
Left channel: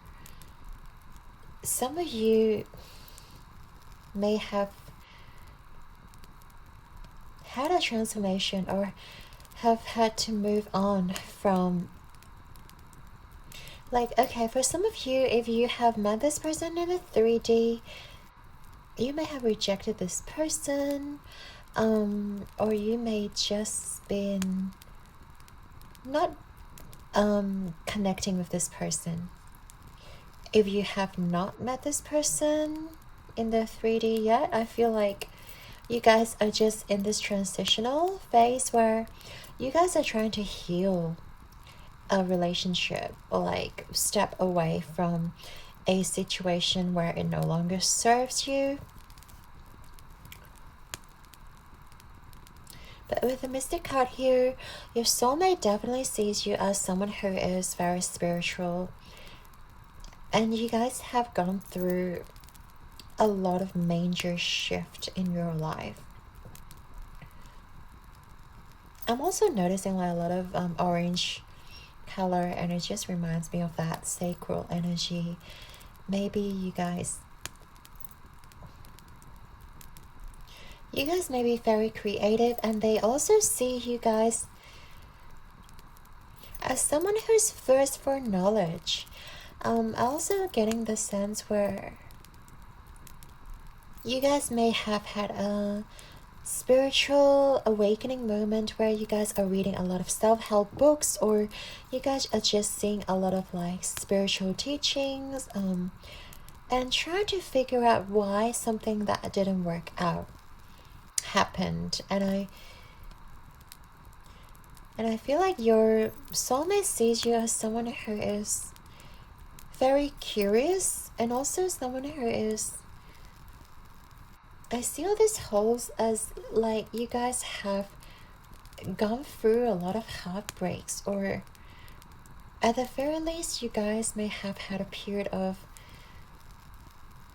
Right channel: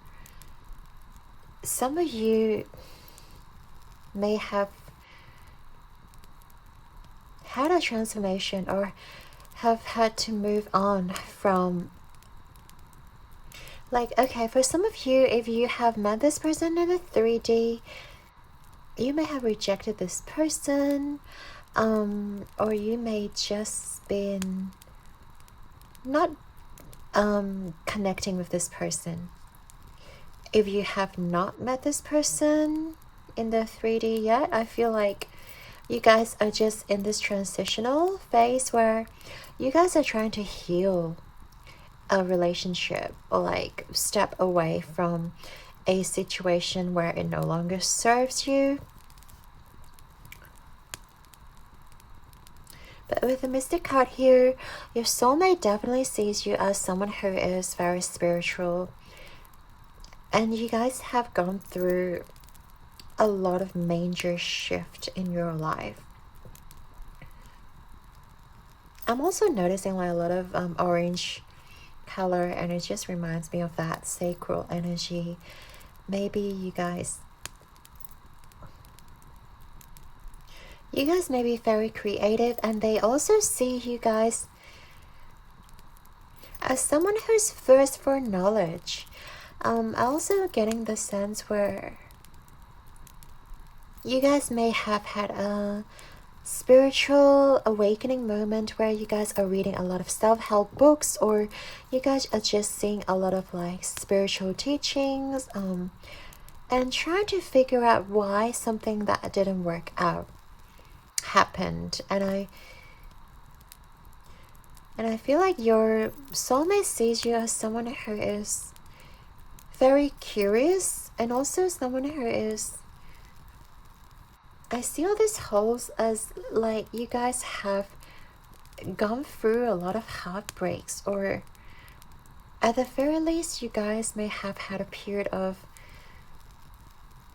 some of you may have had a transformation or have had to move on from Like, okay, for some of you, if you have met this person in the 3D, you may have rejected this person, or you may just been not connecting with this person. If you have not met this person in the 3D yet, I feel like you guys are just in this transitional phase where you guys are trying to heal a relationship, or like step away from a situation where it no longer serves you. But with the Mystic card here, your soulmate definitely sees you as someone who is very spiritual, and you guys have gone through a lot of major shift in your life. I'm also noticing like a lot of orange color, and it just reminds me of that sacral energy. Maybe you guys may be very creative, and they also see you guys as someone who's thirst for knowledge. Also getting the sense where you guys may have had a spiritual awakening moment where you guys are reading a lot of self-help books, or you guys are just seeing a lot of like spiritual teachings, and trying to figure out why something that didn't work out happened. And I feel like your soulmate sees you as someone who is very curious, and also someone who is, I see all these holes as like you guys have gone through a lot of heartbreaks, or at the very least you guys may have had a period of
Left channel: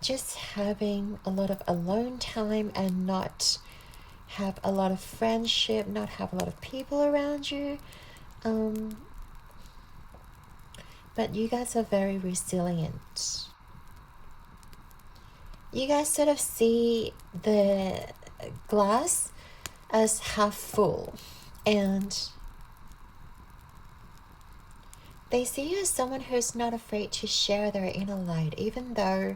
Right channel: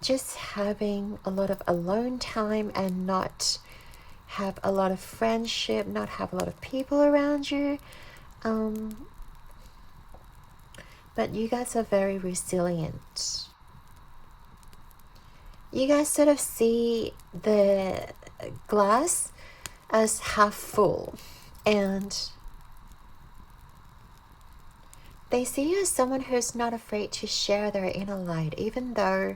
just having a lot of alone time and not have a lot of friendship, not have a lot of people around you. But you guys are very resilient. You guys sort of see the glass as half full, and they see you as someone who's not afraid to share their inner light, even though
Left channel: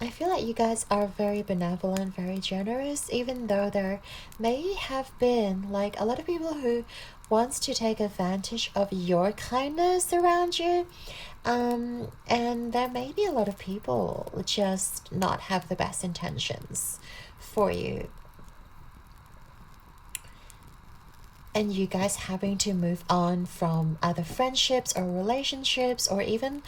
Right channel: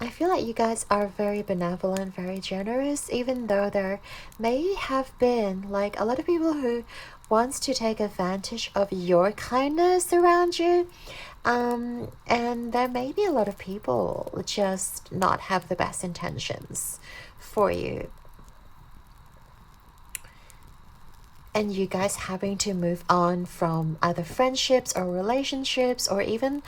I feel like you guys are very benevolent, very generous, even though there may have been like a lot of people who wants to take advantage of your kindness around you. And there may be a lot of people just not have the best intentions for you. And you guys having to move on from either friendships or relationships, or even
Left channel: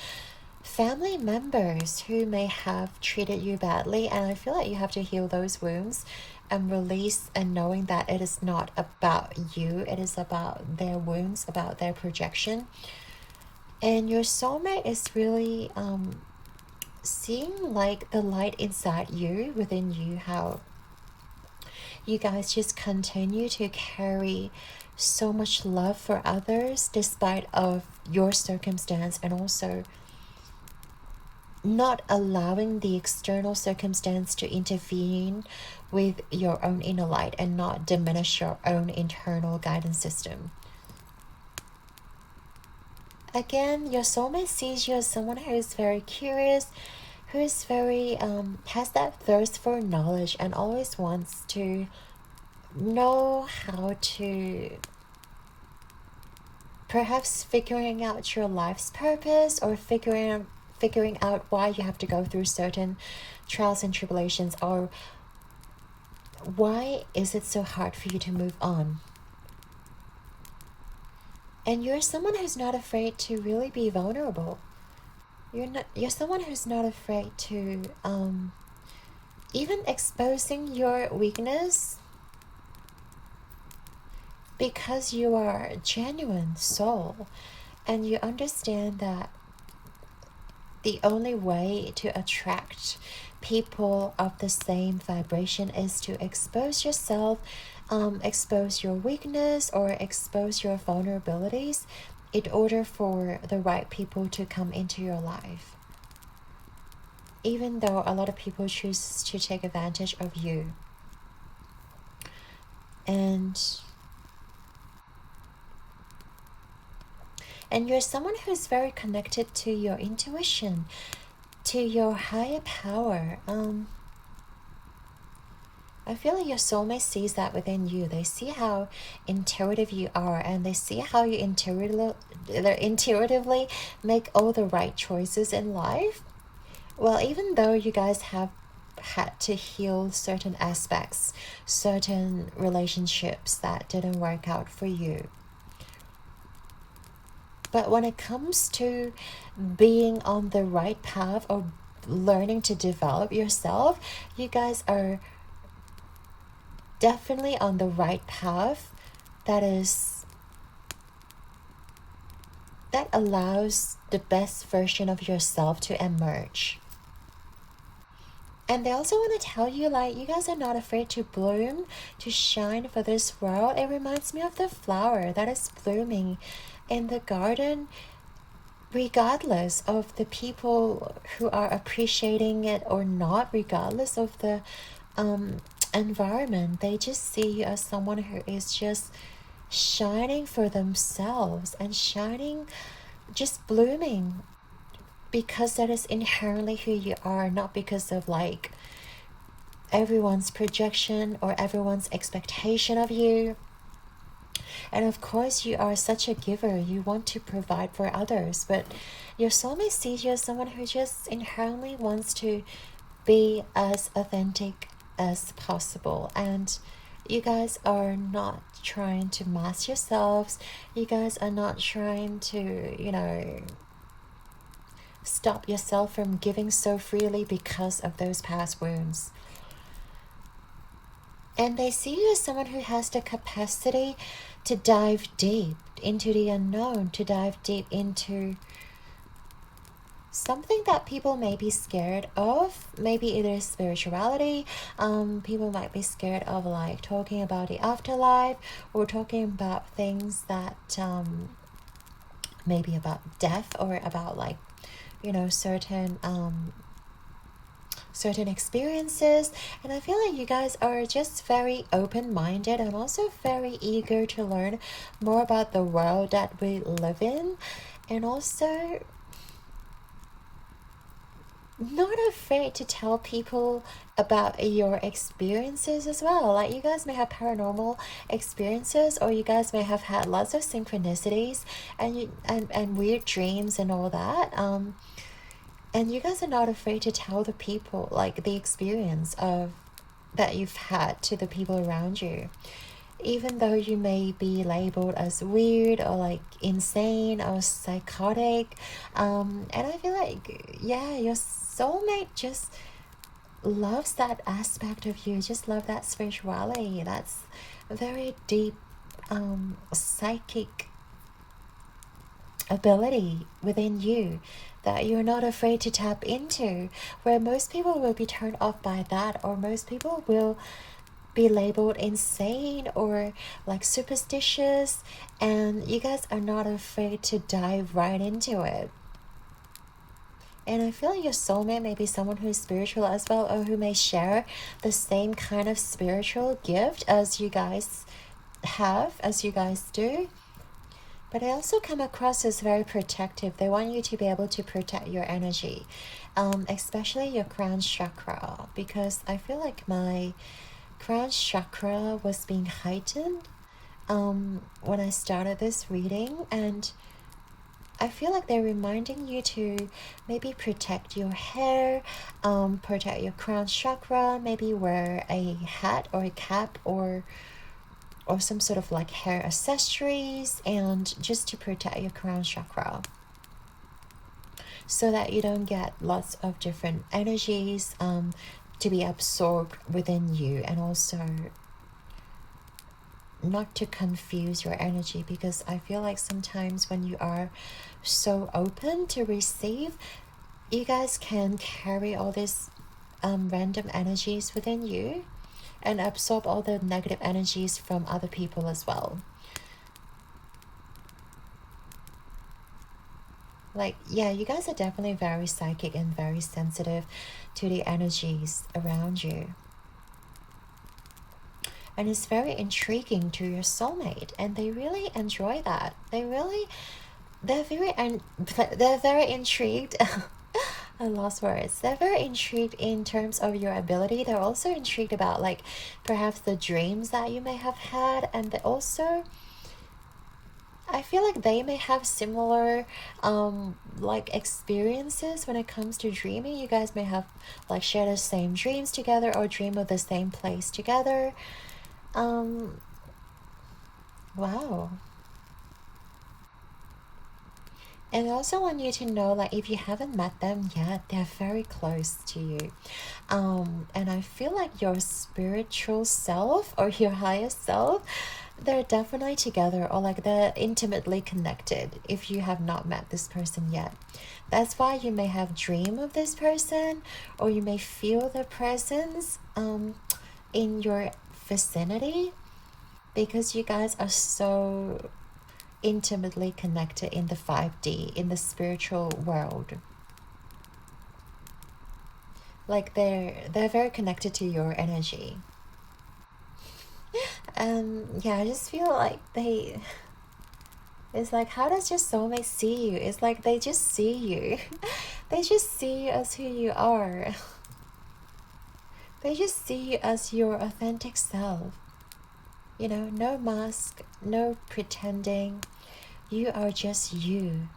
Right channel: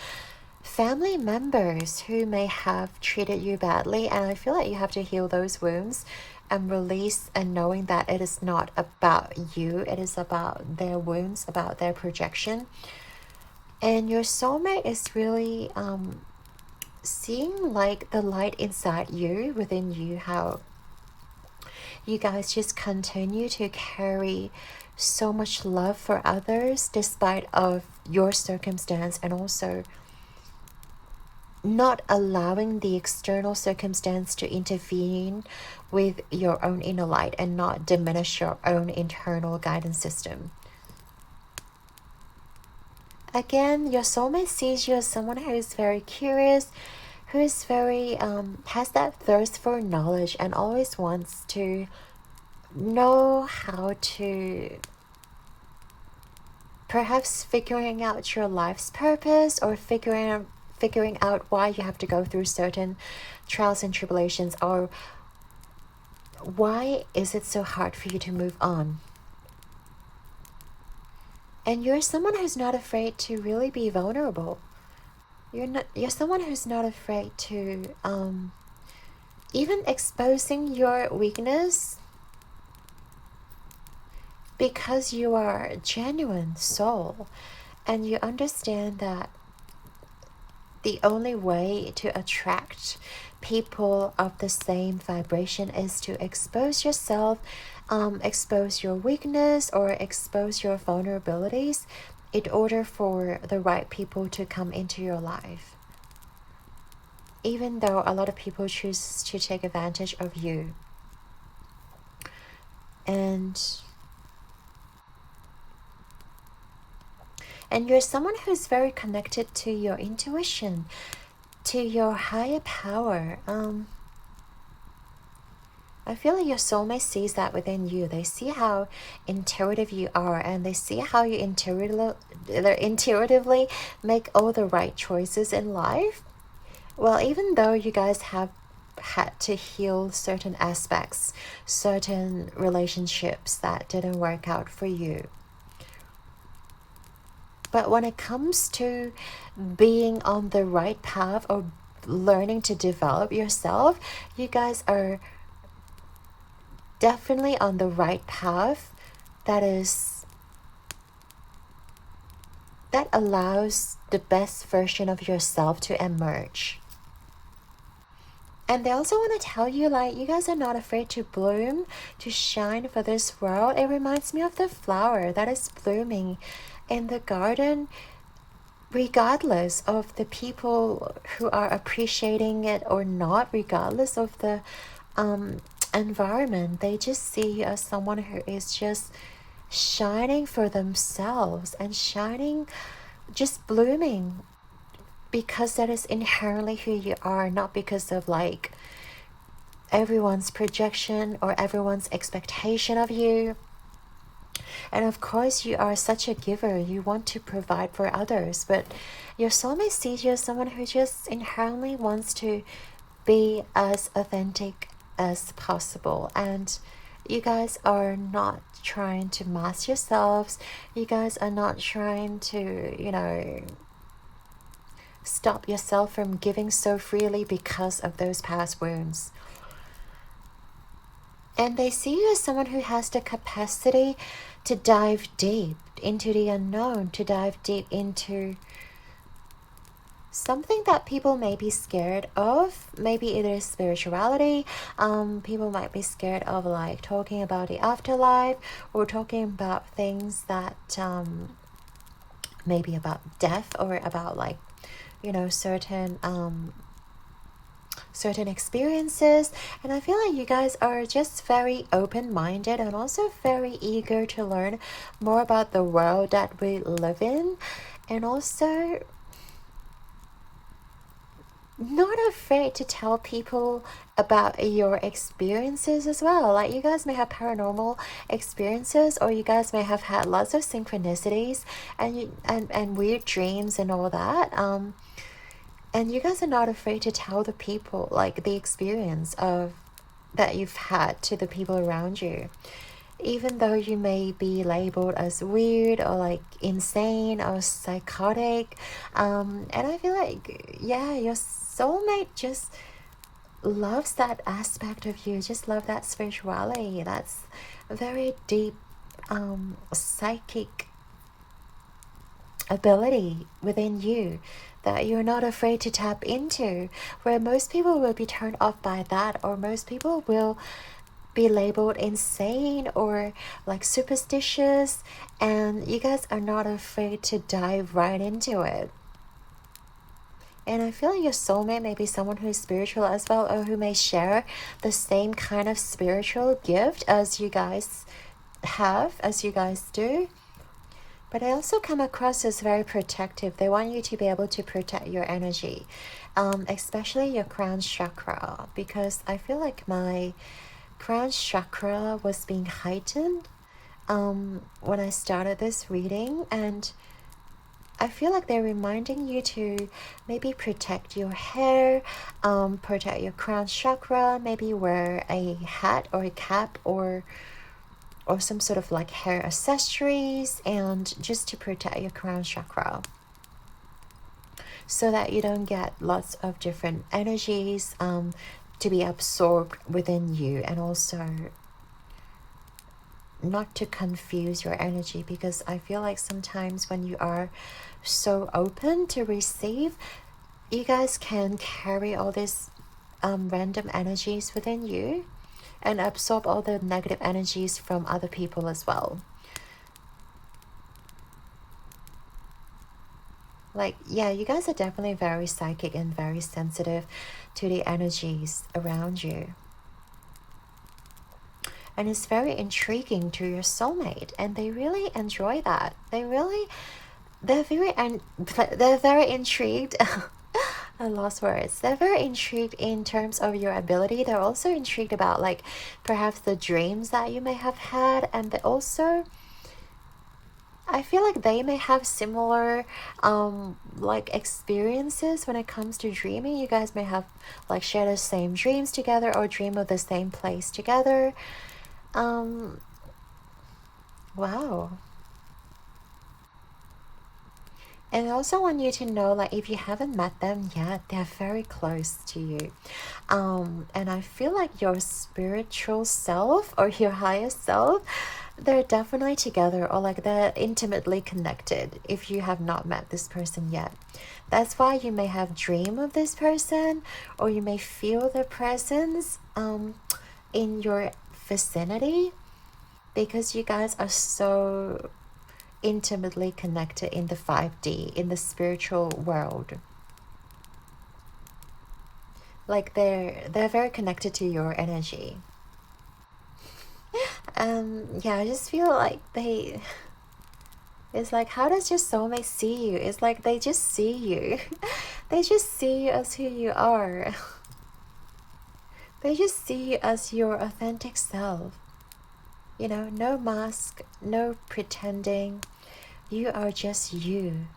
family members who may have treated you badly. And I feel like you have to heal those wounds and release, and knowing that it is not about you, it is about their wounds, about their projection. And your soulmate is really seeing like the light inside you, within you, how you guys just continue to carry so much love for others despite of your circumstance, and also not allowing the external circumstance to intervene with your own inner light and not diminish your own internal guidance system. Again, your soulmate sees you as someone who is very curious, who is very, has that thirst for knowledge, and always wants to know how to perhaps figuring out your life's purpose, or figuring out why you have to go through certain trials and tribulations, or why is it so hard for you to move on. And you're someone who's not afraid to really be vulnerable. You're someone who's not afraid to even exposing your weakness, because you are a genuine soul, and you understand that the only way to attract people of the same vibration is to expose yourself, expose your weakness, or expose your vulnerabilities in order for the right people to come into your life. Even though a lot of people choose to take advantage of you. And And you're someone who's very connected to your intuition, to your higher power. I feel like your soulmate sees that within you. They see how intuitive you are, and they see how you intuitively make all the right choices in life. Well, even though you guys have had to heal certain aspects, certain relationships that didn't work out for you. But when it comes to being on the right path or learning to develop yourself, you guys are definitely on the right path that allows the best version of yourself to emerge. And they also want to tell you, like, you guys are not afraid to bloom, to shine for this world. It reminds me of the flower that is blooming in the garden, regardless of the people who are appreciating it or not, regardless of the environment. They just see you as someone who is just shining for themselves and shining, just blooming, because that is inherently who you are, not because of like everyone's projection or everyone's expectation of you. And of course, you are such a giver. You want to provide for others, but your soulmate sees you as someone who just inherently wants to be as authentic as possible. And you guys are not trying to mask yourselves. You guys are not trying to, you know, stop yourself from giving so freely because of those past wounds. And they see you as someone who has the capacity to dive deep into the unknown, to dive deep into something that people may be scared of. Maybe it is spirituality. People might be scared of like talking about the afterlife, or talking about things that maybe about death, or about like, you know, certain experiences. And I feel like you guys are just very open-minded and also very eager to learn more about the world that we live in, and also not afraid to tell people about your experiences as well. Like, you guys may have paranormal experiences, or you guys may have had lots of synchronicities and weird dreams and all that. And you guys are not afraid to tell the people, like, the experience of that you've had to the people around you. Even though you may be labeled as weird or like insane or psychotic. And I feel like, yeah, your soulmate just loves that aspect of you, just love that spirituality. That's a very deep psychic ability within you that you're not afraid to tap into, where most people will be turned off by that, or most people will be labeled insane or like superstitious, and you guys are not afraid to dive right into it. And I feel like your soulmate may be someone who's spiritual as well, or who may share the same kind of spiritual gift as you guys have, as you guys do. But I also come across as very protective. They want you to be able to protect your energy, especially your crown chakra, because I feel like my crown chakra was being heightened when I started this reading, and I feel like they're reminding you to maybe protect your hair, protect your crown chakra, maybe wear a hat or a cap or some sort of like hair accessories, and just to protect your crown chakra, so that you don't get lots of different energies to be absorbed within you, and also not to confuse your energy, because I feel like sometimes when you are so open to receive, you guys can carry all these random energies within you and absorb all the negative energies from other people as well. Like, yeah, you guys are definitely very psychic and very sensitive to the energies around you. And it's very intriguing to your soulmate, and they really enjoy that. They really they're very intrigued. I lost words. They're very intrigued in terms of your ability. They're also intrigued about like perhaps the dreams that you may have had, and they also, I feel like they may have similar like experiences when it comes to dreaming. You guys may have like share the same dreams together or dream of the same place together. Wow. And I also want you to know, like, if you haven't met them yet, they're very close to you. And I feel like your spiritual self or your higher self, they're definitely together, or like they're intimately connected if you have not met this person yet. That's why you may have dream of this person, or you may feel their presence in your vicinity, because you guys are so intimately connected in the 5D, in the spiritual world. Like they're very connected to your energy. Yeah, I just feel like it's like, how does your soulmate see you? It's like they just see you. They just see you as who you are. They just see you as your authentic self. You know, no mask, no pretending. You are just you.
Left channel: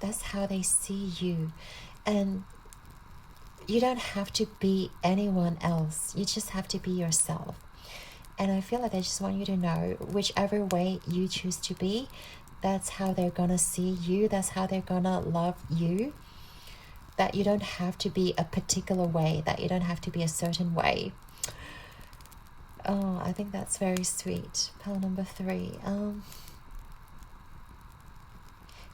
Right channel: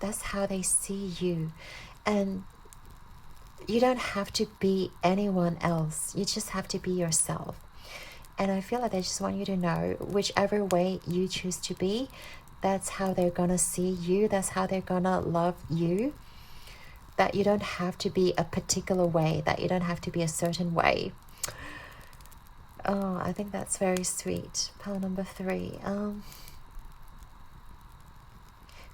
That's how they see you. And you don't have to be anyone else. You just have to be yourself. And I feel like they just want you to know, whichever way you choose to be, that's how they're gonna see you. That's how they're gonna love you. That you don't have to be a particular way. That you don't have to be a certain way. Oh, I think that's very sweet. Pile number 3.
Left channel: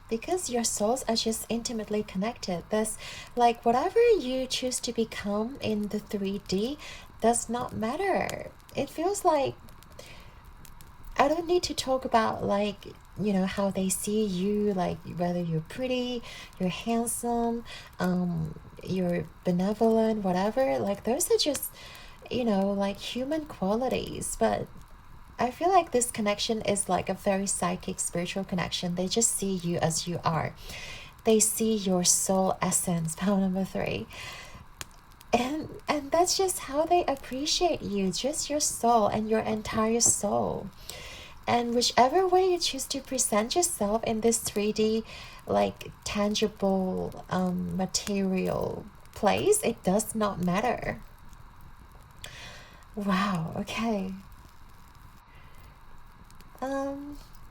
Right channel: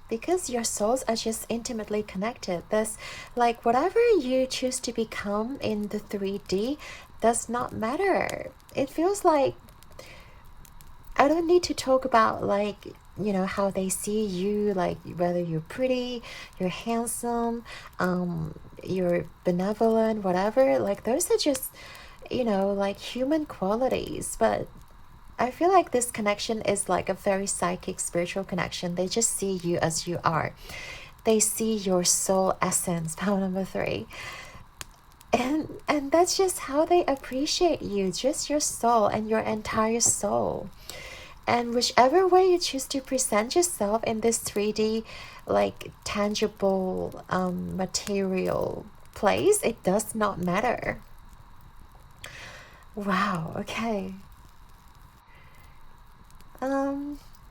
Because your souls are just intimately connected. There's like whatever you choose to become in the 3D does not matter. It feels like I don't need to talk about like, you know, how they see you, like whether you're pretty, you're handsome, you're benevolent, whatever. Like those are just, you know, like human qualities. But I feel like this connection is like a very psychic, spiritual connection. They just see you as you are. They see your soul essence, pile number 3. And that's just how they appreciate you, just your soul and your entire soul. And whichever way you choose to present yourself in this 3D, like tangible, material place, it does not matter. Wow, okay.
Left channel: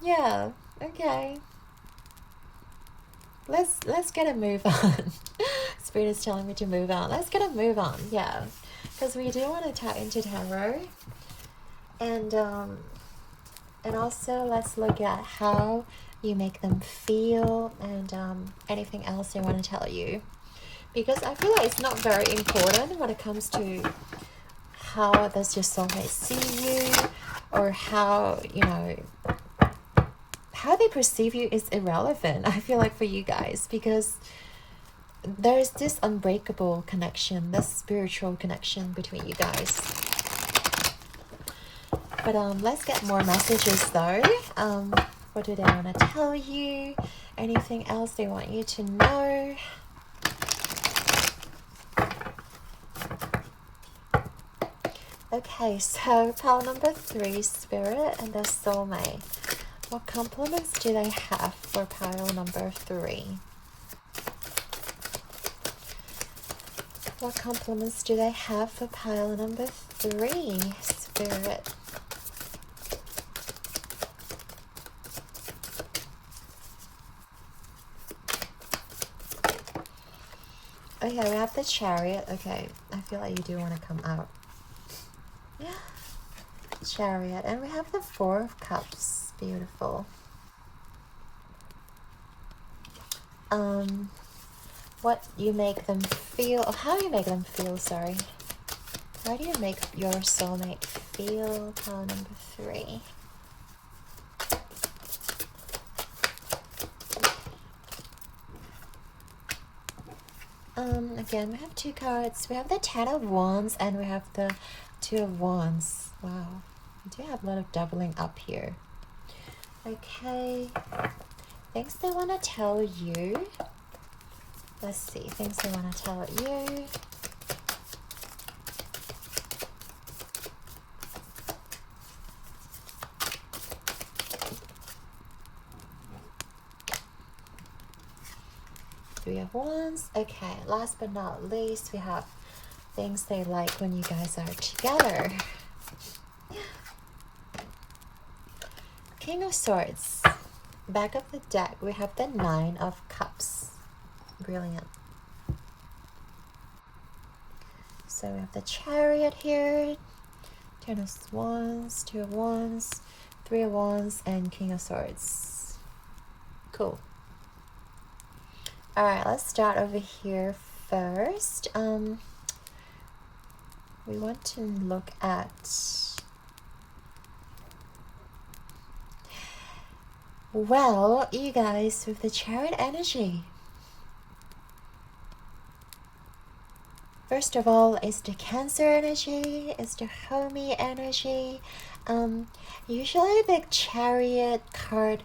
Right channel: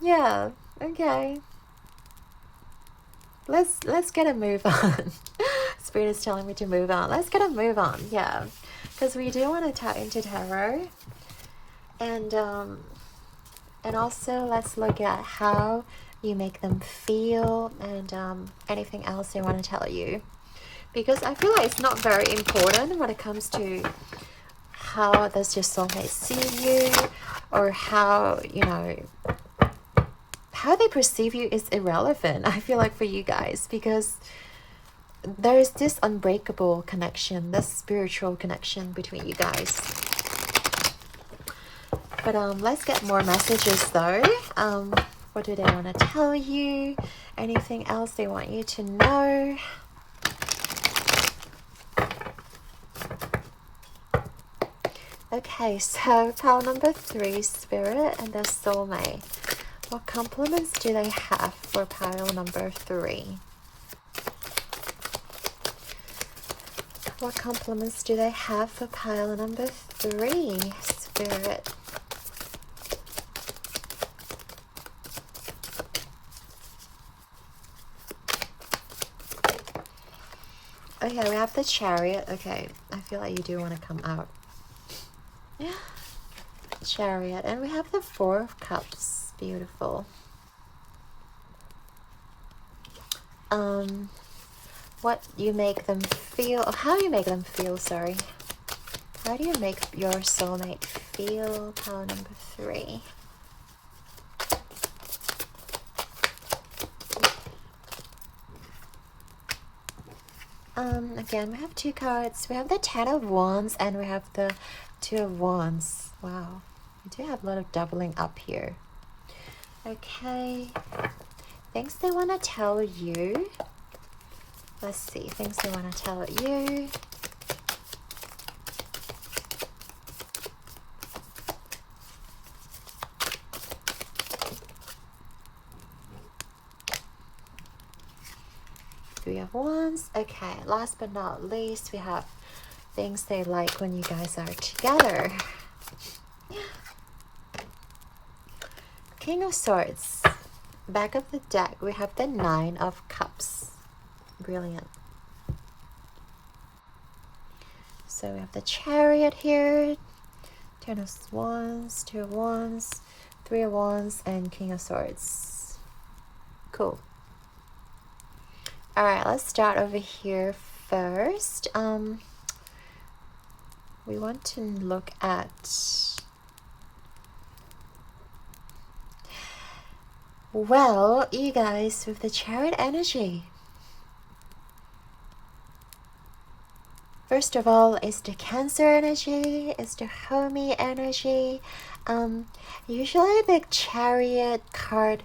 Yeah, okay. Let's get a move on. Spirit is telling me to move on. Let's get a move on, yeah. Because we do want to tap into tarot. And also let's look at how you make them feel, and anything else they want to tell you. Because I feel like it's not very important when it comes to how does your soulmate see you, or how, you know, how they perceive you is irrelevant, I feel like, for you guys, because there's this unbreakable connection, this spiritual connection between you guys. But let's get more messages though. What do they want to tell you? Anything else they want you to know? Okay, so pile number 3, Spirit and their soulmate. What compliments do they have for pile number 3? What compliments do they have for pile number 3, Spirit? Okay, we have the Chariot. Okay, I feel like you do want to come out. Chariot, and we have the 4 of Cups. Beautiful. What you make them feel, or how you make them feel, sorry. How do you make your soulmate feel? Pile number 3. Again, we have 2 cards. We have the 10 of Wands and we have the 2 of Wands. Wow, we do have a lot of doubling up here. Okay, Things they want to tell you. Let's see, things they want to tell you. Three of Wands. Okay, last but not least, we have things they like when you guys are together. King of Swords. Back of the deck, we have the Nine of Cups. Brilliant. So we have the Chariot here. Ten of Wands, Two of Wands, Three of Wands, and King of Swords. Cool. Alright, let's start over here first. We want to look at... Well, you guys, with the Chariot energy. First of all, it's the Cancer energy, it's the homey energy. Usually the Chariot card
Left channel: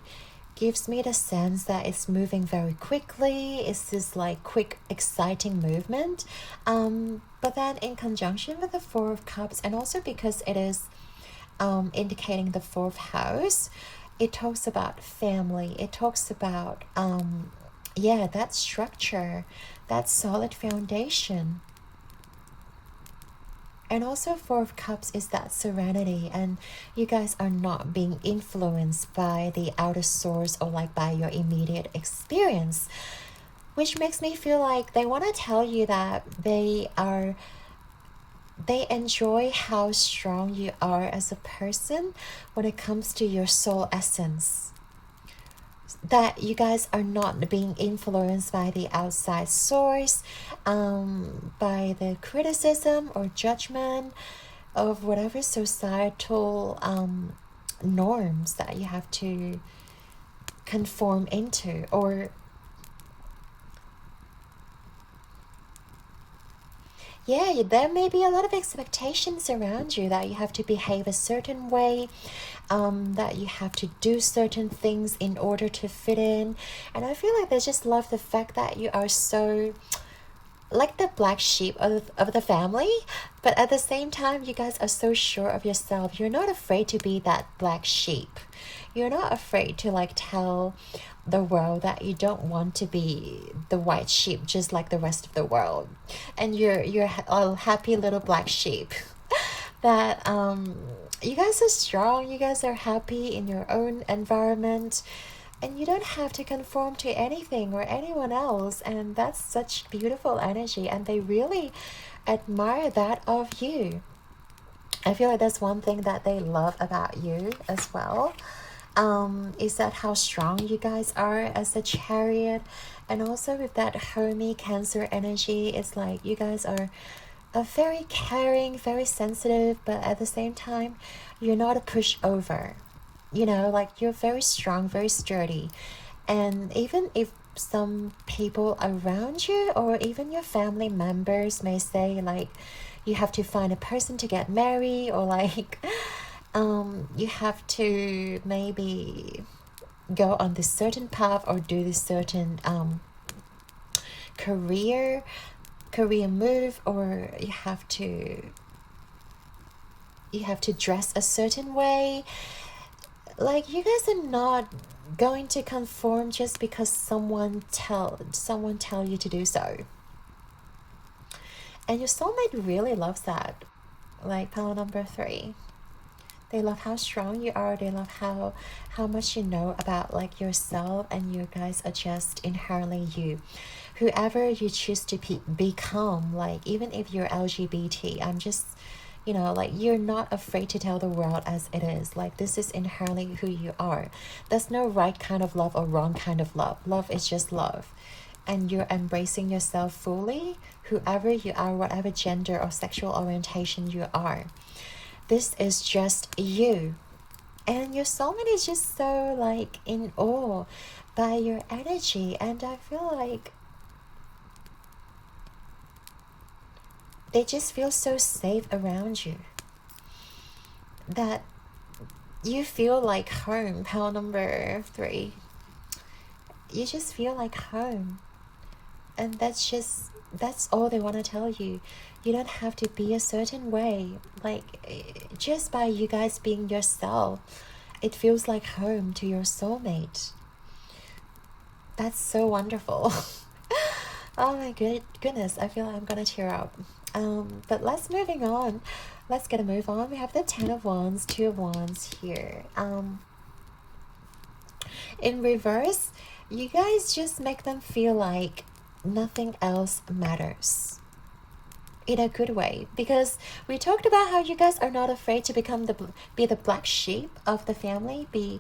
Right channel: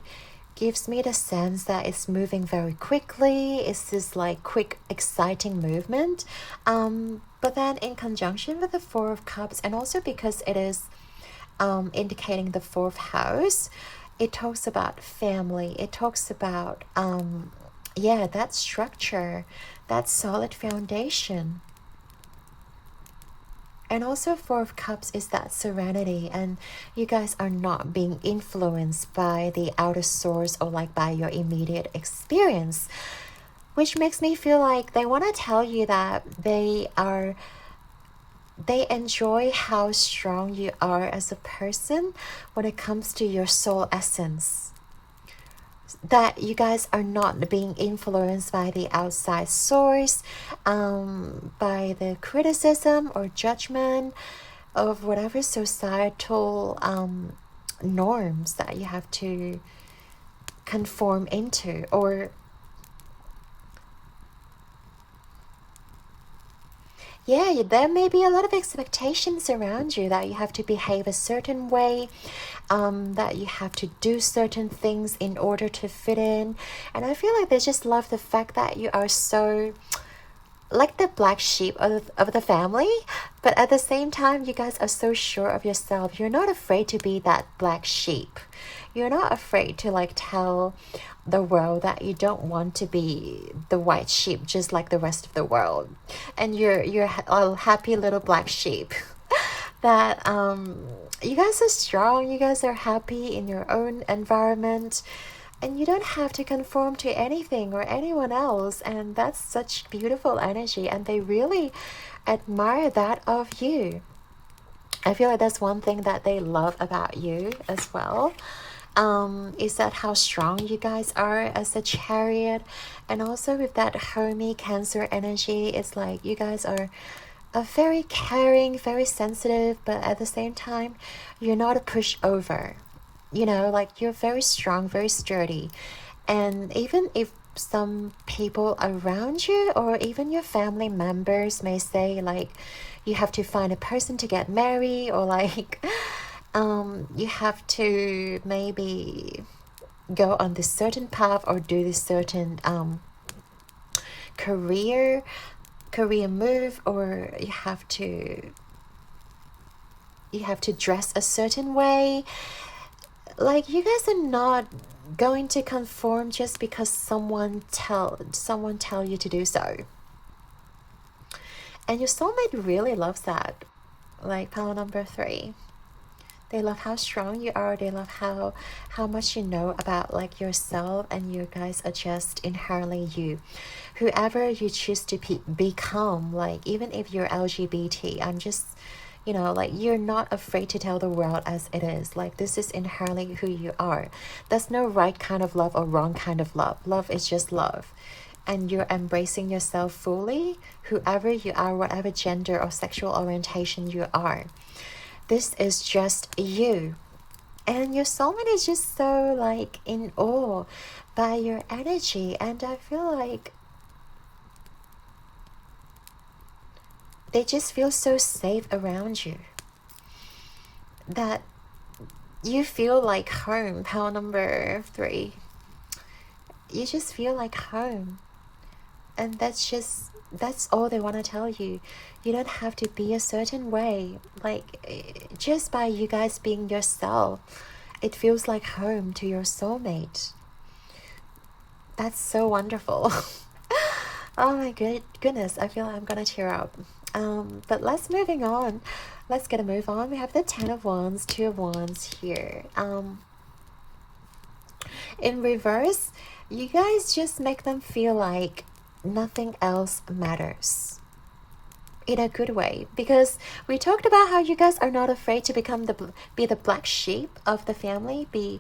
gives me the sense that it's moving very quickly. It's this like quick, exciting movement. But then in conjunction with the Four of Cups, and also because it is indicating the fourth house, it talks about family. It talks about, yeah, that structure, that solid foundation. And also Four of Cups is that serenity, and you guys are not being influenced by the outer source or like by your immediate experience, which makes me feel like they want to tell you that they enjoy how strong you are as a person when it comes to your soul essence. That you guys are not being influenced by the outside source, by the criticism or judgment of whatever societal norms that you have to conform into, or yeah, there may be a lot of expectations around you that you have to behave a certain way, that you have to do certain things in order to fit in. And I feel like they just love the fact that you are so like the black sheep of the family, but at the same time, you guys are so sure of yourself. You're not afraid to be that black sheep. You're not afraid to like tell the world that you don't want to be the white sheep just like the rest of the world, and you're a happy little black sheep. That you guys are strong, you guys are happy in your own environment, and you don't have to conform to anything or anyone else, and that's such beautiful energy, and they really admire that of you. I feel like that's one thing that they love about you as well. Is that how strong you guys are as a Chariot, and also with that homey Cancer energy, it's like you guys are very caring, very sensitive, but at the same time, you're not a pushover. You know, like you're very strong, very sturdy, and even if some people around you or even your family members may say like you have to find a person to get married, or like you have to maybe go on this certain path or do this certain career move, or you have to dress a certain way. Like you guys are not going to conform just because someone tell you to do so. And your soulmate really loves that. Like pile number 3. They love how strong you are. They love how much you know about like yourself, and you guys are just inherently you. Whoever you choose to become, like even if you're LGBT, I'm just, you know, like you're not afraid to tell the world as it is. Like this is inherently who you are. There's no right kind of love or wrong kind of love. Love is just love. And you're embracing yourself fully, whoever you are, whatever gender or sexual orientation you are. This is just you. And your soulmate is just so like in awe by your energy, and I feel like they just feel so safe around you, that you feel like home. Pile number 3. you just feel like home. And that's all they want to tell you. You don't have to be a certain way. Like, just by you guys being yourself, it feels like home to your soulmate. That's so wonderful. Oh my goodness, I feel like I'm gonna tear up. But let's move on. Let's get a move on. We have the 10 of Wands, 2 of Wands here. In reverse, you guys just make them feel like nothing else matters. In a good way, because we talked about how you guys are not afraid to be the black sheep of the family, be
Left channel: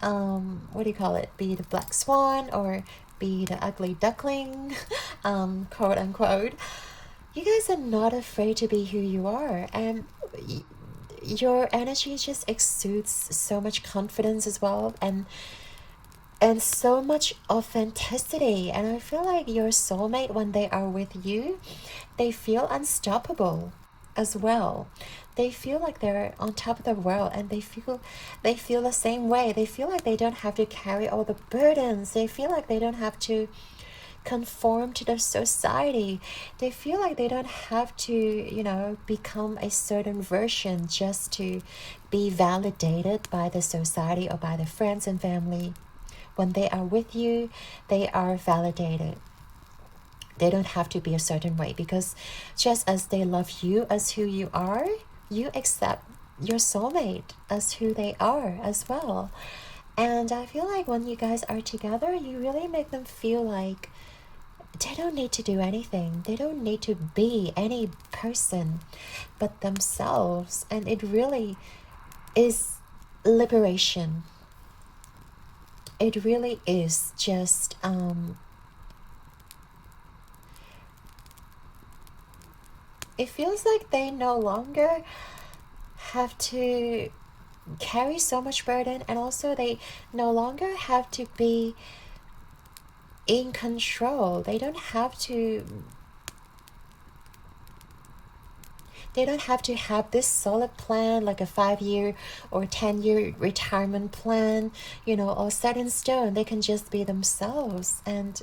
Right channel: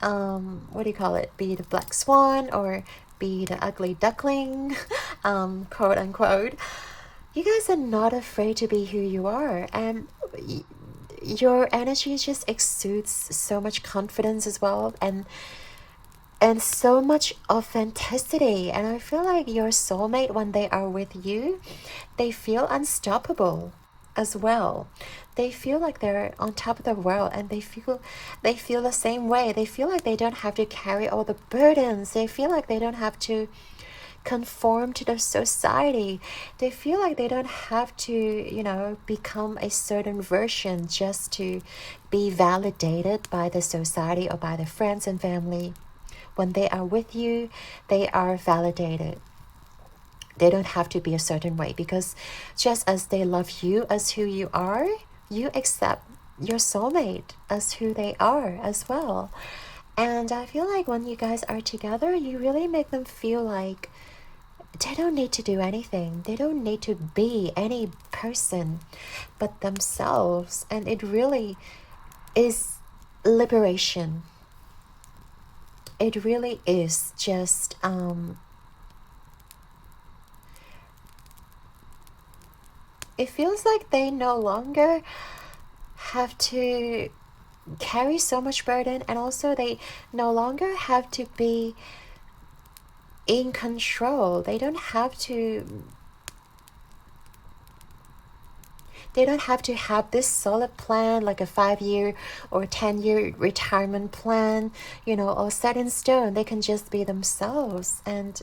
what do you call it, be the black swan, or be the ugly duckling, quote unquote. You guys are not afraid to be who you are, and your energy just exudes so much confidence as well, and so much authenticity. And I feel like your soulmate, when they are with you, they feel unstoppable as well. They feel like they're on top of the world, and they feel the same way. They feel like they don't have to carry all the burdens. They feel like they don't have to conform to the society. They feel like they don't have to, become a certain version just to be validated by the society or by the friends and family. When they are with you, they are validated. They don't have to be a certain way, because just as they love you as who you are, you accept your soulmate as who they are as well. And I feel like when you guys are together, you really make them feel like they don't need to do anything. They don't need to be any person but themselves. And it really is liberation. It really is just it feels like they no longer have to carry so much burden, and also they no longer have to be in control. They don't have to have this solid plan, like a 5-year or 10-year retirement plan, all set in stone. They can just be themselves, and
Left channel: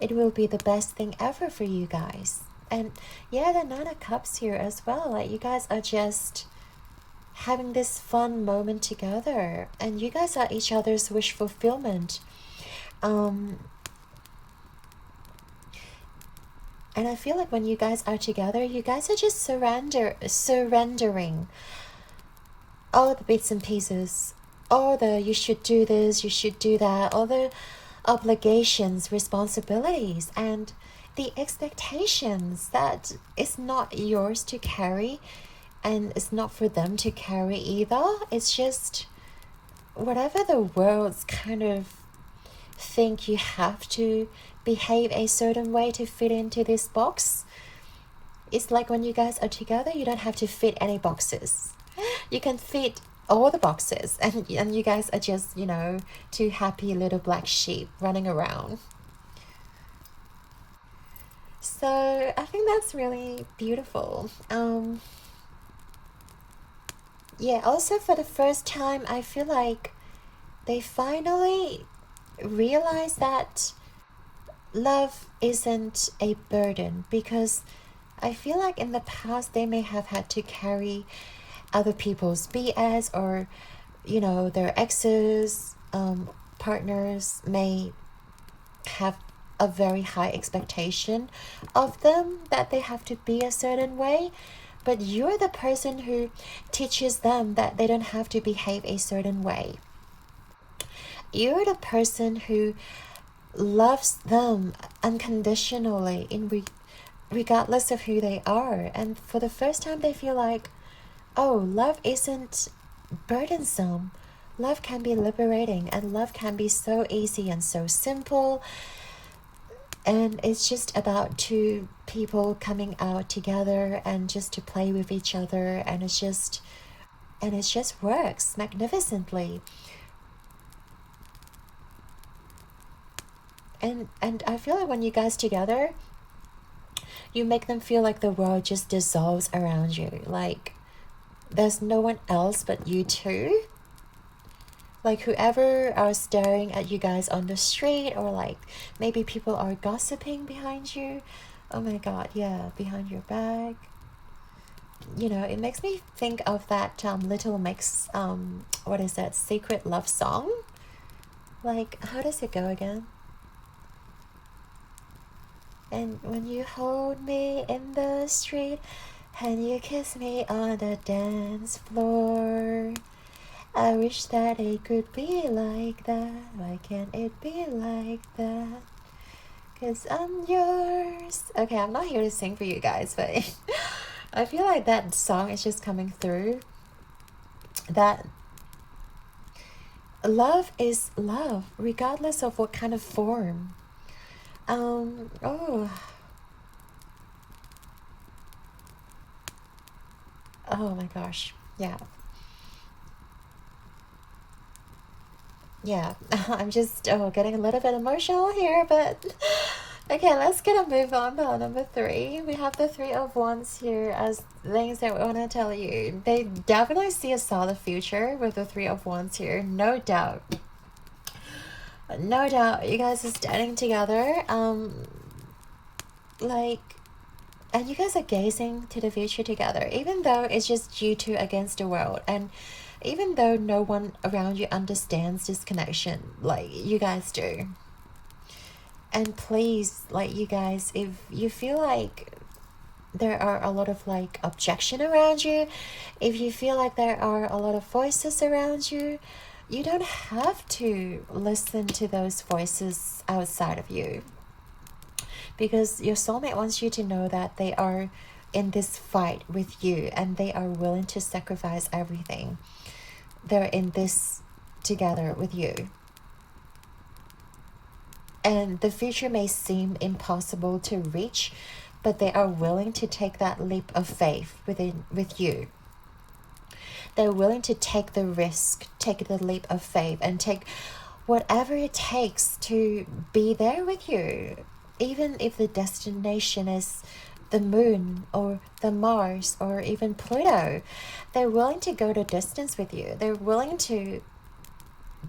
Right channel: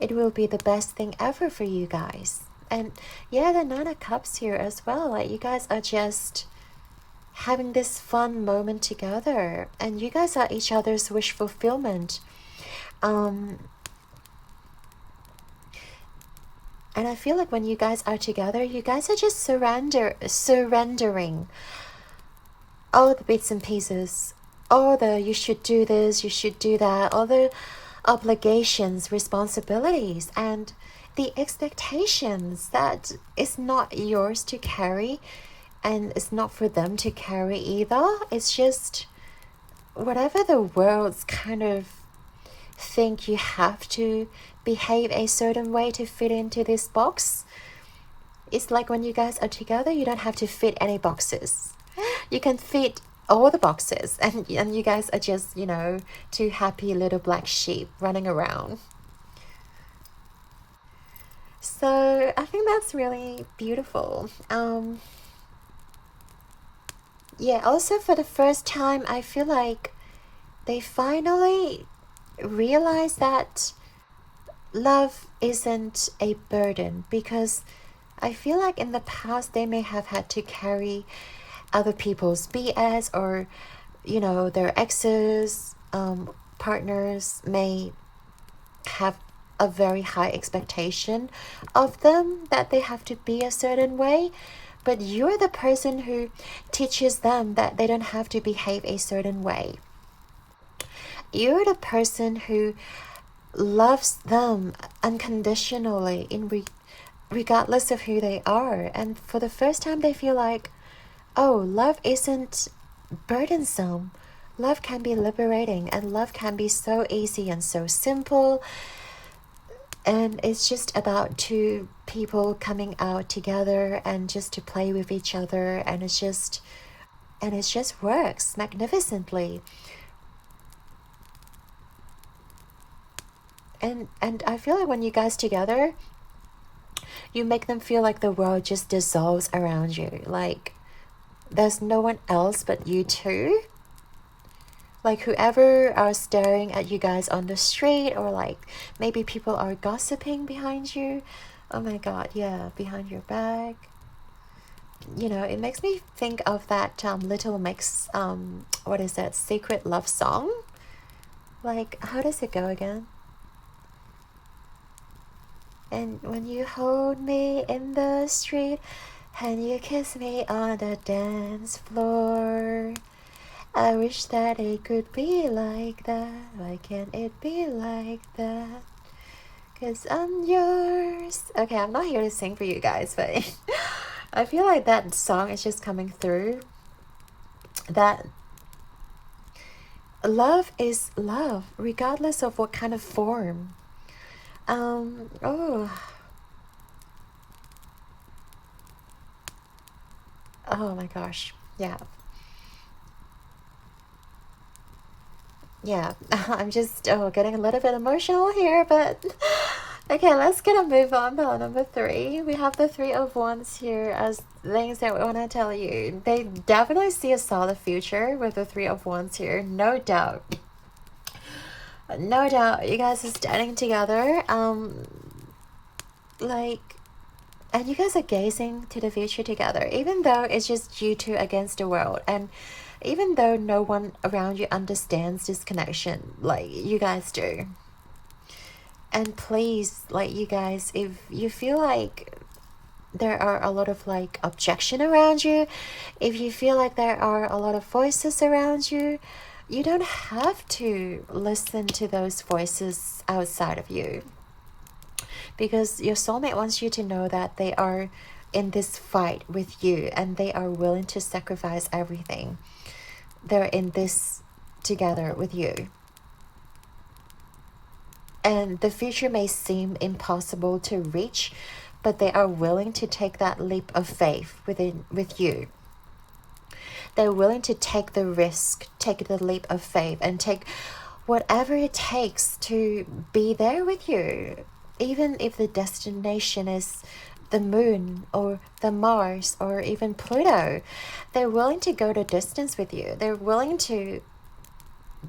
it will be the best thing ever for you guys. And yeah, the 9 of Cups here as well. Like, you guys are just having this fun moment together, and you guys are each other's wish fulfillment. And I feel like when you guys are together, you guys are just surrendering all the bits and pieces, all the you should do this, you should do that, all the obligations, responsibilities, and the expectations that it's not yours to carry, and it's not for them to carry either. It's just whatever the world's kind of think you have to behave a certain way to fit into this box. It's like when you guys are together, you don't have to fit any boxes. You can fit all the boxes, and you guys are just, two happy little black sheep running around. So I think that's really beautiful. Yeah, also for the first time, I feel like they finally realize that love isn't a burden, because I feel like in the past they may have had to carry other people's BS, or their exes, partners may have a very high expectation of them, that they have to be a certain way. But you're the person who teaches them that they don't have to behave a certain way. You're the person who loves them unconditionally, regardless of who they are. And for the first time, they feel like, oh, love isn't burdensome. Love can be liberating, and love can be so easy and so simple. And it's just about two people coming out together and just to play with each other, and it just works magnificently. And I feel like when you guys together, you make them feel like the world just dissolves around you. Like, there's no one else but you two. Like whoever are staring at you guys on the street, or like maybe people are gossiping behind you. Oh my god, yeah, behind your back. You know, it makes me think of that Little Mix, what is that, Secret Love Song? Like, how does it go again? And when you hold me in the street and you kiss me on the dance floor, I wish that it could be like that. Why can't it be like that? 'Cause I'm yours. Okay, I'm not here to sing for you guys, but I feel like that song is just coming through. That love is love, regardless of what kind of form. Oh my gosh, yeah. Yeah, I'm just getting a little bit emotional here, but okay, let's gonna move on to number 3. We have the 3 of Wands here as things that we want to tell you. They definitely see a solid future with the 3 of Wands here, no doubt. No doubt, you guys are standing together. Like, and you guys are gazing to the future together, even though it's just you two against the world, and even though no one around you understands this connection, like you guys do. And please, like, you guys, if you feel like there are a lot of like objection around you, if you feel like there are a lot of voices around you, you don't have to listen to those voices outside of you, because your soulmate wants you to know that they are in this fight with you and they are willing to sacrifice everything. They're in this together with you. And the future may seem impossible to reach, but they are willing to take that leap of faith with you. They're willing to take the risk, take the leap of faith, and take whatever it takes to be there with you. Even if the destination is the moon or the Mars or even Pluto, they're willing to go the distance with you. They're willing to,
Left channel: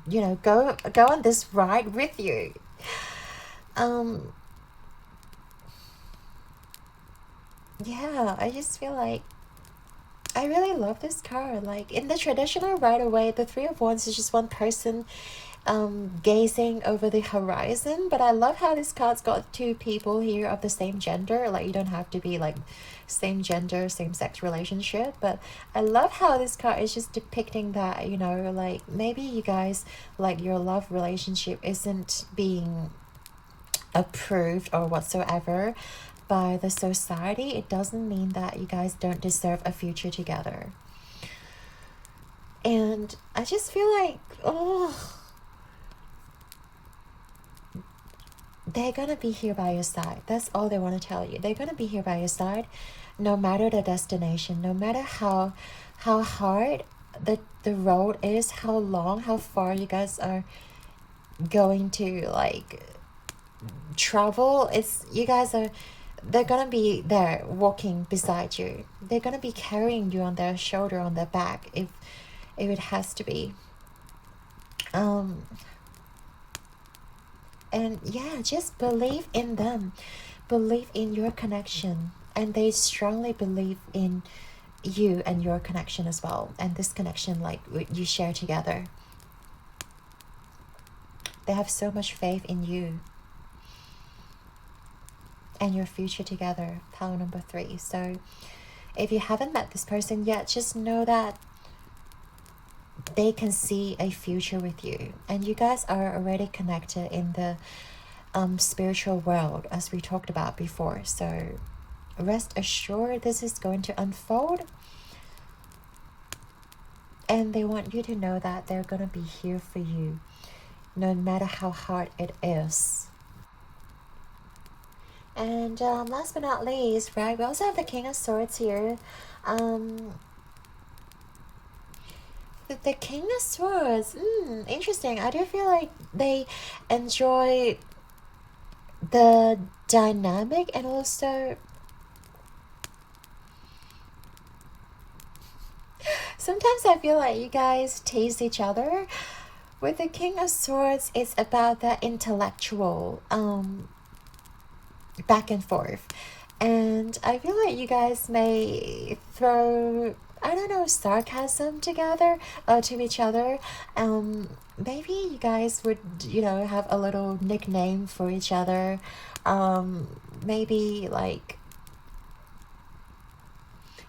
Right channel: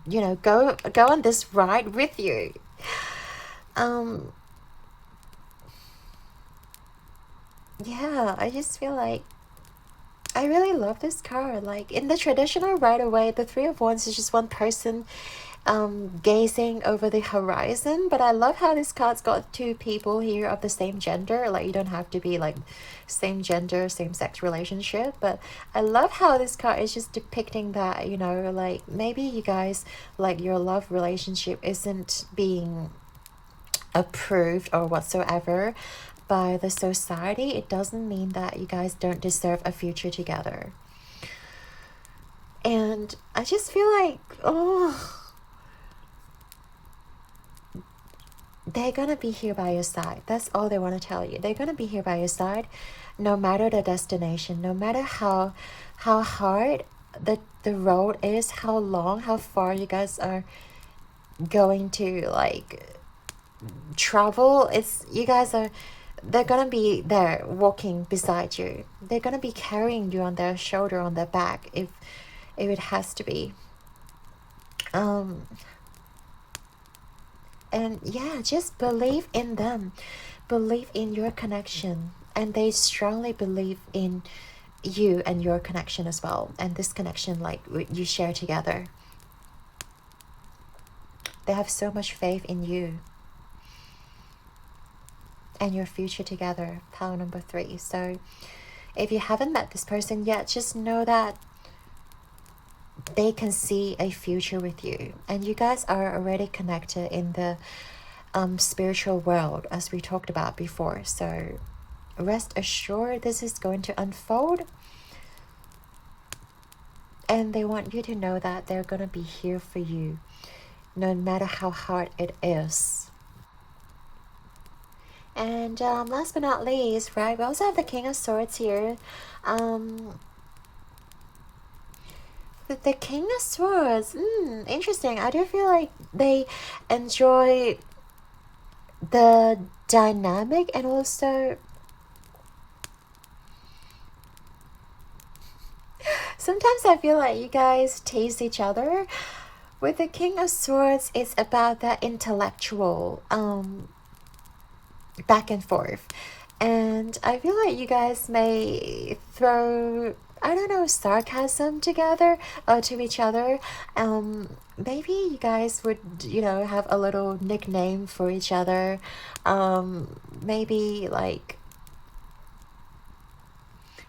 you know, go on this ride with you. Yeah, I just feel like I really love this card. Like in the traditional right away, the 3 of Wands is just one person gazing over the horizon, but I love how this card's got 2 people here of the same gender. Like you don't have to be like same gender, same sex relationship, but I love how this card is just depicting that, you know, like maybe you guys, like your love relationship isn't being approved or whatsoever by the society. It doesn't mean that you guys don't deserve a future together. And I just feel like, they're gonna be here by your side. That's all they want to tell you. They're gonna be here by your side no matter the destination, no matter how hard the road is, how long, how far you guys are going to like travel. They're gonna be there walking beside you. They're gonna be carrying you on their shoulder, on their back, if it has to be. And yeah, just believe in them, believe in your connection, and they strongly believe in you and your connection as well, and this connection like you share together. They have so much faith in you and your future together. Pile number 3. So if you haven't met this person yet, just know that they can see a future with you, and you guys are already connected in the spiritual world, as we talked about before. So rest assured this is going to unfold, and they want you to know that they're going to be here for you no matter how hard it is. And last but not least, right, we also have the King of Swords here. The King of Swords, interesting. I do feel like they enjoy the dynamic, and also sometimes I feel like you guys tease each other, With the King of Swords, it's about that intellectual back and forth. And I feel like you guys may throw, I don't know, sarcasm together to each other. Maybe you guys would, you know, have a little nickname for each other. Maybe like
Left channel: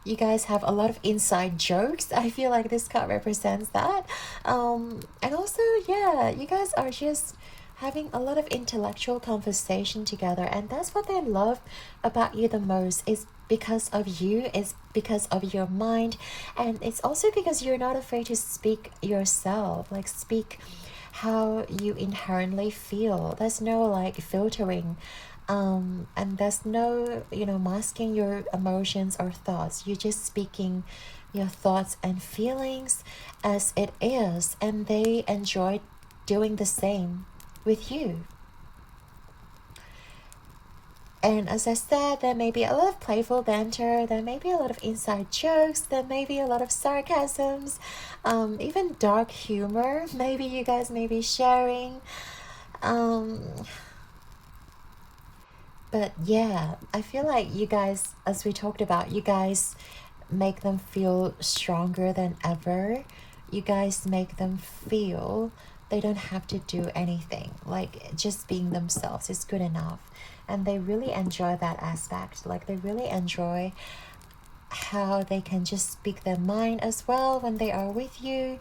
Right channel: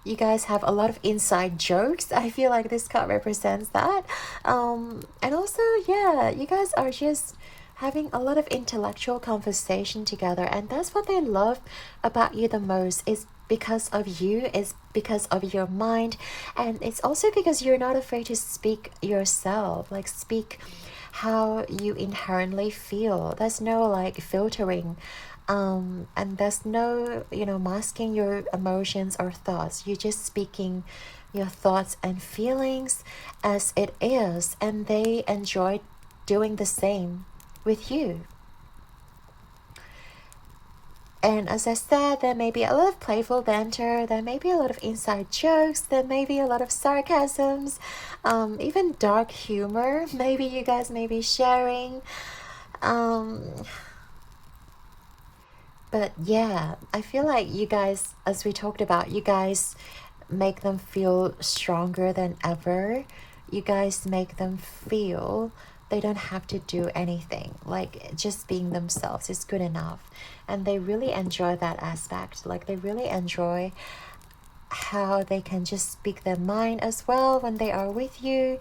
you guys have a lot of inside jokes. I feel like this card represents that. And also, yeah, you guys are just having a lot of intellectual conversation together, and that's what they love about you the most. Is because of you, it's because of your mind, and it's also because you're not afraid to speak yourself, like speak how you inherently feel. There's no like filtering, and there's no, you know, masking your emotions or thoughts. You're just speaking your thoughts and feelings as it is, and they enjoy doing the same with you. And as I said, there may be a lot of playful banter, there may be a lot of inside jokes, there may be a lot of sarcasms, even dark humor, maybe you guys may be sharing. But yeah, I feel like you guys, as we talked about, you guys make them feel stronger than ever. You guys make them feel they don't have to do anything, like just being themselves is good enough. And they really enjoy that aspect. Like they really enjoy how they can just speak their mind as well when they are with you.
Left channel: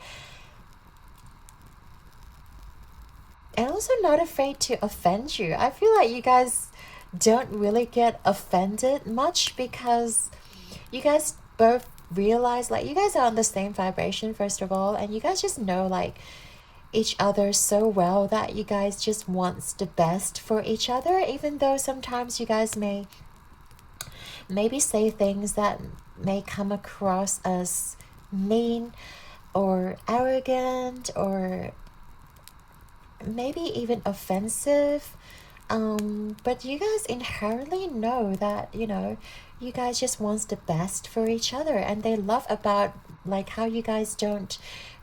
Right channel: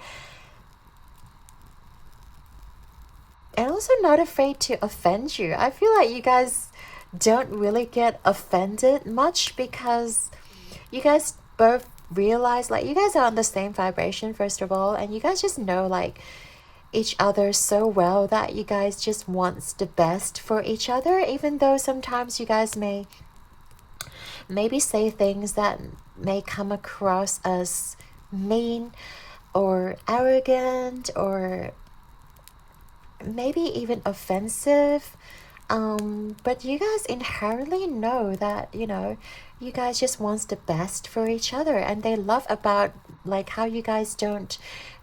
And also not afraid to offend you. I feel like you guys don't really get offended much because you guys both realize, like, you guys are on the same vibration, first of all, and you guys just know like each other so well that you guys just wants the best for each other, even though sometimes you guys may maybe say things that may come across as mean or arrogant or maybe even offensive, but you guys inherently know that, you know, you guys just wants the best for each other, and they love about like how you guys don't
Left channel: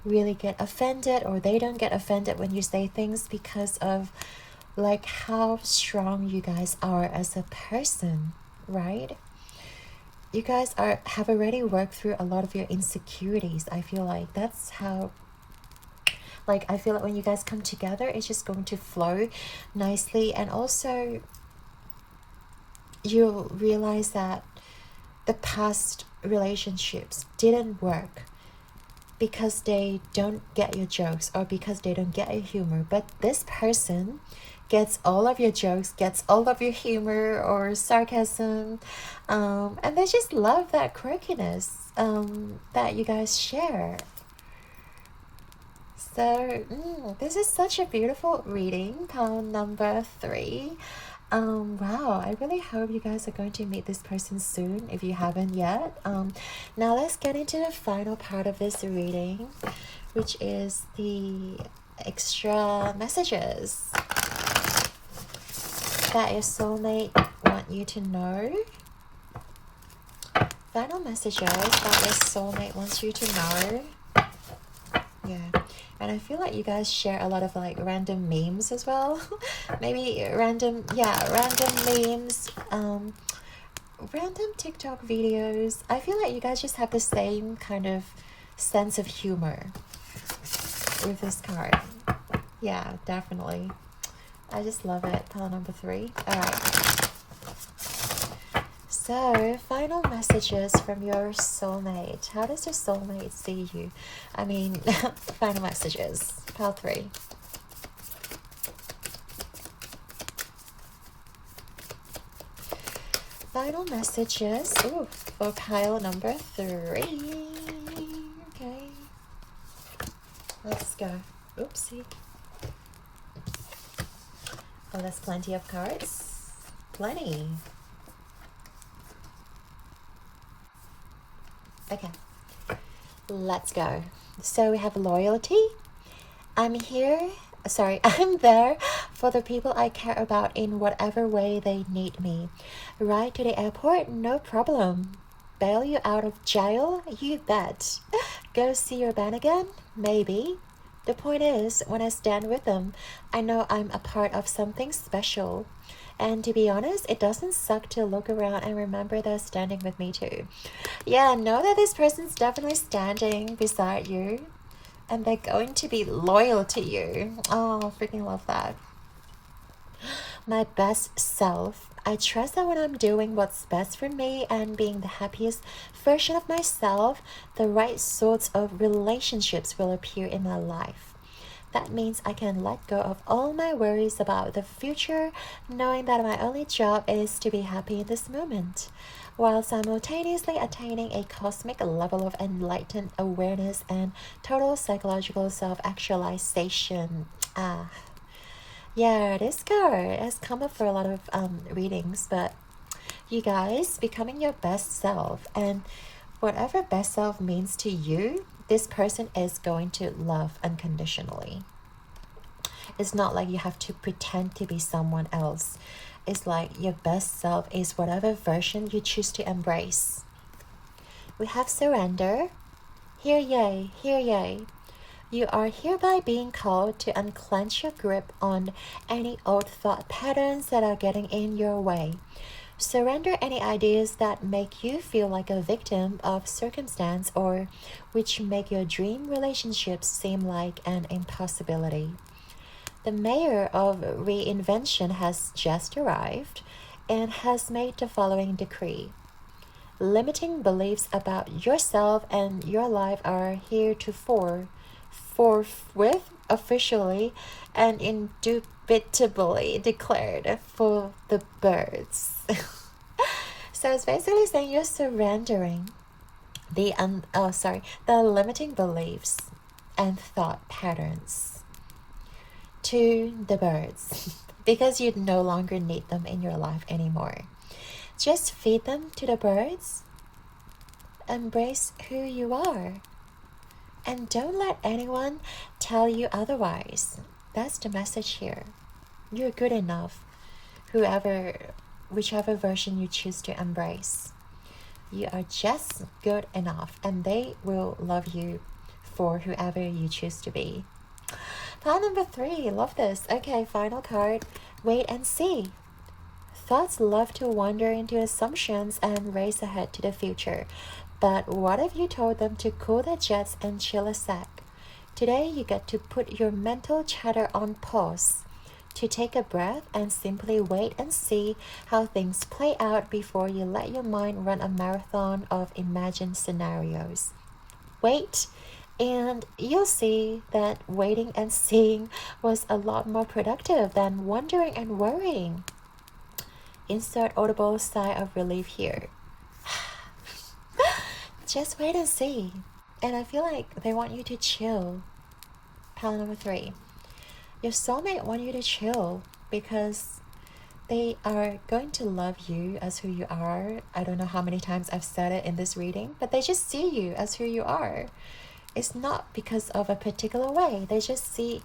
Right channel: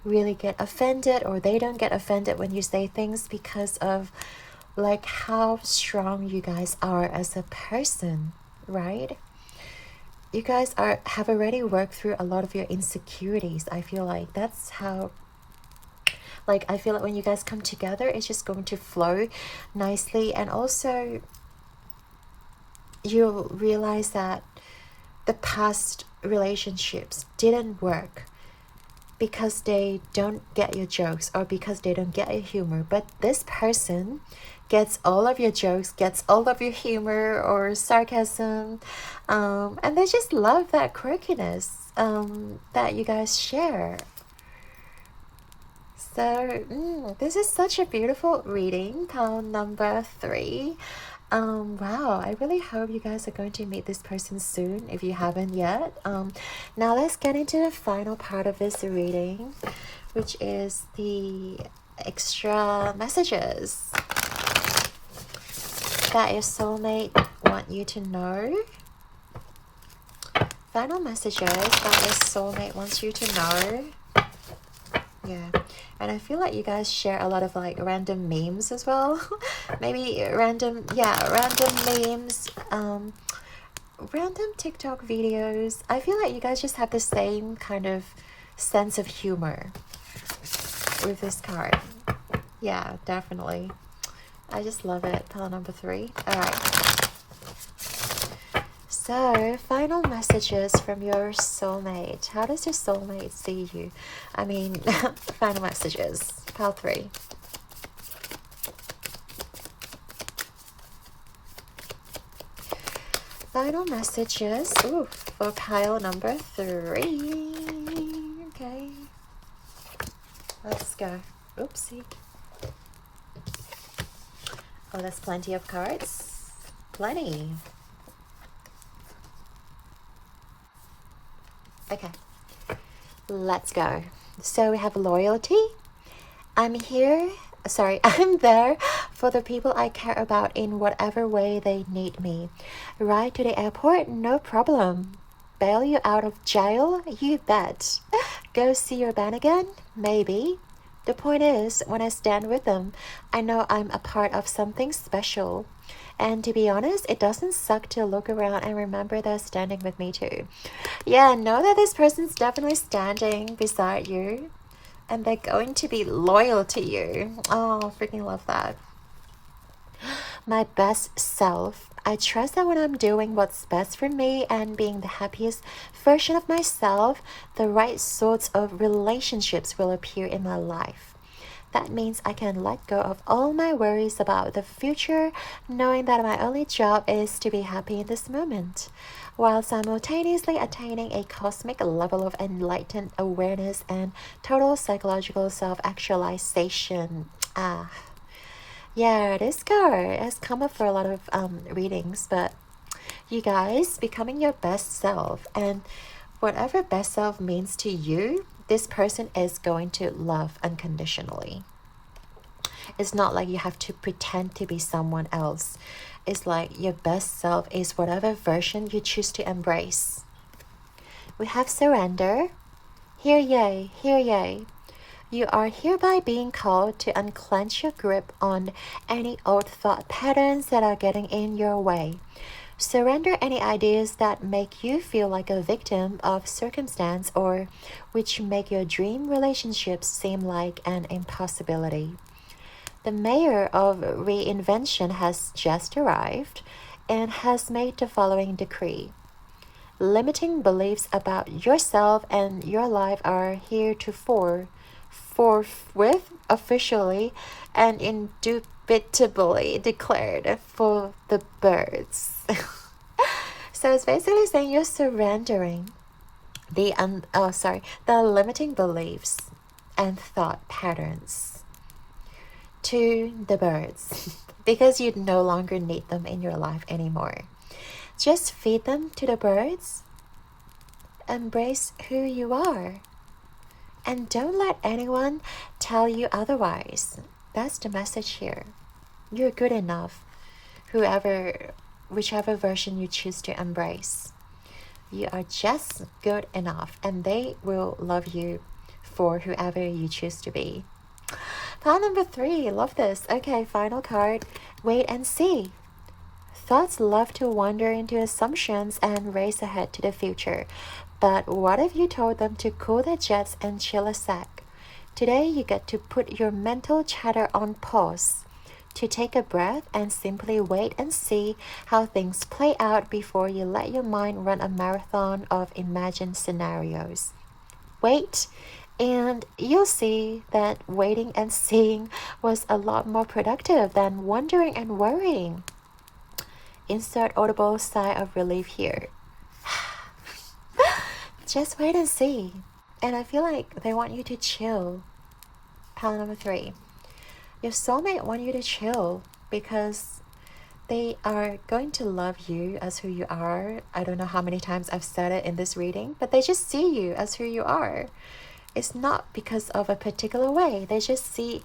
really get offended, or they don't get offended when you say things, because of like how strong you guys are as a person, right? You guys have already worked through a lot of your insecurities. I feel like that's how, like, I feel like when you guys come together, it's just going to flow nicely. And also you'll realize that the past relationships didn't work because they don't get your jokes or because they don't get your humor, but this person gets all of your jokes, gets all of your humor or sarcasm, and they just love that quirkiness that you guys share. So this is such a beautiful reading, pile number 3. Wow, I really hope you guys are going to meet this person soon if you haven't yet. Now let's get into the final part of this reading, which is the extra messages that your soulmate want you to know. Final messages that your soulmate wants you to know. Yeah. And I feel like you guys share a lot of like random memes as well. Maybe random memes, random TikTok videos. I feel like you guys just have the same kind of sense of humor with this card. Yeah, definitely. I just love it. Pile number 3. Alright. So, final messages from your soulmate. How does your soulmate see you? I mean, final messages. Pile 3. Final messages. Ooh, for pile number 3. Okay. Let's go. Oopsie. Oh, there's plenty of cards. Plenty. Okay, let's go. So we have loyalty. I'm there for the people I care about in whatever way they need me. Ride to the airport, no problem. Bail you out of jail, you bet. Go see your band again, maybe. The point is, when I stand with them, I know I'm a part of something special. And to be honest, it doesn't suck to look around and remember they're standing with me too. Yeah, know that this person's definitely standing beside you. And they're going to be loyal to you. Oh, freaking love that. My best self. I trust that when I'm doing what's best for me and being the happiest version of myself, the right sorts of relationships will appear in my life. That means I can let go of all my worries about the future, knowing that my only job is to be happy in this moment, while simultaneously attaining a cosmic level of enlightened awareness and total psychological self-actualization. Yeah, this card has come up for a lot of readings, but you guys, becoming your best self, and whatever best self means to you, this person is going to love unconditionally. It's not like you have to pretend to be someone else. It's like your best self is whatever version you choose to embrace. We have surrender. Hear ye, hear ye. You are hereby being called to unclench your grip on any old thought patterns that are getting in your way. Surrender any ideas that make you feel like a victim of circumstance or which make your dream relationships seem like an impossibility. The mayor of reinvention has just arrived and has made the following decree. Limiting beliefs about yourself and your life are heretofore forthwith, officially, and indubitably declared for the birds. So it's basically saying you're surrendering the limiting beliefs and thought patterns to the birds because you no longer need them in your life anymore. Just feed them to the birds. Embrace who you are. And don't let anyone tell you otherwise. That's the message here. You're good enough, whichever version you choose to embrace. You are just good enough, and they will love you for whoever you choose to be. Pile number 3, love this. Okay, final card, wait and see. Thoughts love to wander into assumptions and race ahead to the future. But what if you told them to cool their jets and chill a sec? Today you get to put your mental chatter on pause, to take a breath and simply wait and see how things play out before you let your mind run a marathon of imagined scenarios. Wait, and you'll see that waiting and seeing was a lot more productive than wondering and worrying. Insert audible sigh of relief here. Just wait and see. And I feel like they want you to chill. Pile number 3. Your soulmate want you to chill because they are going to love you as who you are. I don't know how many times I've said it in this reading, but they just see you as who you are. It's not because of a particular way. They just see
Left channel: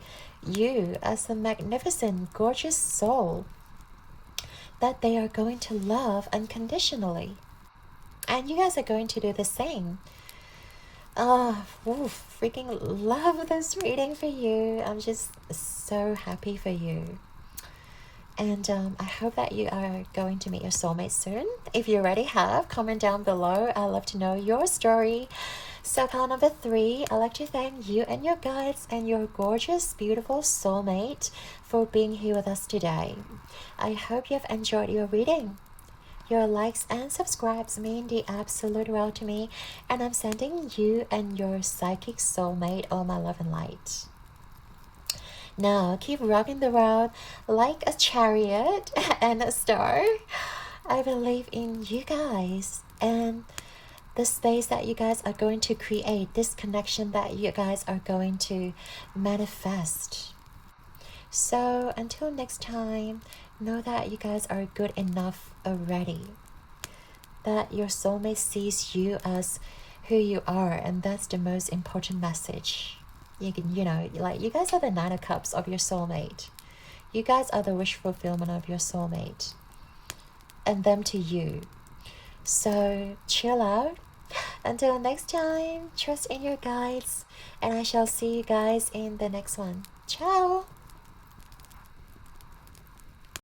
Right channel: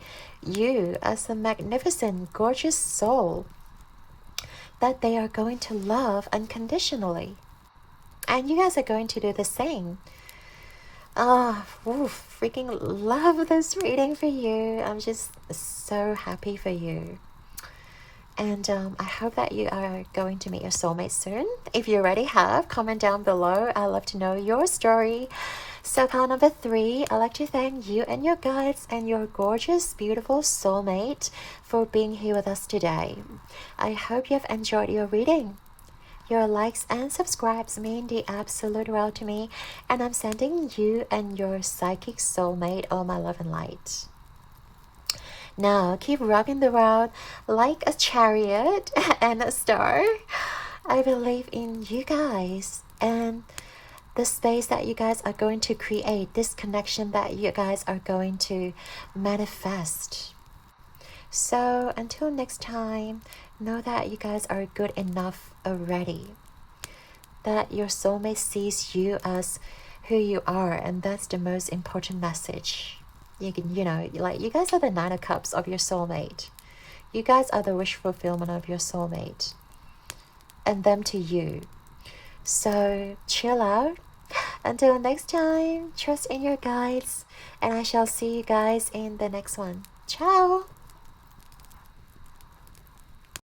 you as a magnificent, gorgeous soul that they are going to love unconditionally. And you guys are going to do the same. Freaking love this reading for you. I'm just so happy for you. And I hope that you are going to meet your soulmate soon. If you already have, comment down below. I'd love to know your story. So pile number 3, I'd like to thank you and your guides and your gorgeous, beautiful soulmate for being here with us today. I hope you have enjoyed your reading. Your likes and subscribes mean the absolute world to me, and I'm sending you and your psychic soulmate all my love and light. Now, keep rubbing the world like a chariot and a star. I believe in you guys and the space that you guys are going to create, this connection that you guys are going to manifest. So, until next time, know that you guys are good enough already, that your soulmate sees you as who you are, and that's the most important message. You guys are the 9 of Cups of your soulmate. You guys are the wish fulfillment of your soulmate, and them to you. So chill out. Until next time, trust in your guides And I shall see you guys in the next one. Ciao!